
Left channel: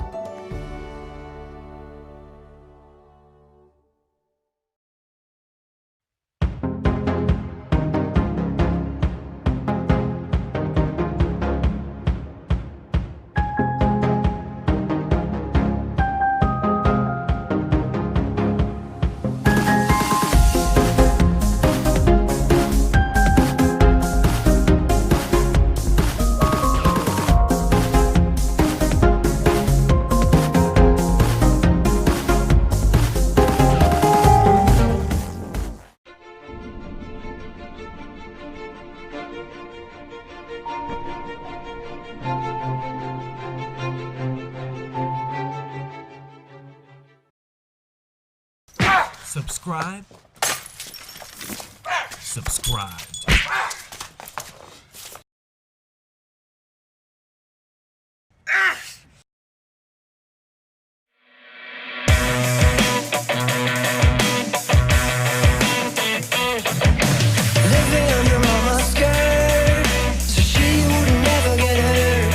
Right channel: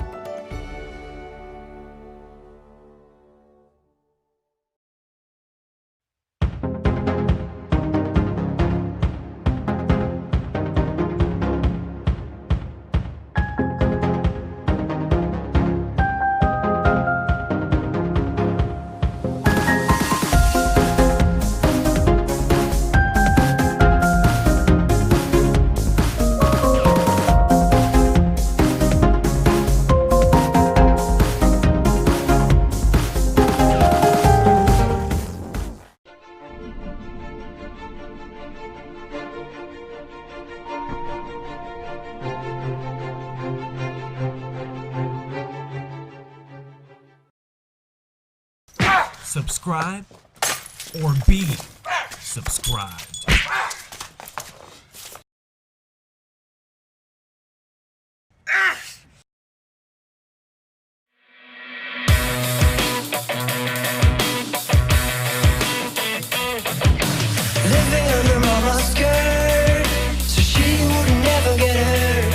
Subscribe or be subscribed. Living under mama's skirt, so she would never get hurt.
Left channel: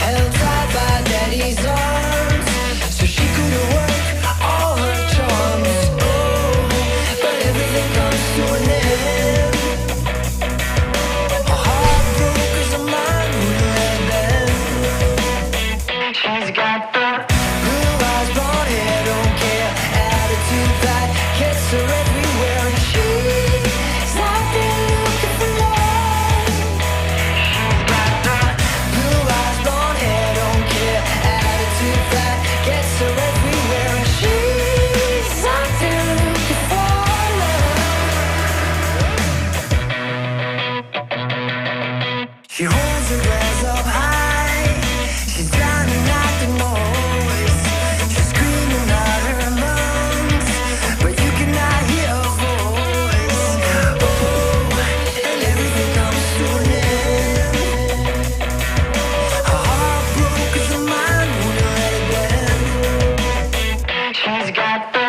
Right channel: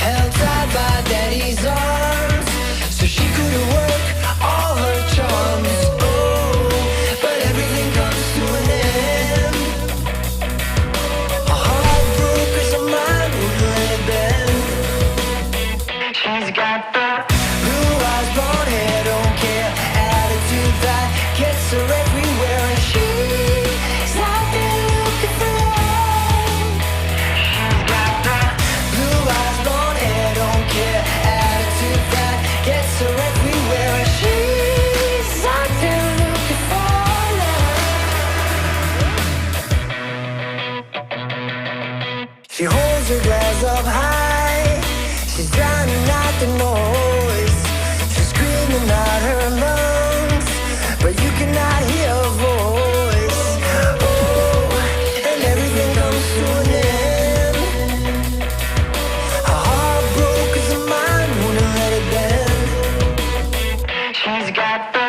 Held tight by daddy's arms, so she could work all her charms. Oh, but everything comes to an end. Her heart broke 'cause her mind wouldn't let it bend. She's got the blue eyes, blonde hair, don't care attitude that gets her everywhere, and she's out there looking for love. She's got the blue eyes, blonde hair, don't care attitude that gets her everywhere, and she's out there looking for love. She holds her glass up high, she's drowning out the noise. She's screaming out her lungs, but you cannot hear her voice. Oh, and everything comes to an end. Her heart broke 'cause her mind wouldn't let it bend. She's got the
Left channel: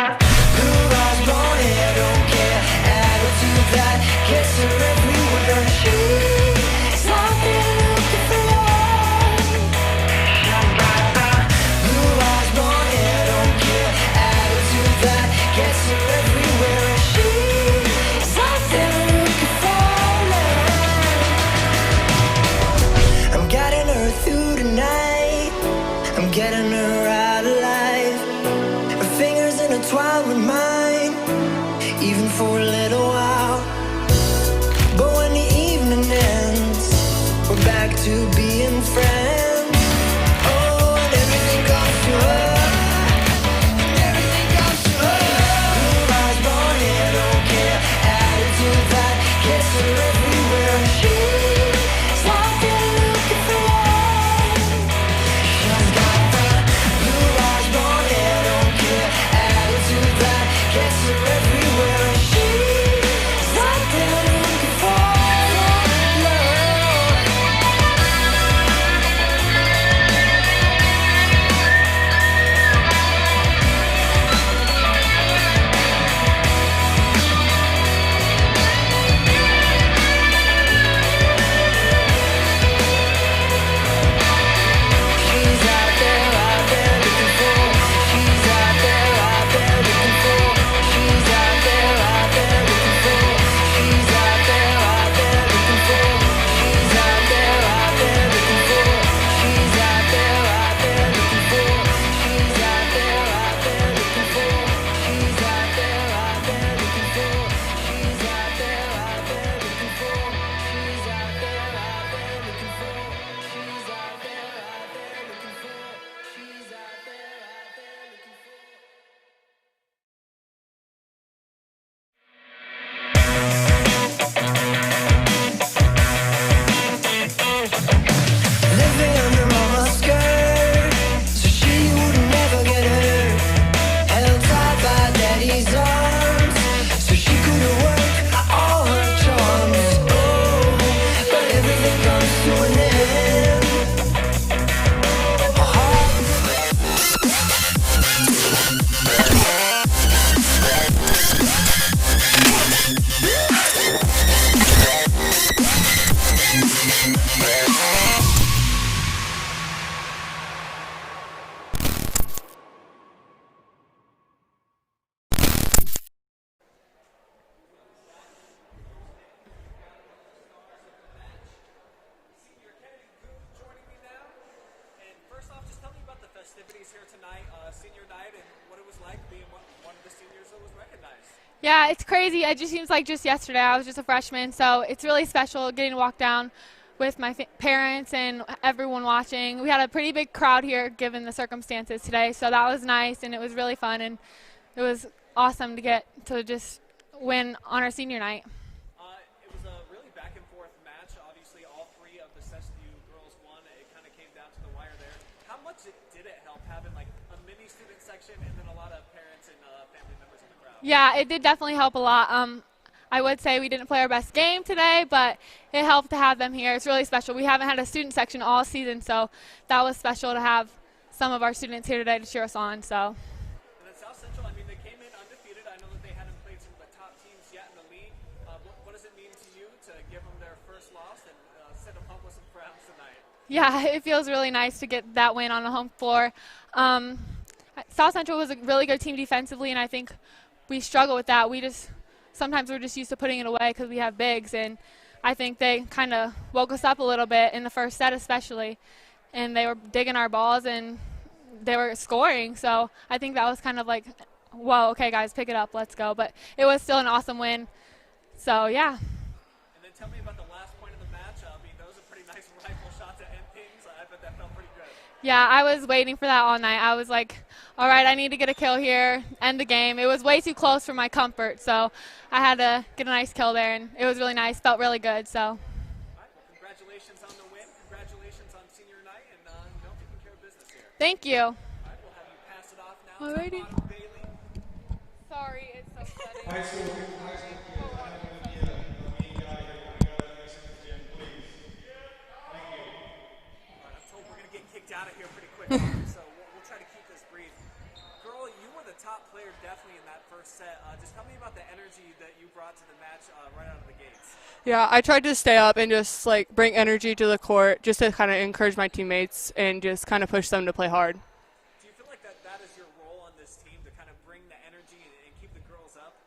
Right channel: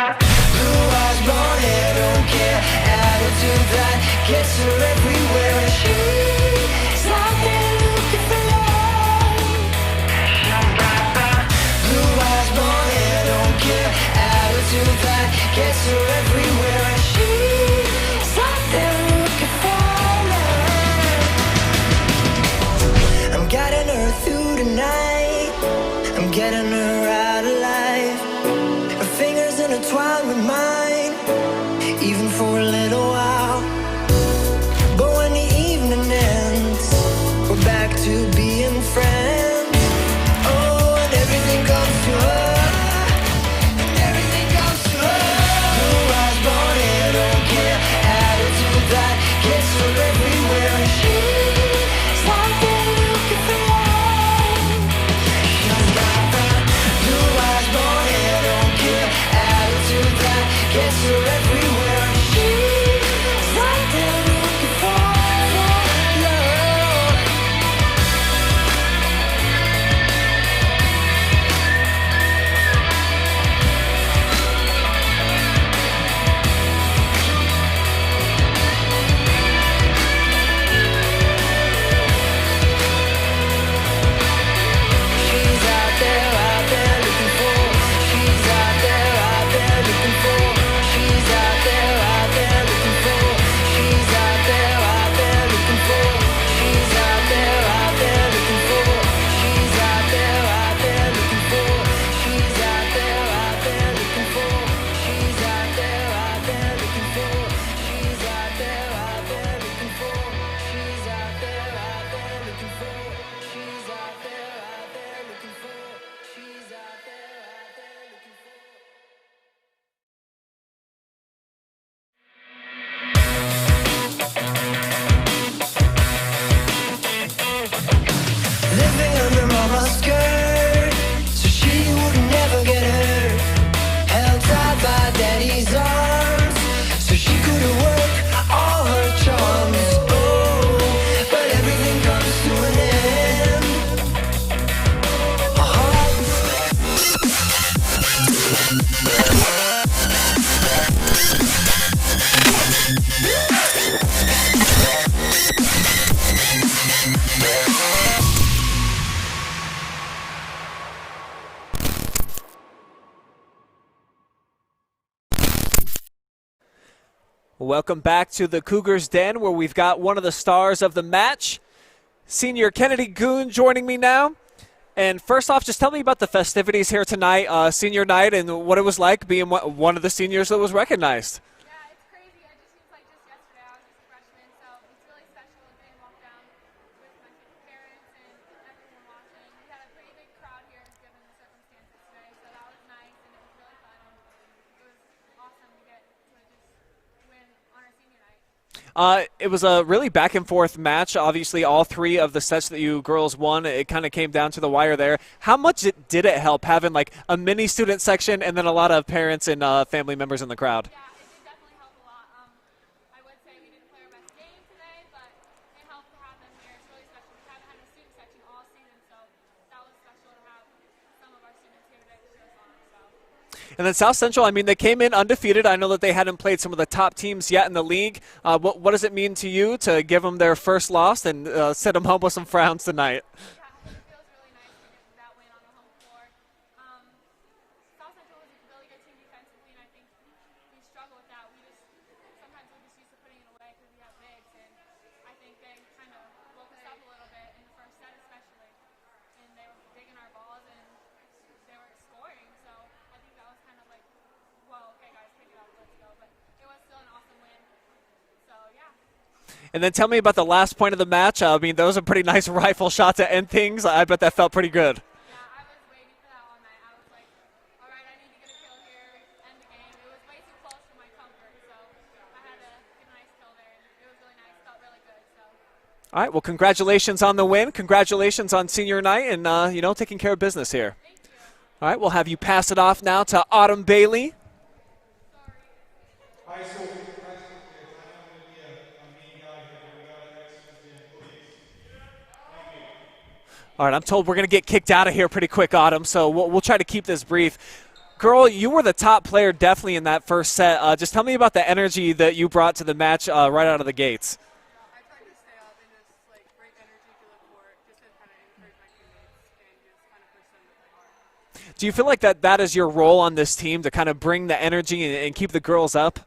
blue eyes, blonde hair, don't care attitude that gets her everywhere, and she's out there looking for love. She's got the blue eyes, blonde hair, don't care attitude that gets her everywhere, and she's out there looking for love. I'm getting her through tonight, I'm getting her out alive. Her fingers intertwined with mine, even for a little while. But when the evening ends, we're back to being friends. Oh, and everything comes to her. And everything comes to her. Blue eyes, blonde hair, don't care attitude that gets Welcome back to the Cougars Den, where we've got one of the stars of the match, senior Kennedy Goon, joining me now. And first off, just tell me about the festivities here tonight, senior night, and what it was like being one of the seniors that was recognized. Yeah, it's crazy. It just seems like just yesterday. I was just a freshman, so it's really special getting to walk down with my parents and everyone watching. We had a pretty big crowd here given the circumstances today, so that was nice, and it was really fun, and it was awesome to get to just win on our senior night. It was a really back and forth match. Obviously, all three of the sets that you girls won, it kind of came down to the wire there. How much did it help having like a mini student section and then a lot of parents and family members in the crowd? Yeah, it did definitely help a lot. I would say we didn't play our best game today, but it helped to have them here. It's really special. We haven't had a student section all season, so that was special to have some of our students here today to cheer us on. So. And then South Central, I mean, they came in undefeated. I know that they hadn't played some of the top teams yet in the league. What does it mean to you to give them their first loss and send them home with some frowns tonight? Yeah, it feels really nice to get that win on the home floor. South Central was a really good team defensively, and I think we struggle with that. Sometimes we're just used to putting it away because we have bigs, and I think they kind of woke us up a little bit in the first set especially, and they were digging our balls and they were scoring, so I think that was kind of like, whoa, okay, guys, pick it up, let's go. But it was still an awesome win, so yeah. And then tell me about the last point of the match. I mean, that was a pretty nice rifle shot to end things. I bet that felt pretty good. Yeah, I was waiting for that all night. I was like, all right, I need to get a kill here, end the game. It was way too close for my comfort, so I had to get a nice kill there, and it was really nice, felt really good. So. All right, well, congratulations on the win. Congratulations on senior night and, taking care of business here. Thank you. All right, we'll have you pass it off now to Autumn Bailey. Sorry, it's so funny. All right, I'm told we're going to get kicked out of here pretty quick, Autumn, so we'll try to keep this brief. Girl, you were the top player definitely in that first set. Just tell me about the energy that you brought to the match right out of the gates. Yeah, I tried to stay up and just bring energy to the court just to kind of encourage my teammates and just kind of push them to play hard. Do you feel like that is your role on this team, to kind of bring the energy and keep the girls up?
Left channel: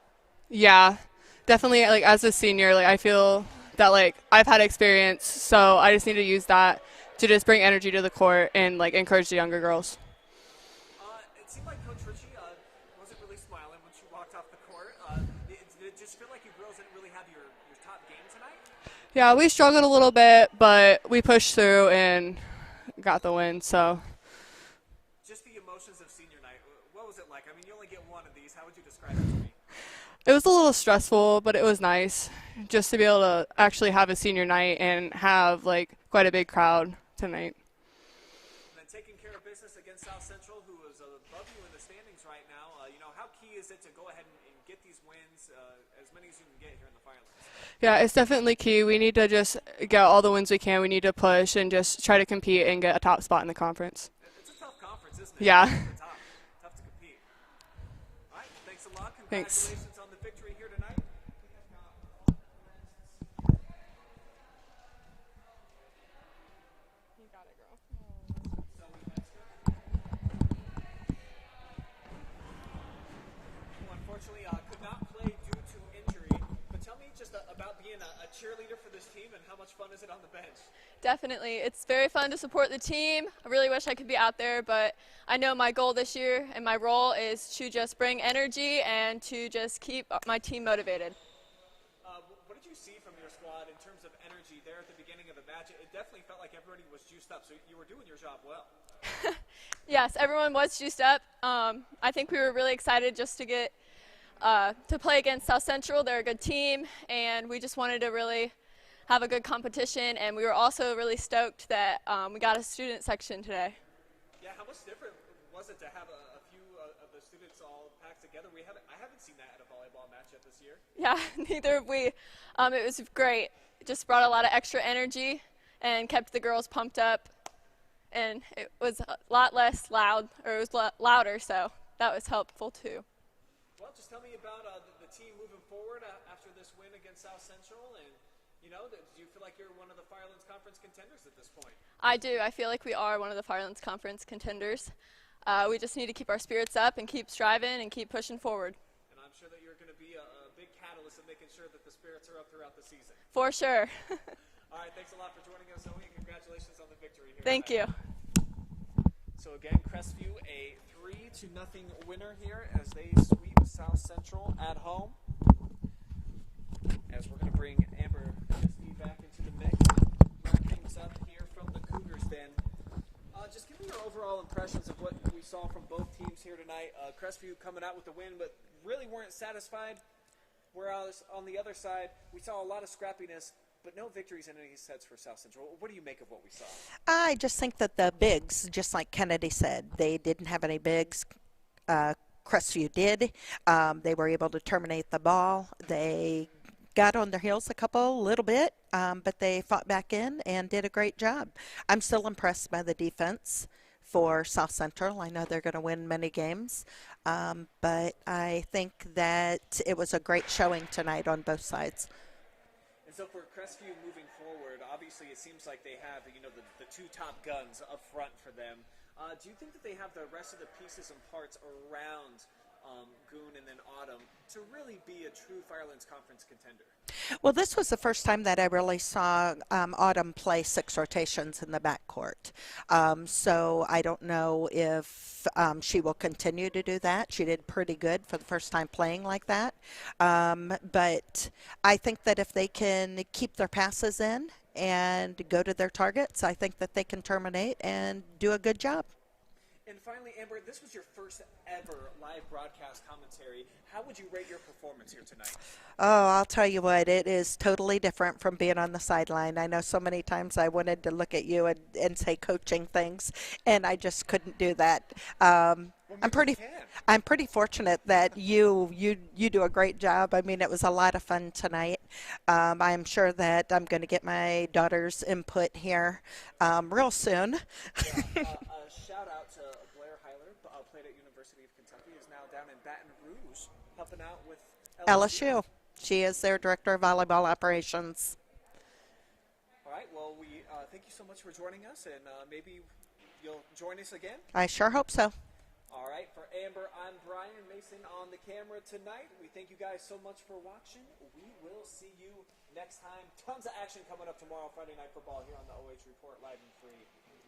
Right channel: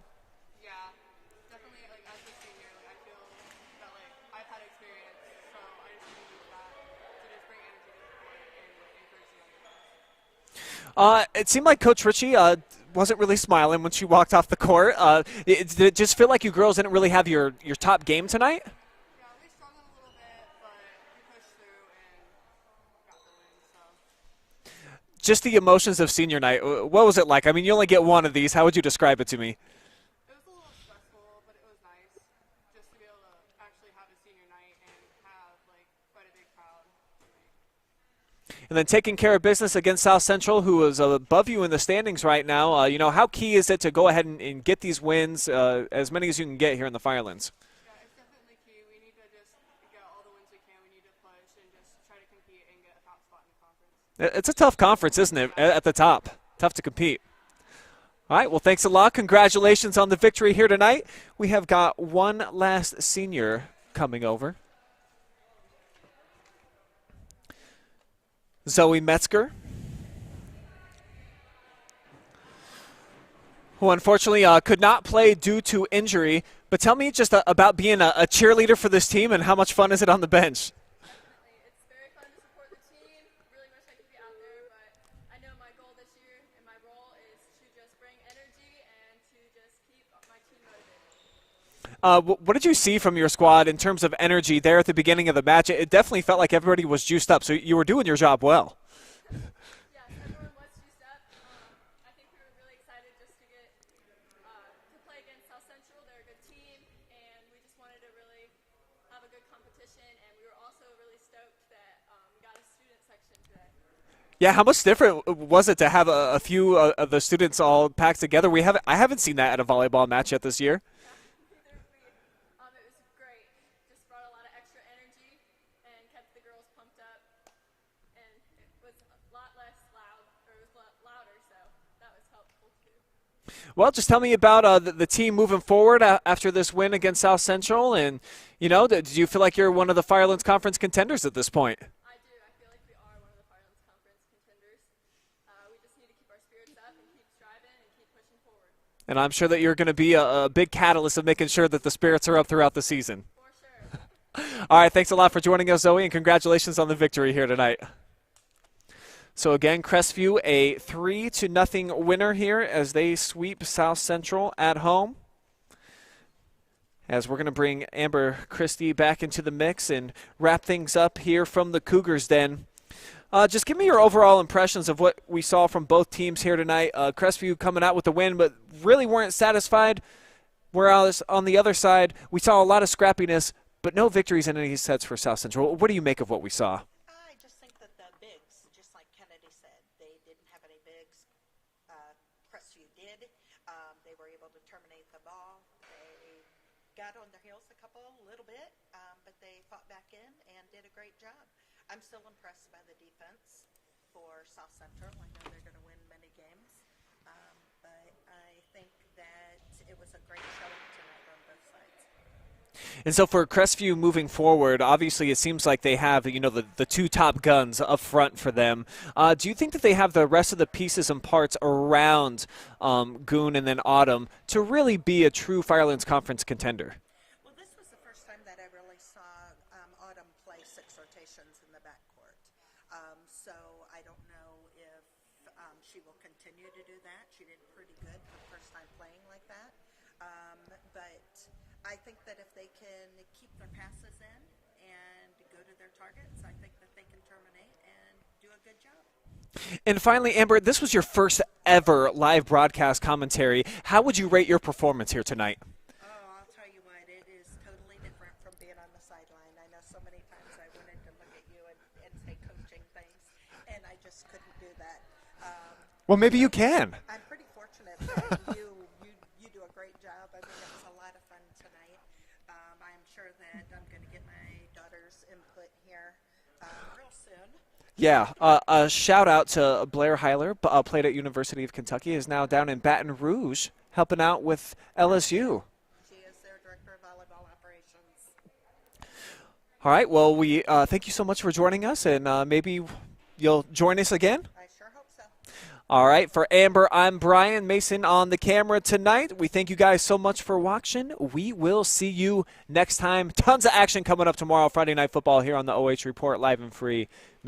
Yeah, definitely. As a senior, I feel that I've had experience, so I just need to use that to just bring energy to the court and encourage the younger girls. It seemed like Coach Ritchie wasn't really smiling when she walked off the court. Did it just feel like you girls didn't really have your top game tonight? Yeah, we struggled a little bit, but we pushed through and got the win. So, just the emotions of senior night, what was it like? I mean, you only get one of these. How would you describe it to me? It was a little stressful, but it was nice just to be able to actually have a senior night and have quite a big crowd tonight. And then taking care of business against South Central, who is above you in the standings right now. How key is it to go ahead and get these wins, as many as you can get here in the Firelands? Yeah, it's definitely key. We need to just get all the wins we can. We need to push and just try to compete and get a top spot in the conference. It's a tough conference, isn't it? Yeah. At the top. Tough to compete. All right, well, thanks a lot. Congratulations on the victory here tonight. We have got one last senior coming over. Zoe Metzger, who unfortunately could not play due to injury. But tell me just about being a cheerleader for this team, and how much fun is it on the bench? Definitely. It's very fun to support the team. I really wish I could be out there, but I know my goal this year and my role is to just bring energy and to just keep my team motivated. What did you see from your squad in terms of energy there at the beginning of the match? It definitely felt like everybody was juiced up, so you were doing your job well. Yes, everyone was juiced up. I think we were really excited just to get to play against South Central. They're a good team, and we just wanted to really have a good competition, and we were also really stoked that we got a student section today. Yeah, how much different was it to have a few of the students all packed together? I haven't seen that at a volleyball match yet this year. Yeah, neither have we. It was great. It just brought a lot of extra energy and kept the girls pumped up. And it was a lot less loud, or it was louder, so that was helpful too. Well, just tell me about the team moving forward after this win against South Central. And, do you feel like you're one of the Firelands Conference contenders at this point? I do. I feel like we are one of the Firelands Conference contenders. We just need to keep our spirits up and keep striving and keep pushing forward. And I'm sure that you're going to be a big catalyst of making sure that the spirits are up throughout the season. For sure. All right, thanks a lot for joining us, Zoe, and congratulations on the victory here tonight. Thank you. So again, Crestview a 3-0 winner here as they sweep South Central at home. As we're going to bring Amber Christie back into the mix and wrap things up here from the Cougars Den. Just give me your overall impressions of what we saw from both teams here tonight. Crestview coming out with the win, but really weren't satisfied. Whereas on the other side, we saw a lot of scrappiness, but no victories in any sets for South Central. What do you make of what we saw? I just think that the bigs, just like Kennedy said, they didn't have any bigs. Crestview did. They were able to terminate the ball. They got on their heels a little bit, but they fought back in and did a great job. I'm still impressed by the defense for South Central. I know they're going to win many games, but I think that it was a great showing tonight on both sides. And so for Crestview moving forward, obviously it seems like they have, the two top guns up front for them. Do you think that they have the rest of the pieces and parts around Goon and then Autumn to really be a true Firelands Conference contender? Well, this was the first time that I really saw Autumn play 6 rotations in the backcourt. So I don't know if she will continue to do that. She did pretty good for the first time playing like that. But I think that if they can keep their passes in and go to their targets, I think that they can terminate and do a good job. And finally, Amber, this was your first ever live broadcast commentary. How would you rate your performance here tonight? Oh, I'll tell you what, it is totally different from being on the sideline. I know so many times I wanted to look at you and say coaching things, and I just couldn't do that. Well, maybe you can. I'm pretty fortunate that you do a great job. I mean, it was a lot of fun tonight. I'm sure that I'm going to get my daughter's input here real soon. Yeah, a shout out to Blair Heiler, played at University of Kentucky, is now down in Baton Rouge helping out with LSU. She is their director of volleyball operations. All right, well, we thank you so much for joining us, and maybe you'll join us again. I sure hope so. All right, for Amber, I'm Brian Mason on the camera tonight. We thank you guys so much for watching. We will see you next time. Tons of action coming up tomorrow, Friday Night Football here on the OH Report, live and free.